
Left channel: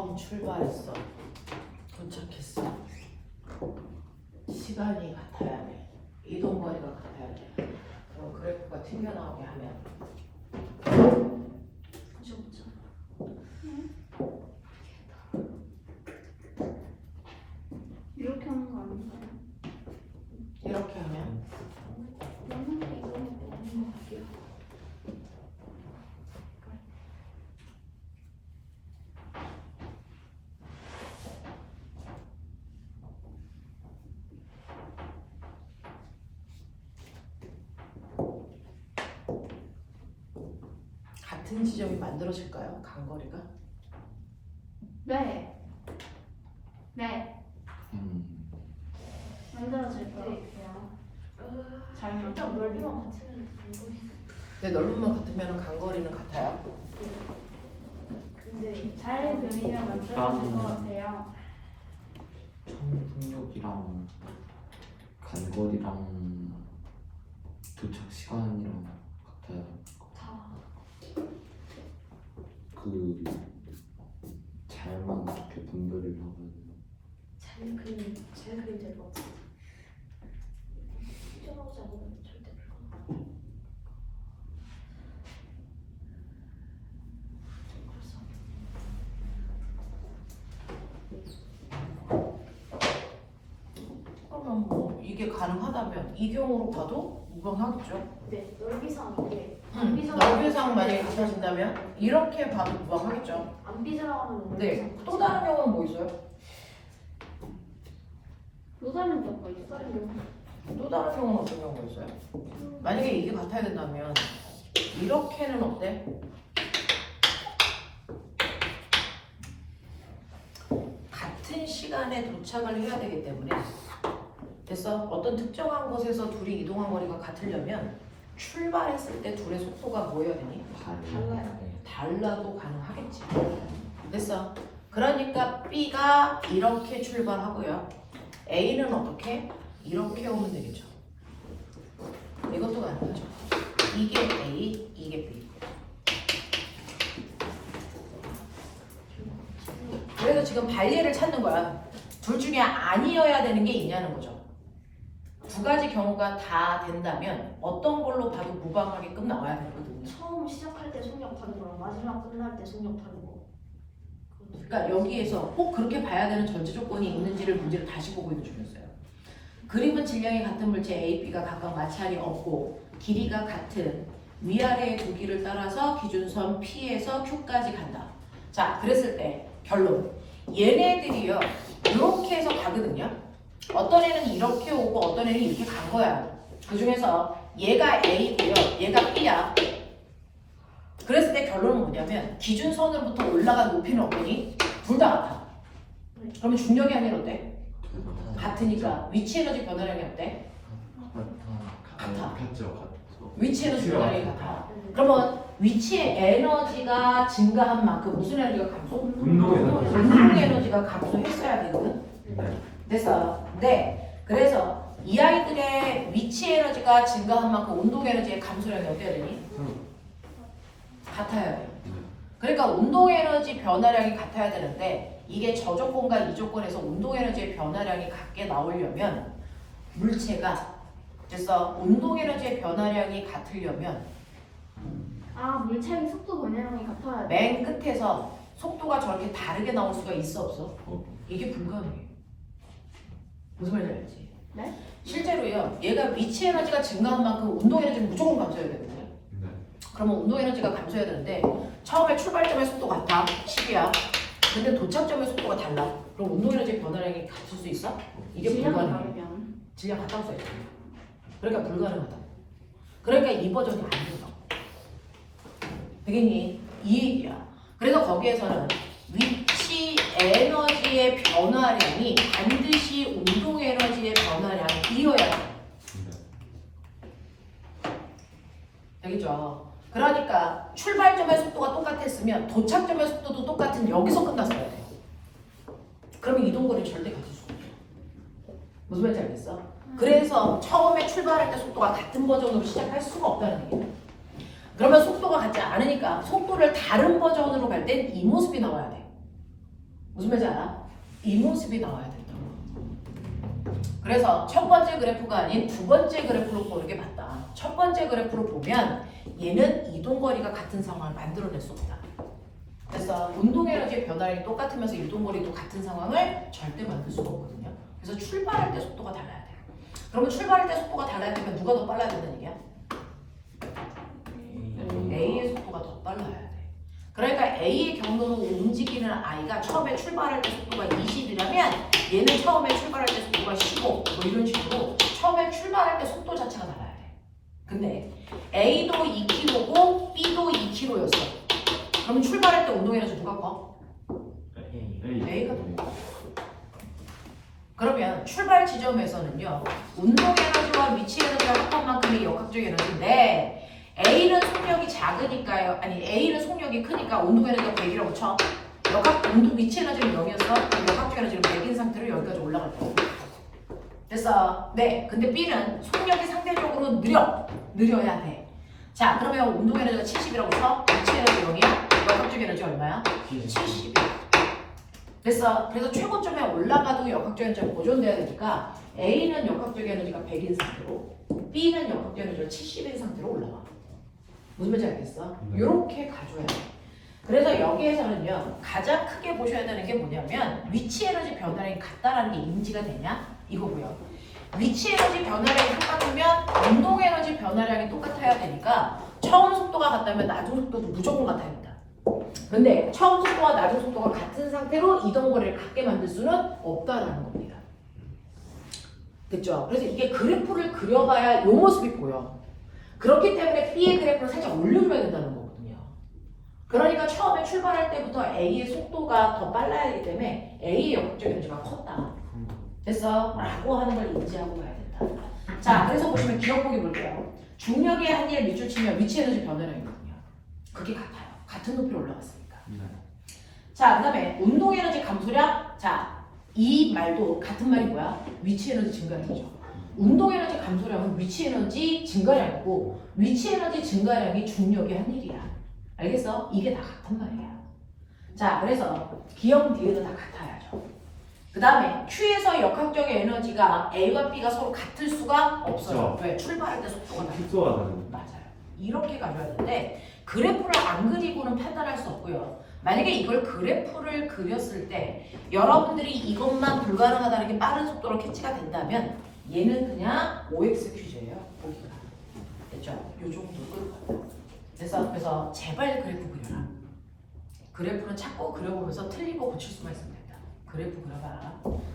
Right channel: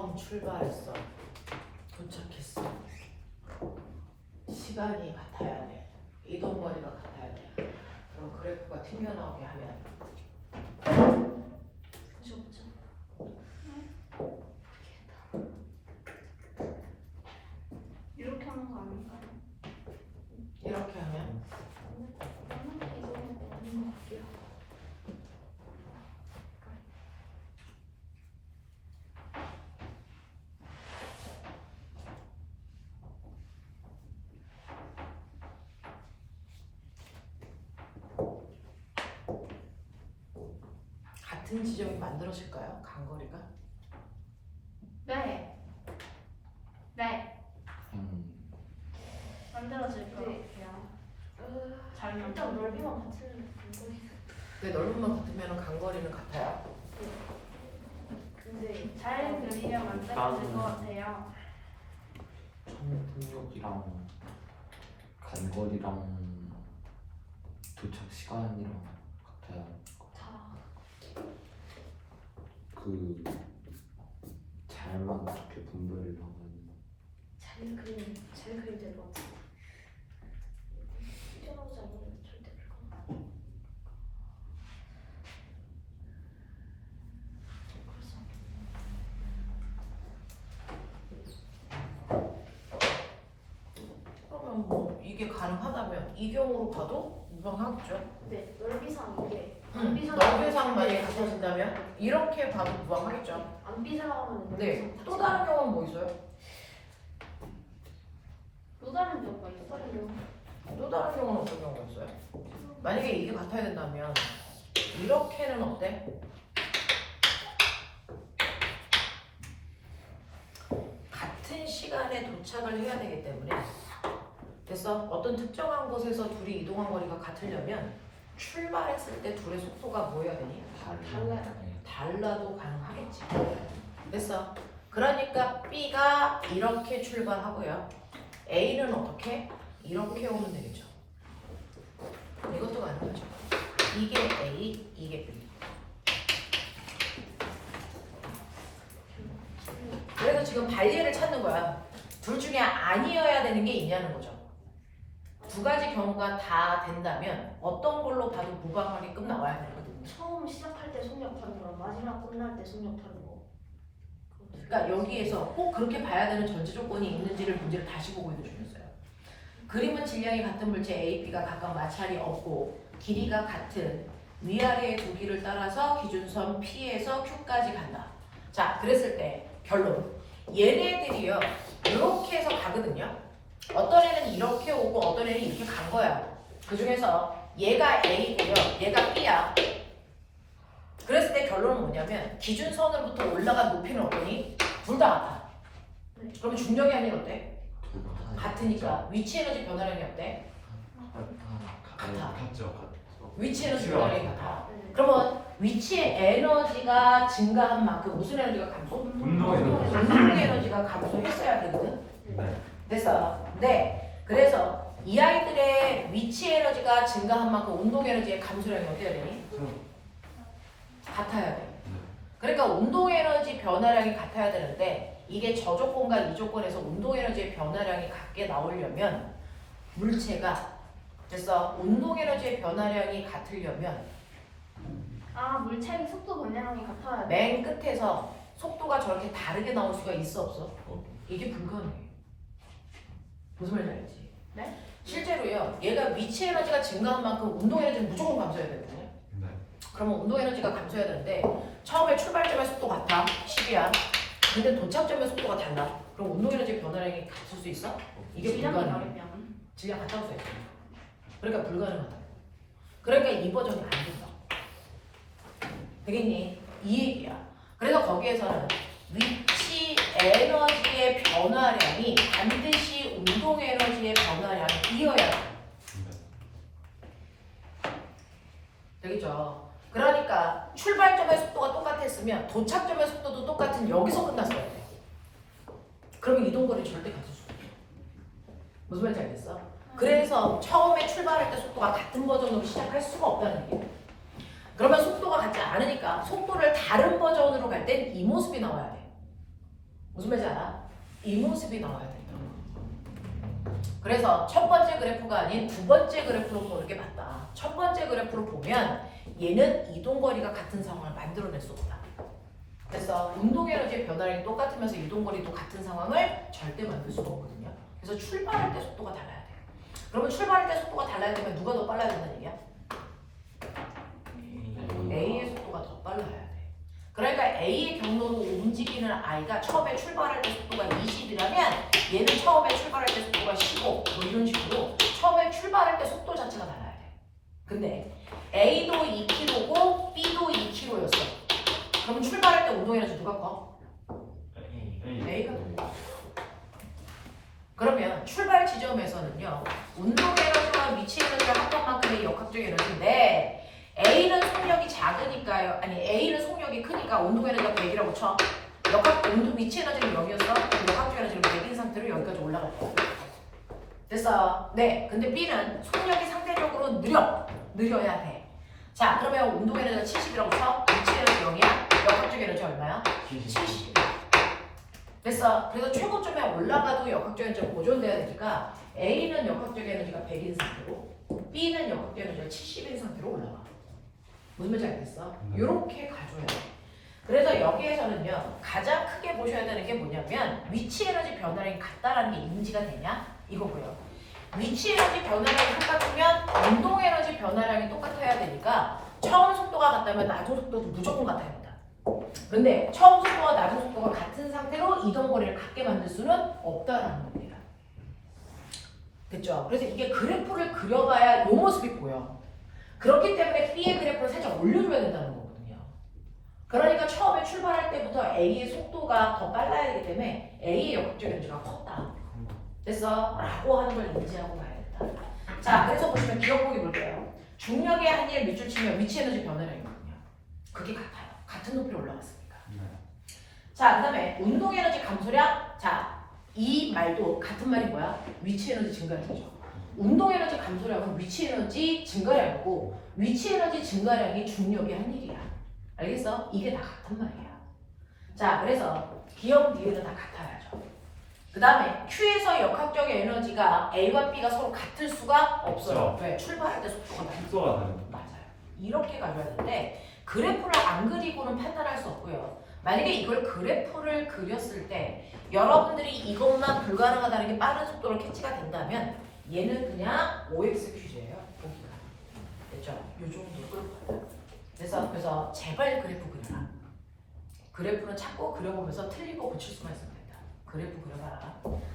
처음 출발했어. 도착했어. 시간이 같아야 돼. 이동 거리가 같아야 돼. 그럼 그래프가 튕겨나오게 하면 보자 보자. 이렇게 하는 거 아닌가요? 이렇게 하면 없는 게 너무 없는 것 같아요. 같은 지점이 만들어질까요? 간거리가? 네. 네. 만들어질 것 같아요. 잘 만들어. 넓이만 같은 근데 넓이만 같으면 간거리는 같아요. 근데 잘 그리면 만들어질 것 같아요. 정분력이랑 간거리랑 도착 시간이랑 같아야 다. 그 잘만 그렇게 분배를 하면 잘 그리면 될 것 같아요. 튀어나오지 않으면 절대 불가능해요. 그래서 그러면 뭐 이게 가능하다면 이 경우로 봐도 무방하겠죠. 네, 넓이상 이게 넓이상 만약에 같아진다면 이렇게 봐도 무방하겠죠. 안 비상하면 네. 또 다른 경우는 뭐 있어요? 또 다른 경우가 있어요. 또 다른 경우는 어떤 경우가 있어요? 만약에 이게 같아야 된다면 이렇게는 어때? 같은 시간에 도착을 해야 되기 때문에 됐어? 어떤 특정한 곳에서 둘이 이동한 거리가 같으려면 출발했을 때 둘의 속도가 뭐여야 되니? 달라요. 달라도 가능하겠지. 됐어? 그러니까 B가 이렇게 출발하고요. A는 어떻게? 이렇게 오면 되겠죠. 이것도 가능하죠. 이게 A, 이게 B. 그래서 지금 반례를 찾는 거야. 둘 중에 아니어야 되는 게 있냐는 거죠. 두 가지 경우가 다 된다면 어떤 걸로 봐도 무방하게끔 나와야 되거든요. 처음 시작할 때 속력 다른 거랑 마지막 끝날 때 속력 다른 거. 그러니까 여기에서 꼭 그렇게 봐야 되는 전체 조건이 있는지를 문제를 다시 보고 해주셨어요. 그림은 질량이 같은 물체 A, B가 각각 마찰이 없고 길이가 같은 위아래의 두 길을 따라서 기준선 P에서 Q까지 간다. 자, 그랬을 때 결론. 얘네들이요. 이렇게 해서 가거든요. 어떤 애는 이렇게 오고 어떤 애는 이렇게 간 거야. 그 중에서 얘가 A고요. 얘가 B야. 그랬을 때 결론은 뭐냐면 기준선으로부터 올라간 높이는 어떠니? 둘 다 같아. 그러면 중력이 아니라 어때? 같으니까 위치 에너지 변화량이 어때? 같아. 같죠. 위치 에너지 변화량이 같아. 그러면 위치 에너지가 증가한 만큼 무슨 에너지가 감소? 운동 에너지. 운동 에너지가 감소했어야 되거든. 네. 됐어. 네. 그래서 이 아이들의 위치 에너지가 증가한 만큼 운동 에너지의 감소량이 어때야 되니? 같아야 돼. 그러니까 운동 에너지 변화량이 같아야 되는데 이게 저 조건과 이 조건에서 운동 에너지의 변화량이 같게 나오려면 물체가 그래서 운동 에너지의 변화량이 같으려면 아, 물체의 속도 변화량이 같아야 돼. 맨 끝에서 속도가 저렇게 다르게 나올 수가 있어 없어? 이게 불가능해. 무슨 말인지 알지? 네? 실제로요. 얘가 위치 에너지가 증가한 만큼 운동 에너지는 무조건 감소해야 되거든요. 네. 그러면 운동 에너지가 감소해야 되는데 처음에 출발점의 속도 같아 10이야. 근데 도착점의 속도가 달라. 그럼 운동 에너지 변화량이 같을 수 있어? 이게 질량이 불가능해. 다르면 질량 같다고 써야 돼. 그러니까 불가능하다. 그러니까 이 버전이 안 된다. 되겠니? 이 얘기야. 그래서 거기에서는 위치 에너지의 변화량이 반드시 운동 에너지의 변화량이어야 돼. 되겠죠? 그러니까 출발점의 속도가 똑같았으면 도착점의 속도도 똑같은 여기서 끝났어야 돼. 그러면 이동거리는 절대 같을 수 없어. 무슨 말인지 알겠어? 그래서 처음에 출발할 때 속도가 같은 버전으로 시작할 수가 없다는 얘기야. 그러면 속도가 같지 않으니까 속도를 다른 버전으로 갈 땐 이 모습이 나와야 돼. 무슨 말인지 알아? 이 모습이 나와야 된다고. 그래서 첫 번째 그래프가 아닌 두 번째 그래프로 보는 게 맞다. 첫 번째 그래프로 보면 얘는 이동거리가 같은 상황을 만들어낼 수 없다. 그래서 운동에너지의 변화량이 똑같으면서 이동거리도 같은 상황을 절대 만들 수가 없거든요. 그래서 출발할 때 속도가 달라야 돼요. 그러면 출발할 때 속도가 달라야 되면 누가 더 빨라야 된다는 얘기야? A의 속도가 더 빨라야 돼. 그러니까 A의 경로로 움직이는 아이가 처음에 출발할 때 속도가 20이라면 얘는 처음에 출발할 때 속도가 15, 뭐 이런 식으로 처음에 출발할 때 속도 자체가 달라야 돼. 근데 A도 2km고 B도 2km였어. 그럼 출발할 때 운동에너지 누가 커? A가 더 커. 그러면 출발 지점에서는요, 운동에너지와 위치에너지가 합한 만큼의 역학적 에너지인데 A는 속력이 작으니까요. 아니 A는 속력이 크니까 운동에너지가 100이라고 쳐. 위치에너지는 0이었어. 그럼 역학적 에너지는 100인 상태로 여기까지 올라갈 거야. 됐어. 네. 근데 B는 속력이 상대적으로 느려야 돼. 자, 그러면 운동에너지가 70이라고 쳐. 위치에너지 0이야. 역학적 에너지 얼마야? 70. 됐어. 그래서 최고점에 올라가도 역학적 에너지가 보존돼야 되니까 A는 역학적 에너지가 100인 상태로 B는 역학적 에너지가 70인 상태로 올라가. 무슨 말인지 알겠어? 이렇게 가줘야 돼. 그래서 여기에서는요, 가장 크게 보셔야 되는 게 뭐냐면 위치 에너지 변화량이 같다라는 게 인지가 되냐? 이거 보여. 위치 에너지 변화량이 똑같으면 운동 에너지 변화량이 똑같아야 되니까 처음 속도가 같다면 나중 속도도 무조건 같아야 된다. 근데 처음 속도와 나중 속도가 같은 상태로 이동 거리를 같게 만들 수는 없다라는 겁니다. 됐죠? 그래서 이게 그래프를 그려봐야 이 모습이 보여. 그렇기 때문에 B의 그래프를 살짝 올려줘야 된다는 거거든요. 그러니까 처음에 출발할 때부터 A의 속도가 더 빨라야 하기 때문에 A의 역학적 에너지가 컸다. 됐어? 라고 하는 걸 인지하고 가야 된다. 자, 그래서 보시면 기억보기 볼게요. 중력의 한일 밑줄 치면 위치 에너지 변화량이거든요. 그게 같아요. 같은 높이로 올라갔으니까. 자, 그 다음에 운동 에너지 감소량. 자, 이 말도 같은 말이 뭐야? 위치 에너지 증가량이죠. 운동 에너지 감소량은 위치 에너지 증가량이고 위치 에너지 증가량이 중력의 한일이야. 알겠어? 이게 다 같은 말이야. 자, 그래서 기억 뒤에도 다 같아야죠. 그 다음에 Q에서 역학적 에너지가 A와 B가 서로 같을 수가 없어요. 왜? 출발할 때 속도가 나요. 맞아요. 이렇게 가져야 되는데 그래프를 안 그리고는 판단할 수 없고요. 만약에 이걸 그래프를 그렸을 때 여러분들이 이것만 불가능하다는 게 빠른 속도로 캐치가 된다면 얘는 그냥 OX 퀴즈예요. 보기가. 됐죠? 요 정도로. 그래서 제발 그래프 그려라. 그래프는 찾고 그려보면서 틀리고 고칠 수가 있으면 된다. 그래프 그려봐라.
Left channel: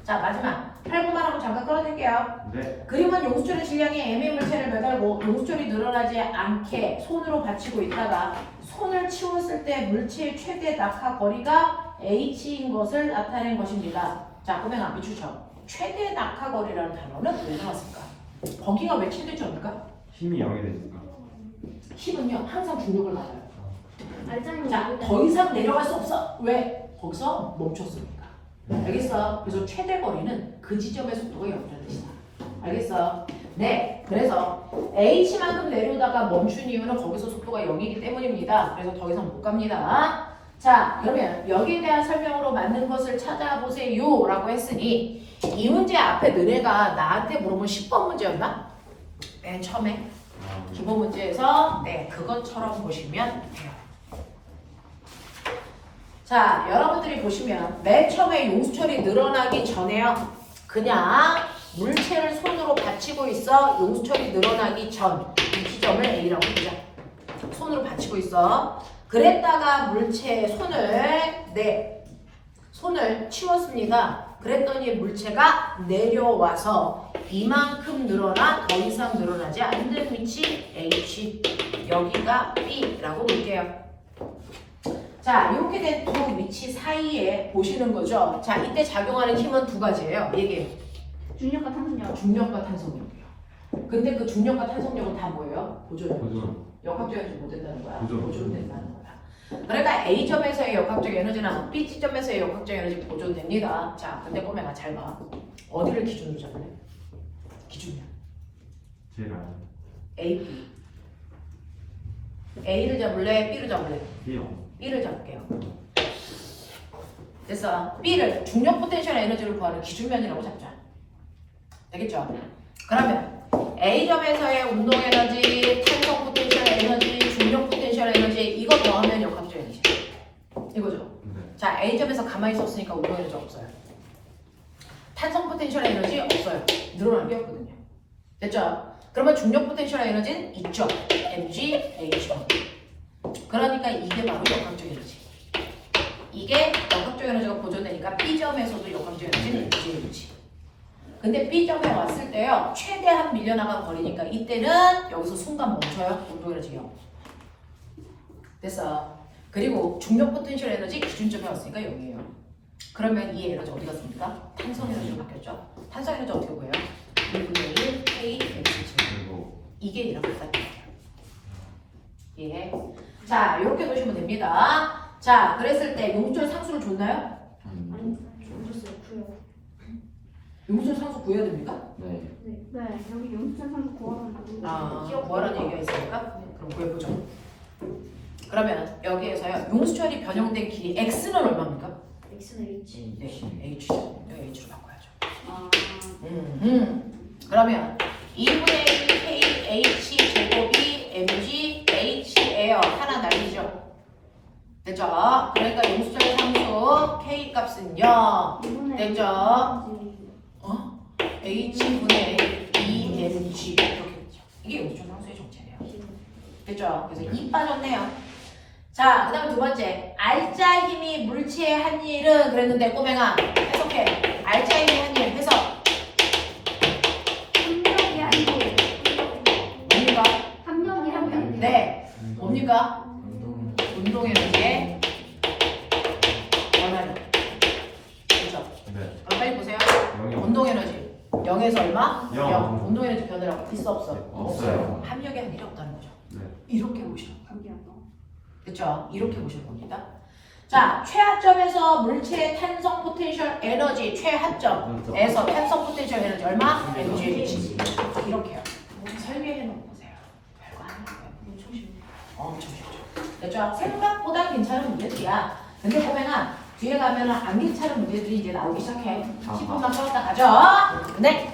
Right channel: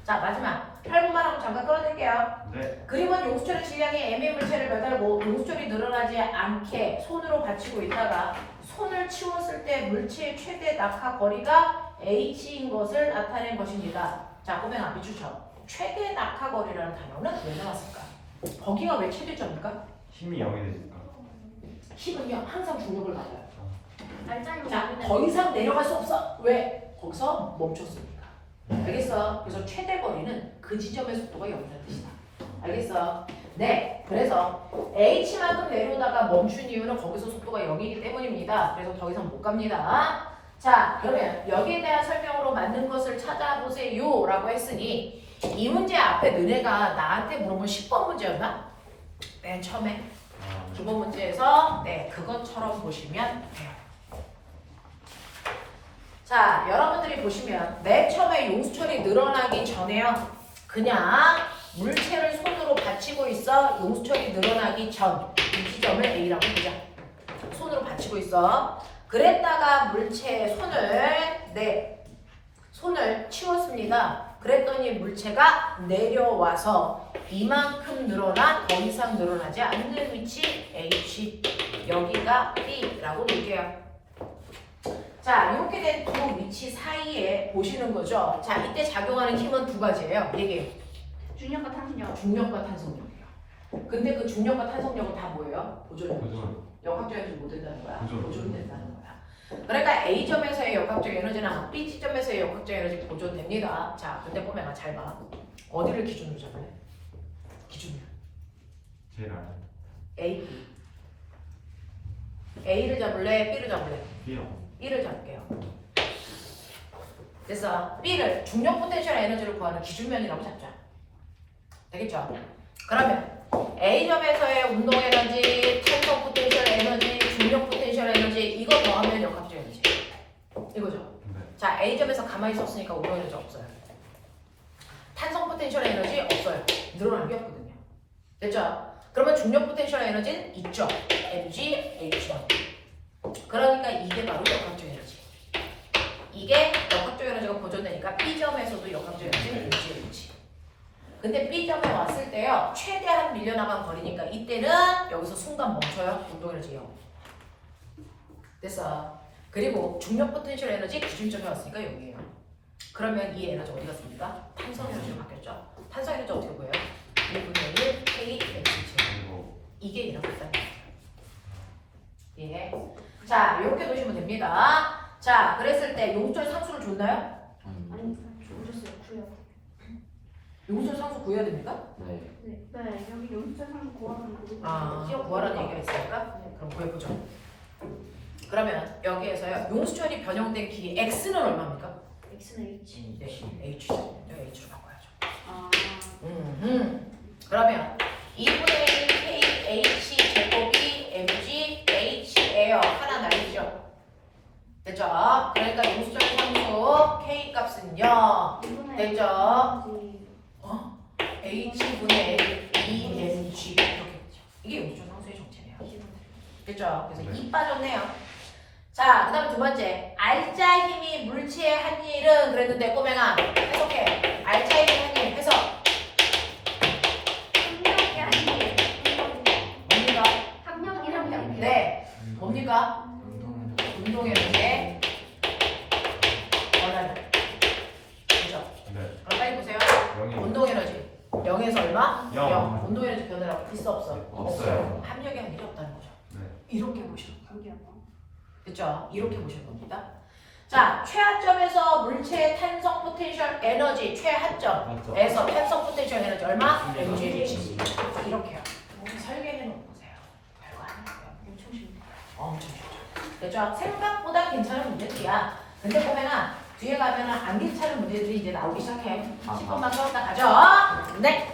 자, 마지막 8분만 하고 잠깐 끊어드릴게요. 네. 그림은 용수철의 질량이 M의 물체를 매달고 용수철이 늘어나지 않게 손으로 받치고 있다가 손을 치웠을 때 물체의 최대 낙하 거리가 h인 것을 나타낸 것입니다. 자, 그러면 앞에 주죠. 최대 낙하 거리라는 단어는 왜 나왔을까? 거기가 왜 최대점일까? 힘이 0이 되니까. 힘은요 항상 중력을 받아요. 알짱이 자, 더 이상 내려갈 수 없어. 왜? 거기서 멈췄으니까. 알겠어? 그래서 최대 거리는 그 지점의 속도가 0이라는 뜻이다. 알겠어? 네. 그래서 h만큼 내려오다가 멈춘 이유는 거기서 속도가 0이기 때문입니다. 그래서 더 이상 못 갑니다. 자, 그러면 여기에 대한 설명으로 맞는 것을 찾아보세요 라고 했으니 이 문제 앞에 너네가 나한테 물어본 10번 문제였나? 맨 처음에 기본 문제에서 네, 그것처럼 보시면 돼요. 자, 여러분들이 보시면 맨 처음에 용수철이 늘어나기 전에요. 그냥 물체를 손으로 받치고 있어. 용수철이 늘어나기 전 이 지점을 A라고 보자. 손으로 받치고 있어. 그랬다가 물체의 손을 치웠습니다. 그랬더니 물체가 내려와서 이만큼 늘어나 더 이상 늘어나지 않는 위치 H, 여기가 B라고 볼게요. 자, 이렇게 된 두 위치 사이에 보시는 거죠. 자, 이때 작용하는 힘은 두 가지예요. 얘기해. 중력과 탄성력. 중력과 탄성력이요. 근데 그 중력과 탄성력은 다 뭐예요? 보존력. 보존. 역학적 에너지 못 된다는 거야. 보존. 보존된다는 거야. 그러니까 A점에서의 역학적 에너지나 B지점에서의 역학적 에너지 보존됩니다. 자, 근데 꼬맹아 잘 봐. 어디를 기준으로 잡을래? 기준이야. 제가 A, B. A를 잡을래? B를 잡을래? B요. B를 잡을게요. 됐어. B를 중력 포텐셜 에너지를 구하는 기준면이라고 잡자. 되겠죠? 그러면 A점에서의 운동 에너지, 탄성 포텐셜 에너지, 중력 포텐셜 에너지 이거 더하면 역학적 에너지. 이거죠. 자, A점에서 가만히 있었으니까 운동 에너지 없어요. 탄성 포텐셜 에너지 없어요. 늘어난 게 없거든요. 됐죠? 그러면 중력 포텐셜 에너지는 있죠. mg, h. 그러니까 이게 바로 역학적 에너지. 이게 역학적 에너지가 보존되니까 B점에서도 역학적 에너지는 mg. 근데 B점에 왔을 때요. 최대한 밀려나간 거리니까 이때는 여기서 순간 멈춰요. 운동 에너지 0. 됐어. 그리고 중력 포텐셜 에너지 기준점에 왔으니까 0이에요. 그러면 이 에너지 어디 갔습니까? 탄성 에너지로 바뀌었죠. 탄성 에너지 어떻게 보여요? 1분의 1 K mg. 이게 이렇게 딱 예. 자, 이렇게 두시면 됩니다. 자, 그랬을 때 용절 상수를 줬나요? 아니 줬어요. 구해요. 용절 상수 구해야 됩니까? 네. 네 여기 용수상 구하는 거. 구하라는 얘기가 있으니까 그럼 구해보죠. 그러면 여기에서요 용수철이 변형된 길이 x는 얼마입니까? X는 H. 네, h죠. 네, h로 바꿔야죠. 아. 그러면 2분의 1 k h 제곱이 mg h예요. 하나 날리죠. 됐죠? 그러니까 용수철의 상수 k 값은요. 됐죠? 어? h분의 2mg 이렇게 됐죠. 이게 용수철 상수의 정체네요. 됐죠? 그래서 2 빠졌네요. 자, 그 다음에 두 번째. 알짜 힘이 물체의 한 일은 그랬는데 꼬맹아 해석해. 알짜 힘이 한 일 해석. 협력이 아니고 뭡니까? 협력이라고. 네. 뭡니까? 운동에너지의 변화력. 그죠? 네. 그럼 빨리 보세요. 영이 운동에너지 0에서 얼마? 영. 0. 운동에너지 변화력 있어 없어? 없어요. 합력이 한 일이 없다는 거죠. 네. 이렇게 보시는 거예요. 관계하고. 그렇죠? 이렇게 보실 겁니다. 자, 최하점에서 물체의 탄성 포텐셜 에너지 최하점에서 탄성 포텐셜 에너지 얼마? mgh. 이렇게요. 설계해 놓고 보세요. 별거 아니에요. 엄청 쉽죠. 그렇죠? 생각보다 괜찮은 문제들이야. 근데 보면은 뒤에 가면은 안 괜찮은 문제들이 이제 나오기 시작해. 10분만 써왔다 가죠. 네.